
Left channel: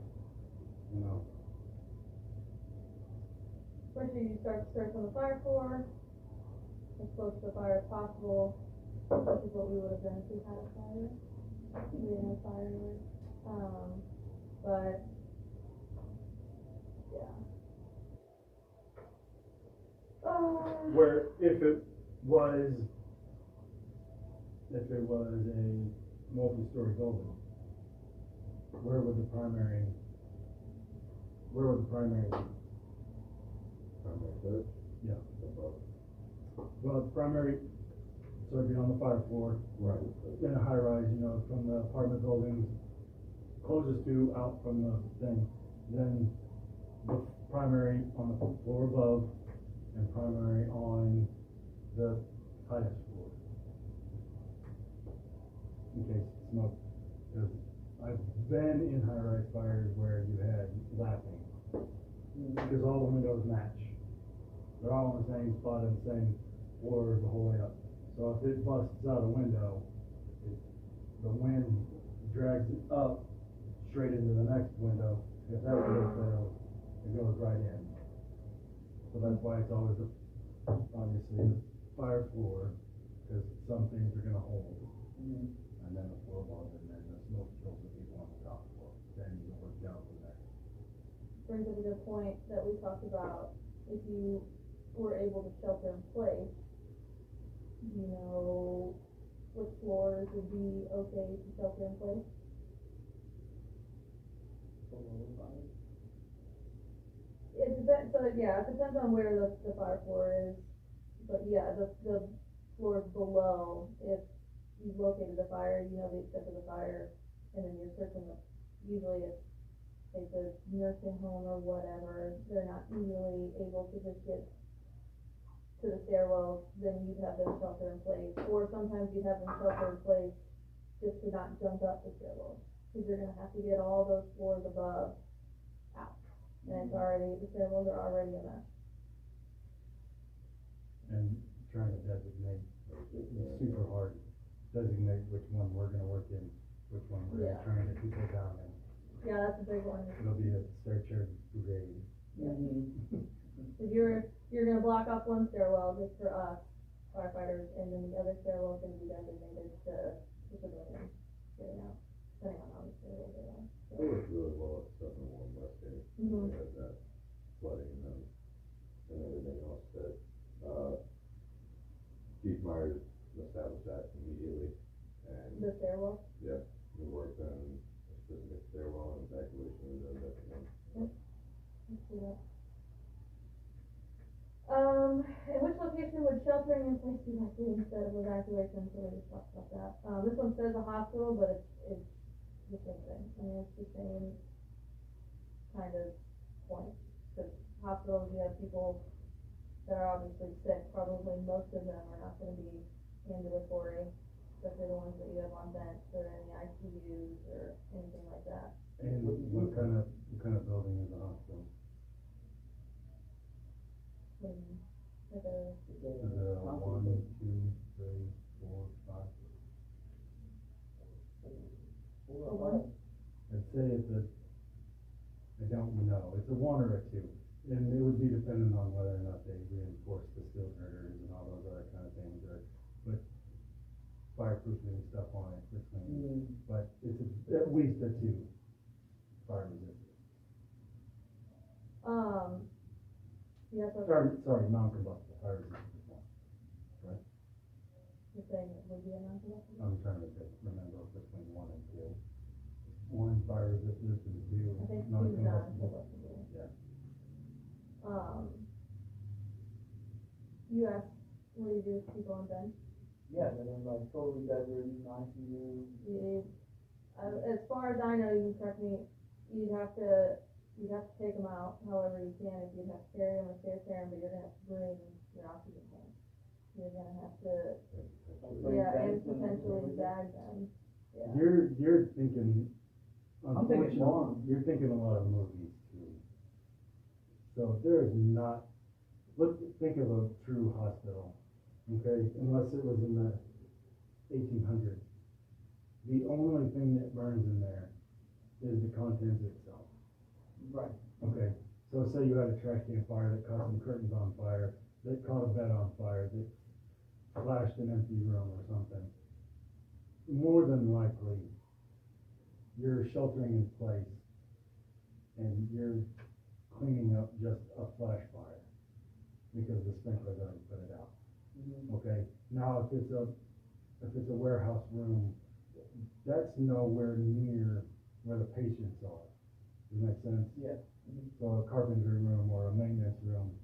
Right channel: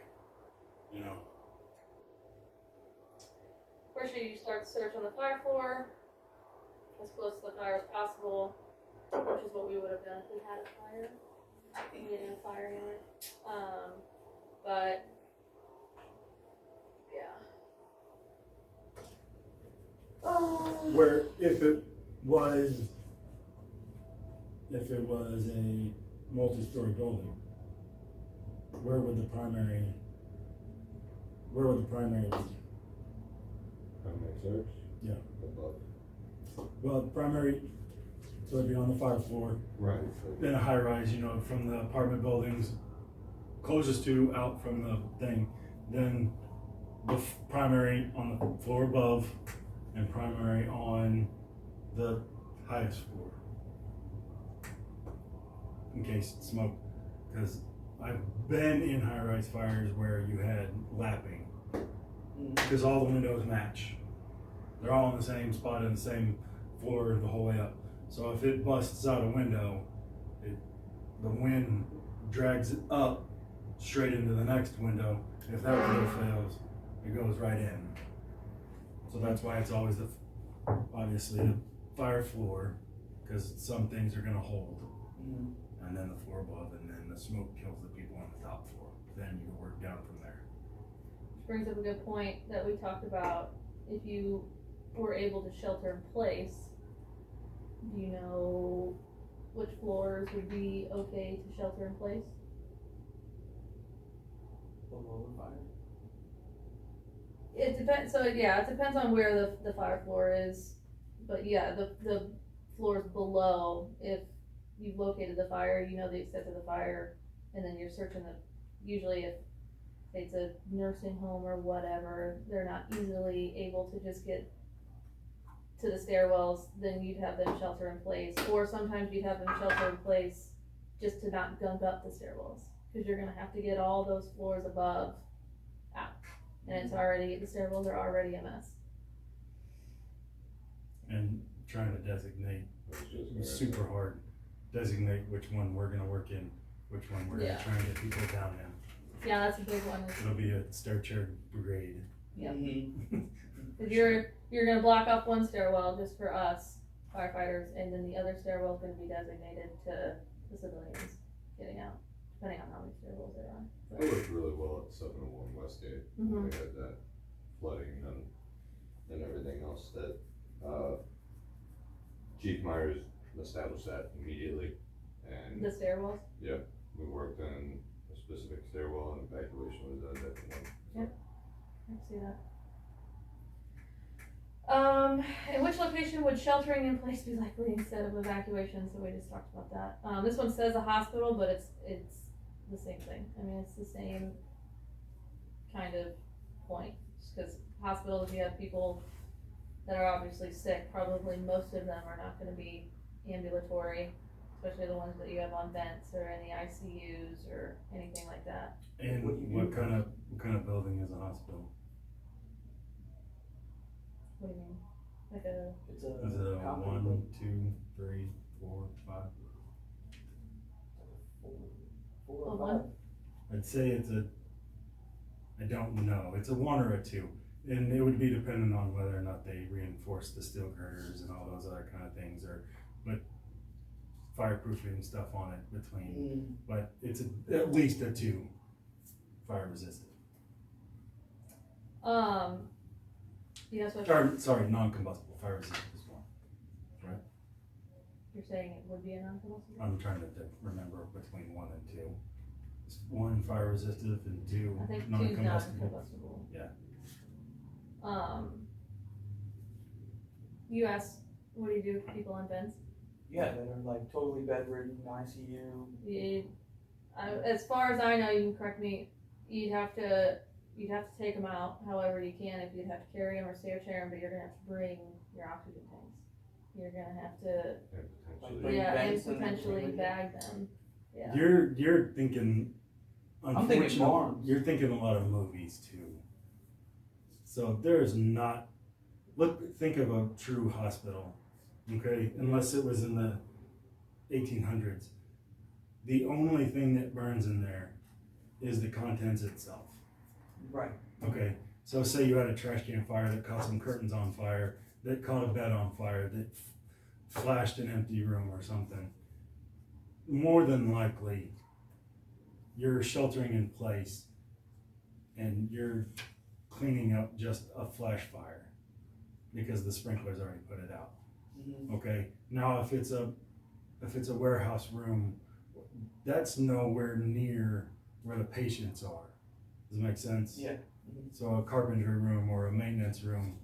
First, you start the search on the fire floor, as close to the fire as possible, which is what we would have done if we had a fire. We didn't have fire anyway. But, yeah. Where if it was a multi-story building, where would the primary be? Primary search? Yeah. Above. Well, primary, so it'd be on the 5th floor, Right. then a high rise, you know, from the apartment buildings closest to out from the thing, then the primary on the floor above, and primary on the highest floor. In case smoke, because I've been in high-rise fires where you had lapping, because all the windows match. They're all on the same spot in the same floor the whole way up. So if it busts out a window, the wind drags it up straight into the next window. If that window fails, it goes right in. So that's why it's always obviously the fire floor, because some things are gonna hold. And then the floor above, and then the smoke kills the people on the top floor. Then you work down from there. Which brings up a good point that we talked about. If you were able to shelter in place, do you know which floors would be okay to shelter in place? Below the fire. It depends, so yeah, it depends on where the fire floor is, but yeah, the floors below, if you've located the fire, you know the extent of the fire, and then you're searching usually if it's a nursing home or whatever, they're not easily able to just get to the stairwells, then you'd have them shelter in place, or sometimes you'd have them shelter in place just to not gunk up the stairwells, cause you're gonna have to get all those floors above out, and it's already, the stairwells are already a mess. And trying to designate, it's super hard. Designate which one we're gonna work in, which one we're gonna Yeah. try and get people down in. Yeah, that's a big one. It'll be a stair chair brigade. Yep. Cause you're gonna block off one stairwell just for us firefighters, and then the other stairwell is gonna be designated to the civilians getting out, depending on how many stairwells there are. It worked really well at 701 Westgate. Mhm. We had that flooding and everything else that, Chief Myers established that immediately. And The stairwells. we worked on a specific stairwell and evacuation was done at that point. I can see that. In which location would sheltering in place be likely instead of evacuation? So we just talked about that. This one says a hospital, but it's the same thing. I mean, it's the same kind of point. Cause hospitals, you have people that are obviously sick, probably most of them are not gonna be ambulatory, especially the ones that you have on vents or in the ICUs or anything like that. And what kind of building is a hospital? What do you mean? Like a, It's Is it a company 1, building. 2, 3, 4, 5? Four A or one? five. I'd say I don't know, it's a 1 or a 2. And it would be dependent on whether or not they reinforce the steel girders and all those other kind of things, but fireproofing stuff on it between, but it's at least a 2 fire resistant. you guys Sorry, non-combustible, fire resistant is 1. you're saying it would be a non-combustible? I'm trying to remember between 1 and 2. It's 1 fire resistant and 2 I think two's non-combustible. non-combustible. Yeah. You asked, what do you do with people on vents? Yeah, they're like totally bedridden, ICU. As far as I know, you can correct me, you'd have to take them out however you can, if you'd have to carry them or stair chair them, but you're gonna have to bring your oxygen tanks. You're gonna have to, And Bring yeah, and vents and potentially everything. bag them, yeah. You're thinking, I'm thinking unfortunately, farms. you're thinking a lot of movies too. So there's not, think of a true hospital, okay, unless it was in the 1800s. The only thing that burns in there is the contents itself. Right. Okay, so say you had a trash can fire that caught some curtains on fire, that caught a bed on fire, that flashed an empty room or something. More than likely, you're sheltering in place and you're cleaning up just a flash fire because the sprinklers already put it out. Okay, now if it's a warehouse room, that's nowhere near where the patients are. Does it make sense? Yeah. So a carpentry room or a maintenance room,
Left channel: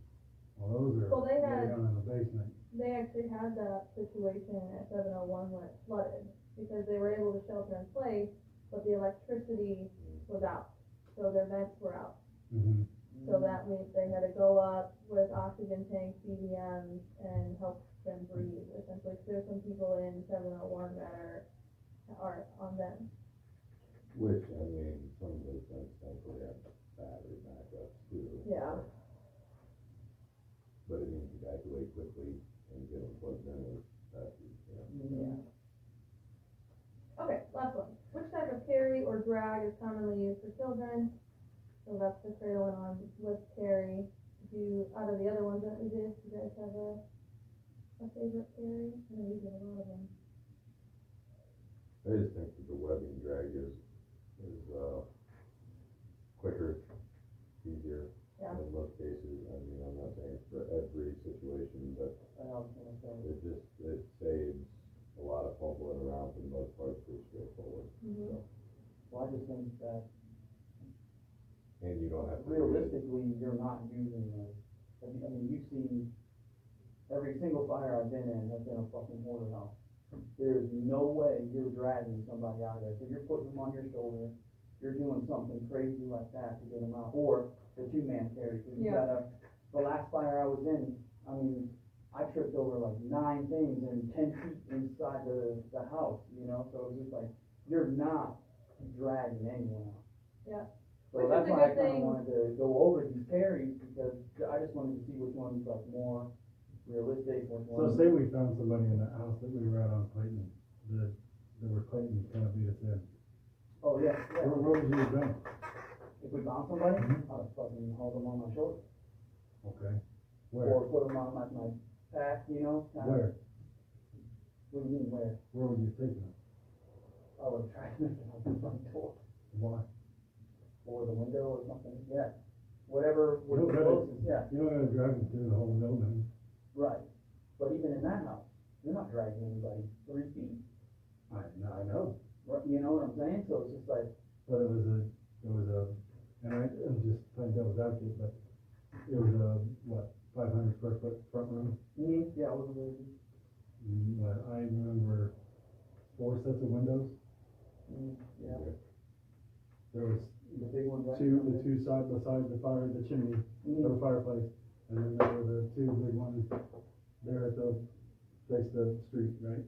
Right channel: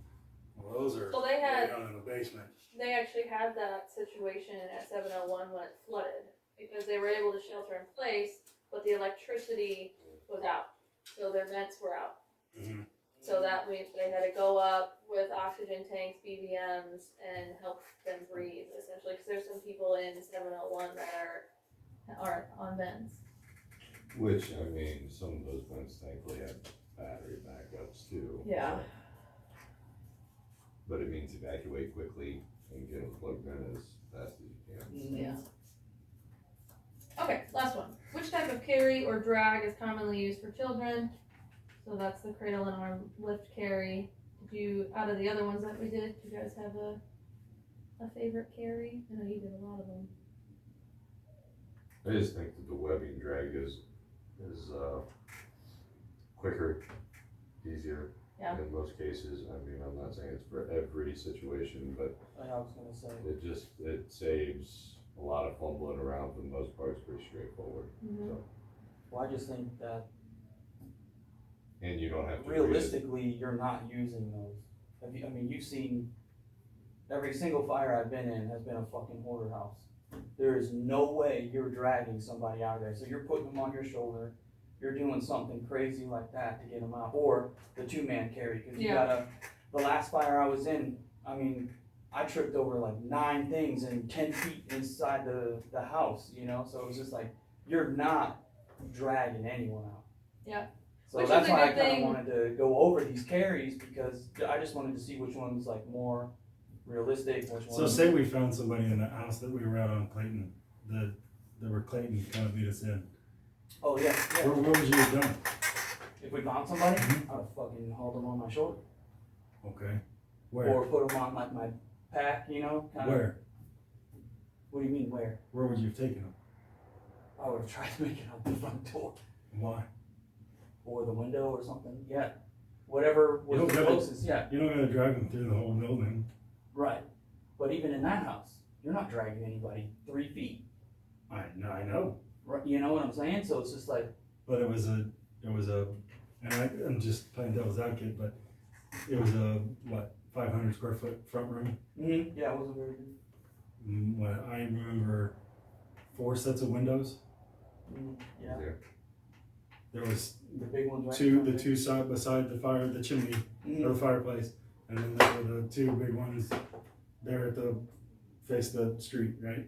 well, those are So they way had- down in the basement. they actually had that situation at 701 when it flooded, because they were able to shelter in place, but the electricity was out, so their vents were out. Mm-hmm. So that means they had to go up with oxygen tanks, BVMs, and help them breathe, essentially, because there's some people in 701 that are on vents. Which, I mean, some of those vents thankfully have battery backups too. Yeah. But it means evacuate quickly and get them plugged in as fast as you can. Yeah. Okay, last one. Which type of carry or drag is commonly used for children? So that's the cradle and arm lift carry. Did you, out of the other ones that we did, do you guys have a favorite carry? I know you did a lot of them. I just think that the webbing drag is quicker, easier. Yeah. In most cases. I mean, I'm not saying it's for every situation, but I was gonna say. it saves a lot of fumbling around. For the most part, it's pretty straightforward. Mm-hmm. So, Well, I just think that and you don't have to realistically, you're not using those. I mean, you've seen every single fire I've been in has been a fucking hoarder house. There is no way you're dragging somebody out of there. So you're putting them on your shoulder. You're doing something crazy like that to get them out, or the 2-man carry, because you gotta. The last fire I was in, I mean, I tripped over like 9 things in 10 feet inside the house, you know. So it was just like you're not dragging anyone out. Yeah. So Which that's is a why I good kind thing. of wanted to go over these carries, because I just wanted to see which one's like more realistic. Which So one. say we found somebody in that house that we were out on Clayton, that were Clayton kind of beat us in. Oh yeah. What would you have done? If we found somebody, Mhm. I'd have fucking hauled them on my shoulder, Okay. Where? or put them on like my pack, you know. Kinda. Where? What do you mean where? Where would you have taken them? I would have tried to make it out the front door Why? or the window or something. Yeah. Whatever You don't was the gotta- closest. Yeah. You don't gotta drag them through the whole building. Right. But even in that house, you're not dragging anybody 3 feet. I know. Right. You know what I'm saying? So it's just like. But it was a, and I'm just playing devil's advocate, but it was a, 500 square foot front room? Yeah, it wasn't very good. What, I remember 4 sets of windows. Yeah. There was The big ones, right? the two side beside the chimney, or the fireplace, and then there were the 2 big ones there at the face of the street, right?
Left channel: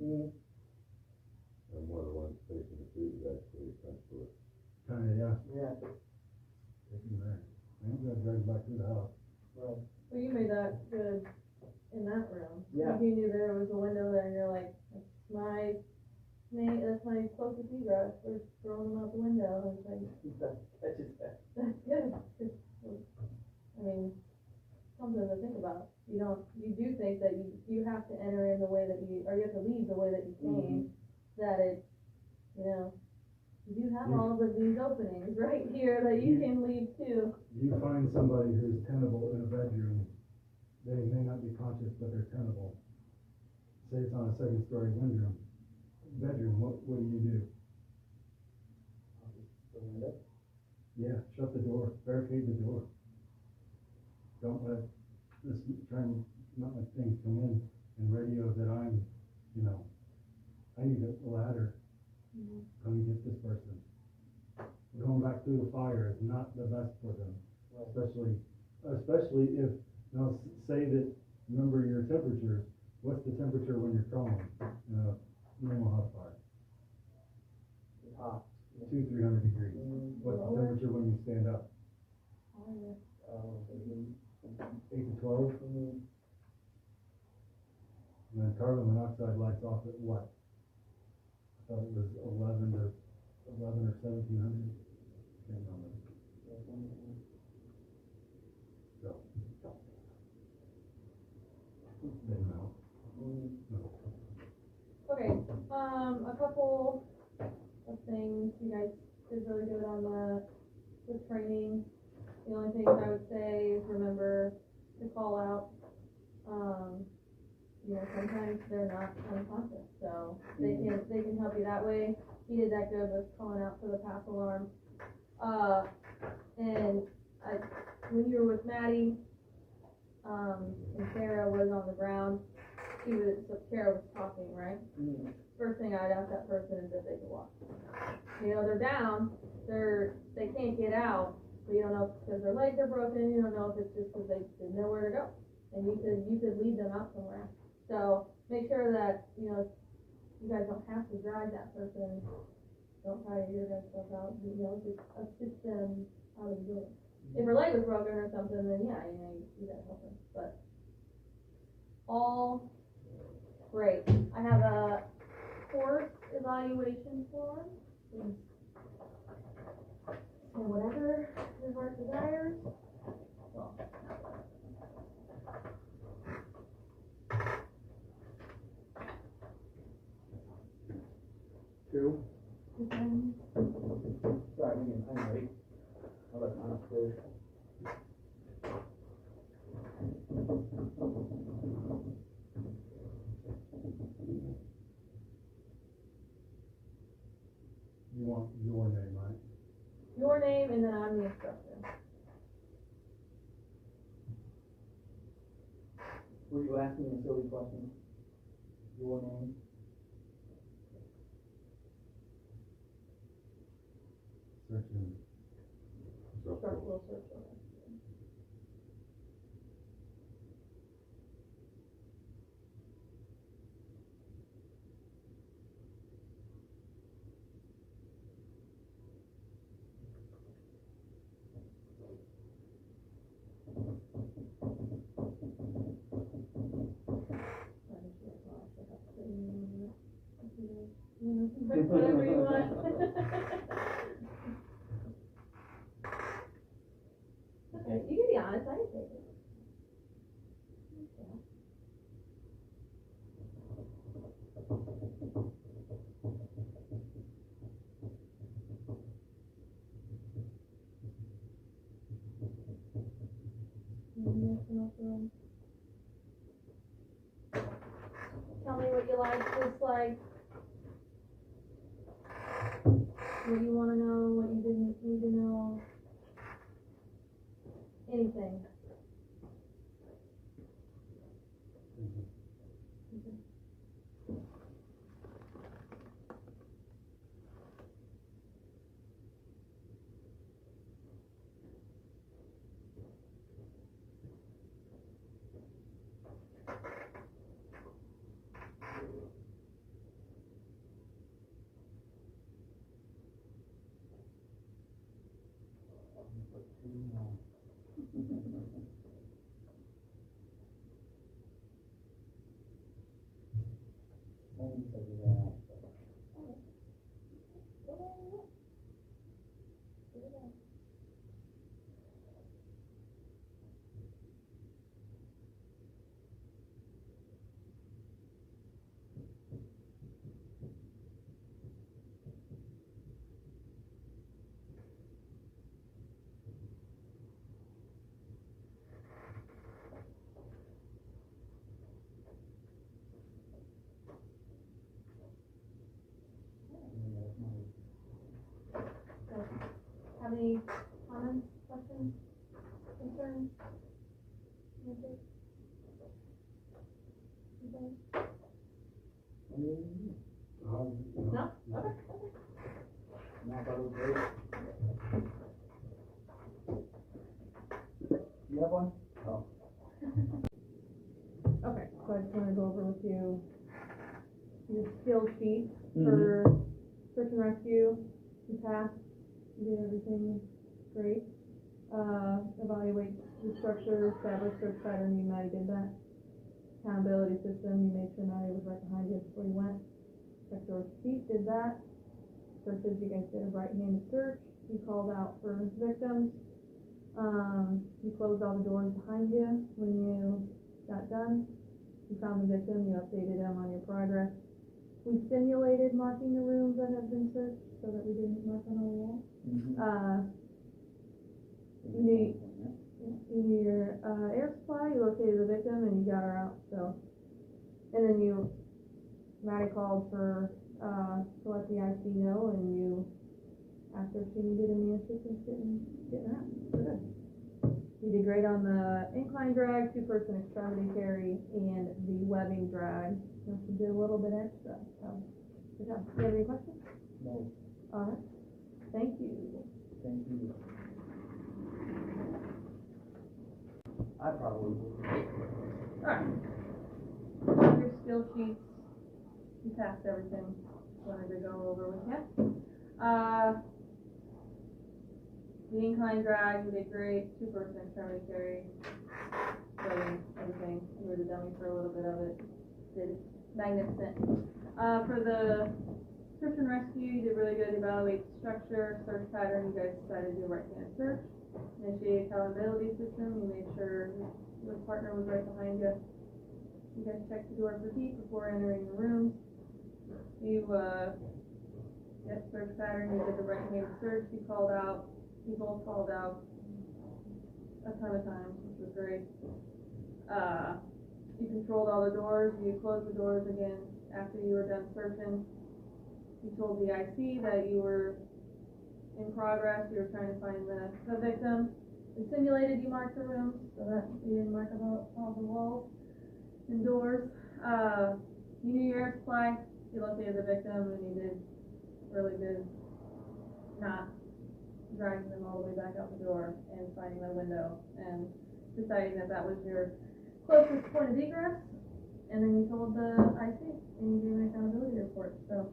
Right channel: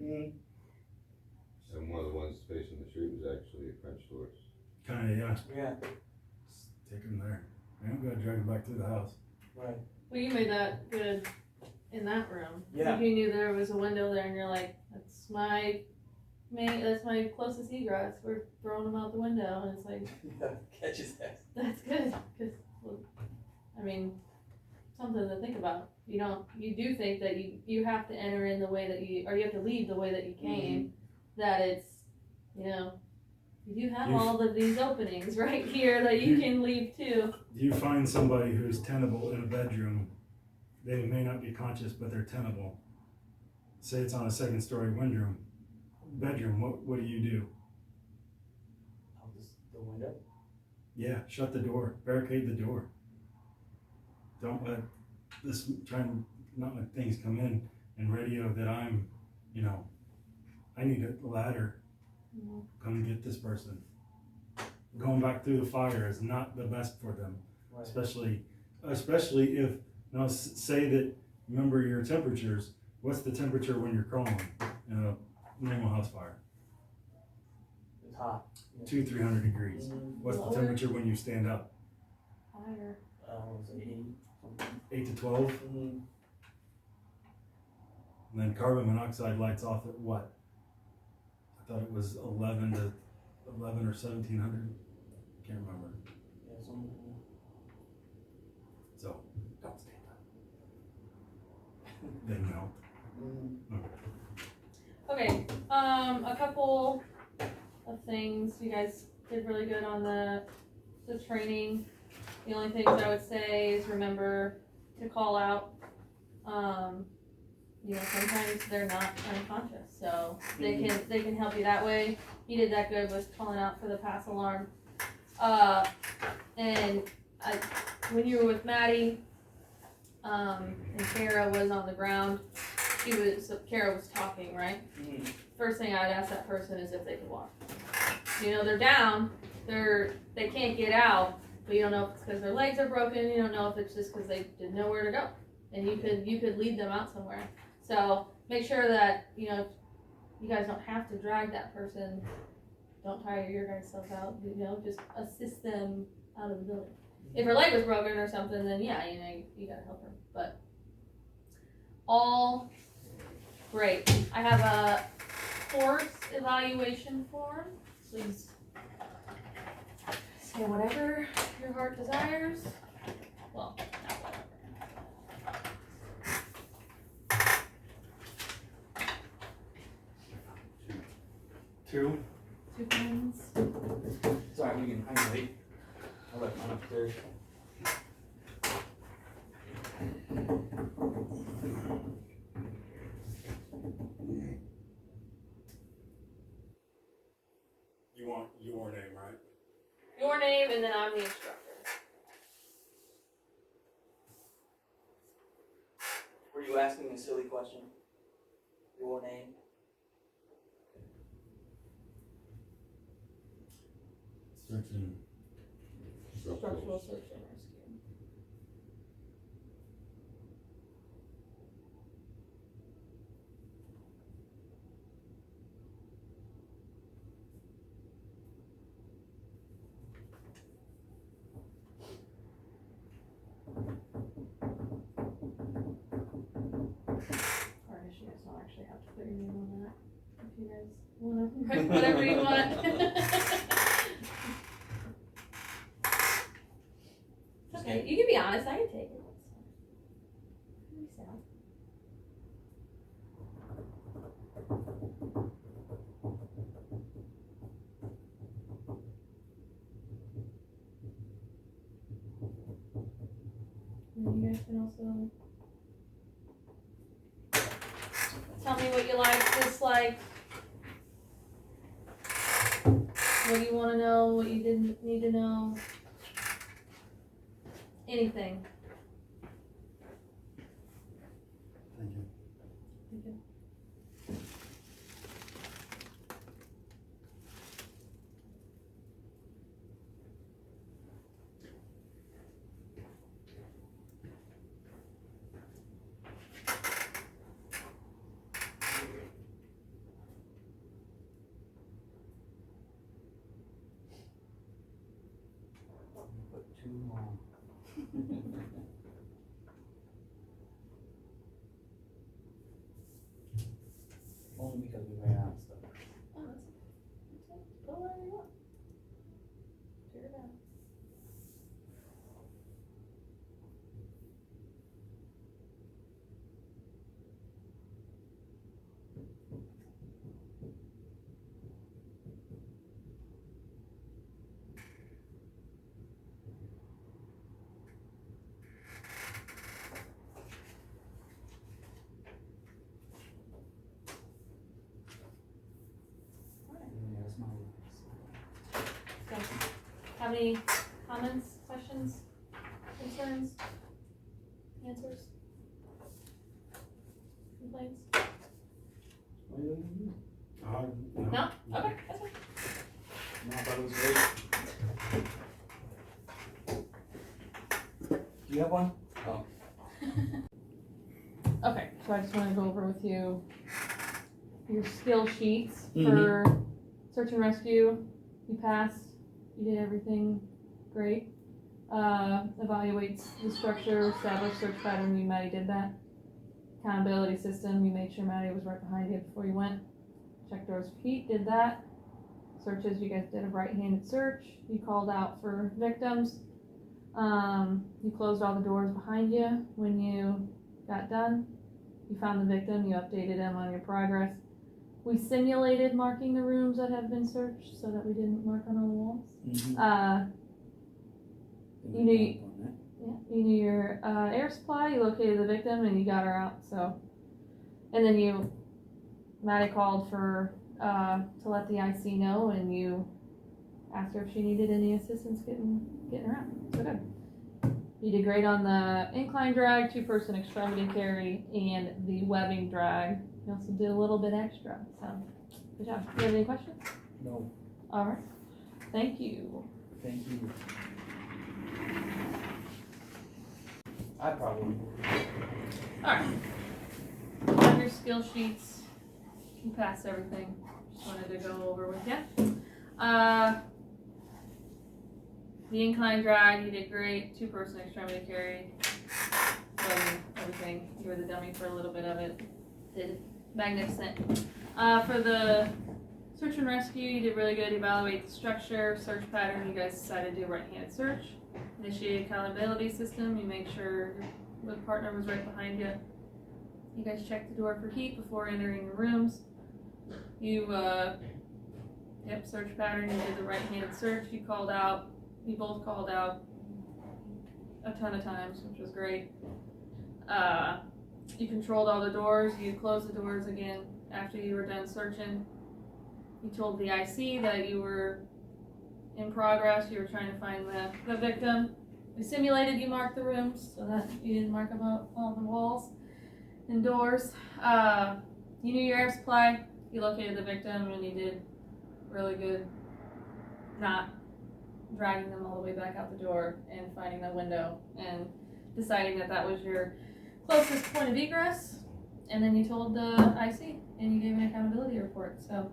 And one of the ones facing the street was actually French doors. Kinda, yeah. Yeah. Take them there. I don't gotta drag them back through the house. Right. Well, you made that good in that room. Yeah. Like you knew there was a window there, and you're like, that's my closest egress. We're throwing them out the window, and it's like, Yeah. Catch his ass. that's good, because, I mean, something to think about. You do think that you have to enter in the way that you have to leave the way that you came, that it's, you do have all of these openings right here that you can leave too. You find somebody who's tenable in a bedroom, they may not be conscious, but they're tenable. Say it's on a 2nd story bedroom, what do you do? I'll just the window. Yeah, shut the door, barricade the door. Don't let try and not let things come in and radio that I'm, I need a ladder. Come get this person. Going back through the fire is not the best for them, Right. especially if, now say that, remember your temperatures, what's the temperature when you're crawling in a normal house fire? It's hot. 200-300 degrees. What's the Lower. temperature when you stand up? Higher. Was it 80? 8 to 12? And then carbon monoxide lights off at what? I thought it was 11 or 1700. Can't remember. Yeah, So don't stand up. Then no. Okay, a couple of things. You guys did really good on the training. The only things I would say is remember to call out. Sometimes they're not unconscious, so they can help you that way. He did that good with calling out for the pass alarm. And when you were with Maddie, and Kara was on the ground, so Kara was talking, right? First thing I'd ask that person is if they could walk. You know, they're down, they can't get out, but you don't know if it's because their legs are broken, you don't know if it's just because they didn't know where to go. And you could lead them out somewhere. So make sure that, you know, you guys don't have to drag that person. Don't tire your guys' self out, you know, just assist them out of the building. If her leg was broken or something, then yeah, you know, you gotta help her. But all great. I have a course evaluation form. Please say whatever your heart desires. Well, not whatever. 2. 2 pens. Sorry, I can wait. I'll let mine upstairs. You want your name, right? Your name, and then I'm the instructor. Were you asking a silly question? Your name? Searching. Structural search and rescue. Or I guess you guys don't actually have to put your name on that. If you guys wanna write whatever you want. Okay, you can be honest, I can take it. Peace out. And you guys can also tell me what you like, dislike, what you wanna know, what you didn't need to know. Anything. Thank you. Thank you. Put 2 on. Only because we ran out of stuff. Oh, that's go wherever you want. Figure it out. Yeah, that's my So, have any comments, questions, concerns, answers, complaints? No? Okay, that's fine. No, that was great. Do you have one? Oh. Okay, so I just wanna go over with you your skill sheets for search and rescue. You passed, you did everything great. Evaluates the structure, establish search pattern, you Maddie did that. Accountability system, you made sure Maddie was right behind you before you went. Check doors for heat, did that. Searches, you guys did a right-handed search. You called out for victims. You closed all the doors behind you when you got done. You found the victim, you updated him on your progress. We simulated marking the rooms that have been searched so that we didn't mark on all the walls. You knew your air supply, you located the victim, and you got her out, so. And then Maddie called for, to let the IC know, and you asked her if she needed any assistance getting her out, so good. You did great on the incline drag, 2-person extremity carry, and the webbing drag. You also did a little bit extra, so good job. Do you have any questions? No, All right. Thank you. thank you. I probably would. All right. On your skill sheets, you passed everything. Just wanted to go over with you. The incline drag, you did great. 2-person extremity carry, webbing, everything. You were the dummy for a little bit of it. Did magnificent. For the search and rescue, you did really good. Evaluate the structure, search pattern. You guys decided to do right-handed search. Initiate accountability system. You make sure the partner was right behind you. You guys checked the door for heat before entering the rooms. You, search pattern. You did the right-handed search. You both called out a ton of times, which was great. You controlled all the doors. You closed the doors again after you were done searching. You told the IC that you were in progress. You were trying to find the victim. We simulated you marked the rooms so that you didn't mark about all the walls and doors. You knew your air supply. You located the victim, and you did really good not dragging them all the way back out the door and finding the window and deciding that that was your closest point of egress. And then you told the IC and you gave an accountability report. So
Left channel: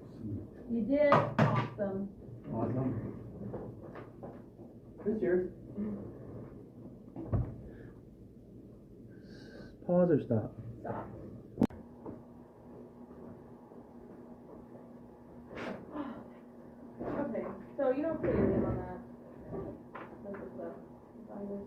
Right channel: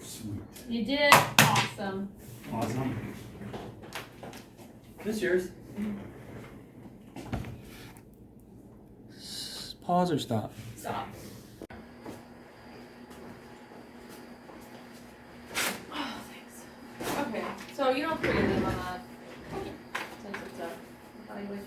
Sweet. you did awesome. Awesome. This yours? Pause or stop? Stop. Oh, thanks. Okay, so you don't put your name on that since it's a evaluation.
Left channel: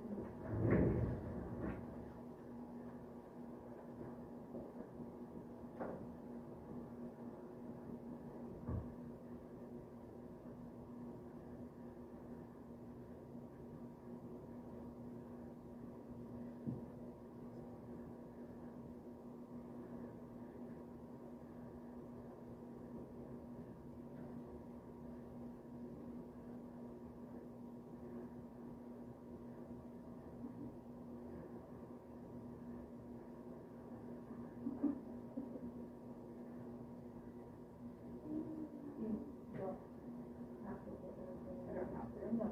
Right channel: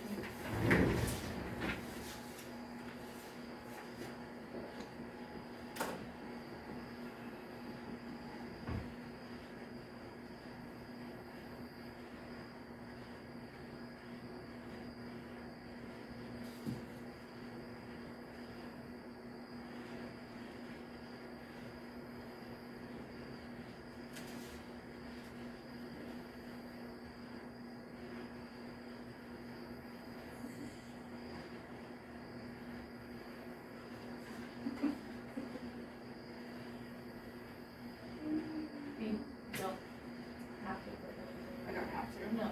I don't have to. No.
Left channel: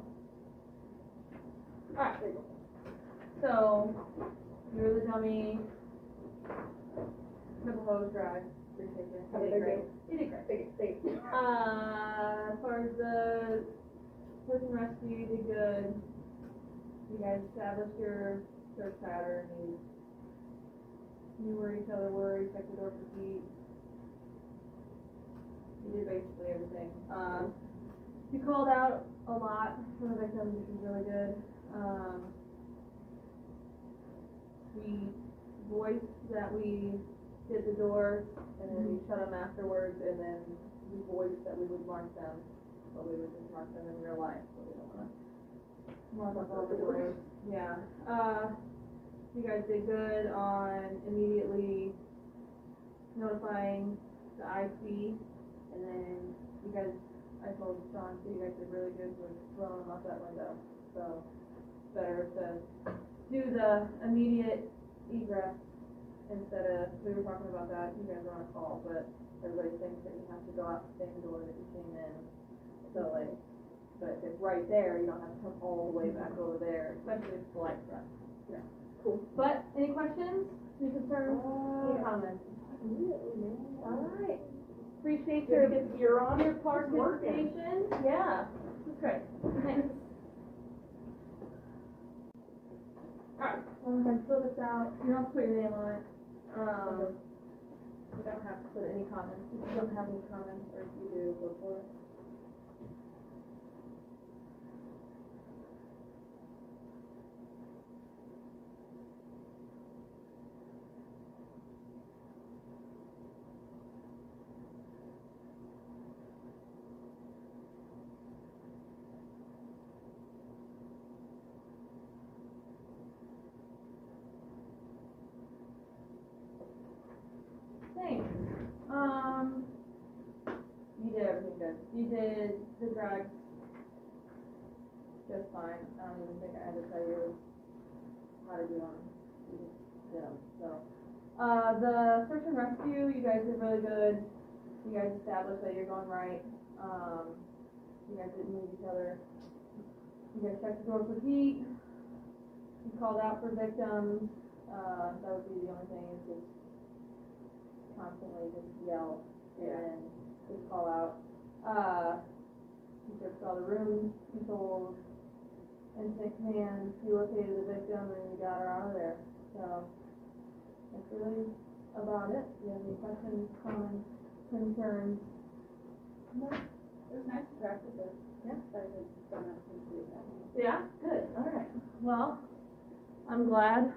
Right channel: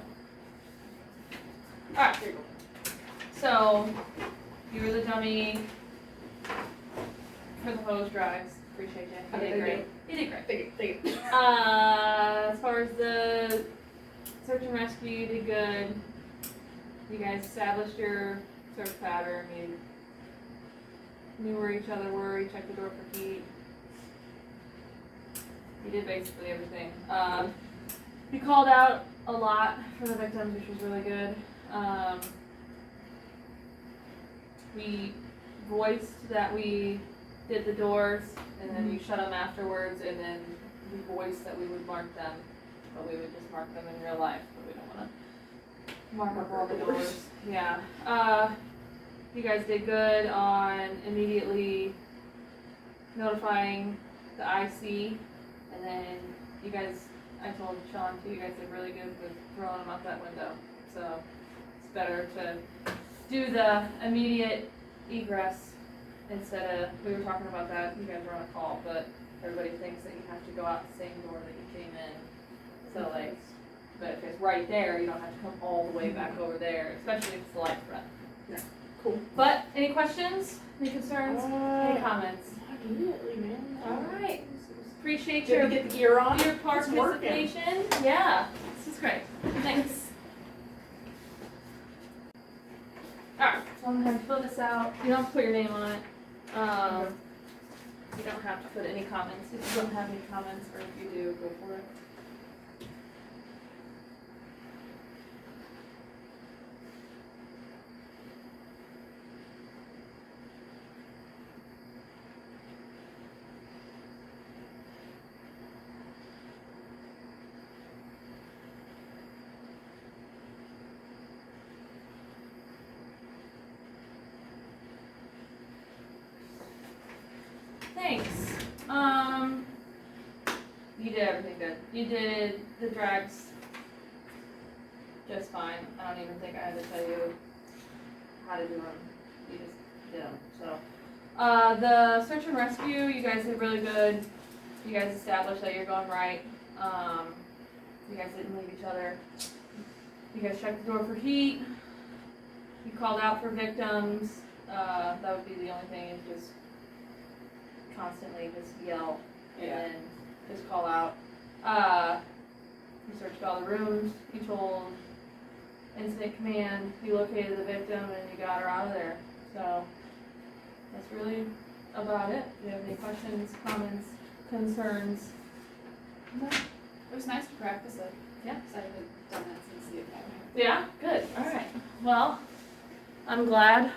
Alright, there you go. So, you were the dummy for the hose drives. Appreciate you. How You did did I great. do? You did great. Thank you. As far as the search and rescue, you did good. You guys established your search pattern. You knew where each other were. You checked the door for heat. You did basically everything. You called out a lot for the victims, which was really good. We voiced that we did the doors, and then we shut them afterwards, and then we voiced that we would mark them, but we would just mark them in real life, but we don't want to mark up all the doors. Yeah. You guys did good on immediately notifying the IC, and then you guys, I told Sean too, you guys did really good with throwing them out that window. So it's better to do the immediate egress instead of, we were talking about that, you guys were on a call, but everybody thinks that you have to go out the same door that you came in. So like, but if it's right there, you don't have to come all the way back over there, especially if it's a life threat. Yeah, cool. But any questions, any concerns, any comments? Immediately, man. Alright, appreciate Did your we get the gear on? your It's working. participation. Yeah, this is great. Thanks. Alright, so I'm gonna fill this out. You don't have to put your name on it. You don't have to put any comments. If you don't have any comments, or if you do, go for it. Thanks. You did everything good. You did the drags just fine. I don't even think I had to tell you how to do them. You just did them, so. The search and rescue, you guys did really good. You guys established that you're going right. You guys didn't leave each other. You guys checked the door for heat. You called out for victims. That would be the only thing, is just constantly just yell and just call out. You searched all the rooms. You told incident command. You located the victim and you got her out of there. So that's really about it. Do you have any questions, comments, concerns? No. It was nice to practice it. Yeah. Because I haven't done it since the academy. Yeah, good. All right. Well, I'm glad.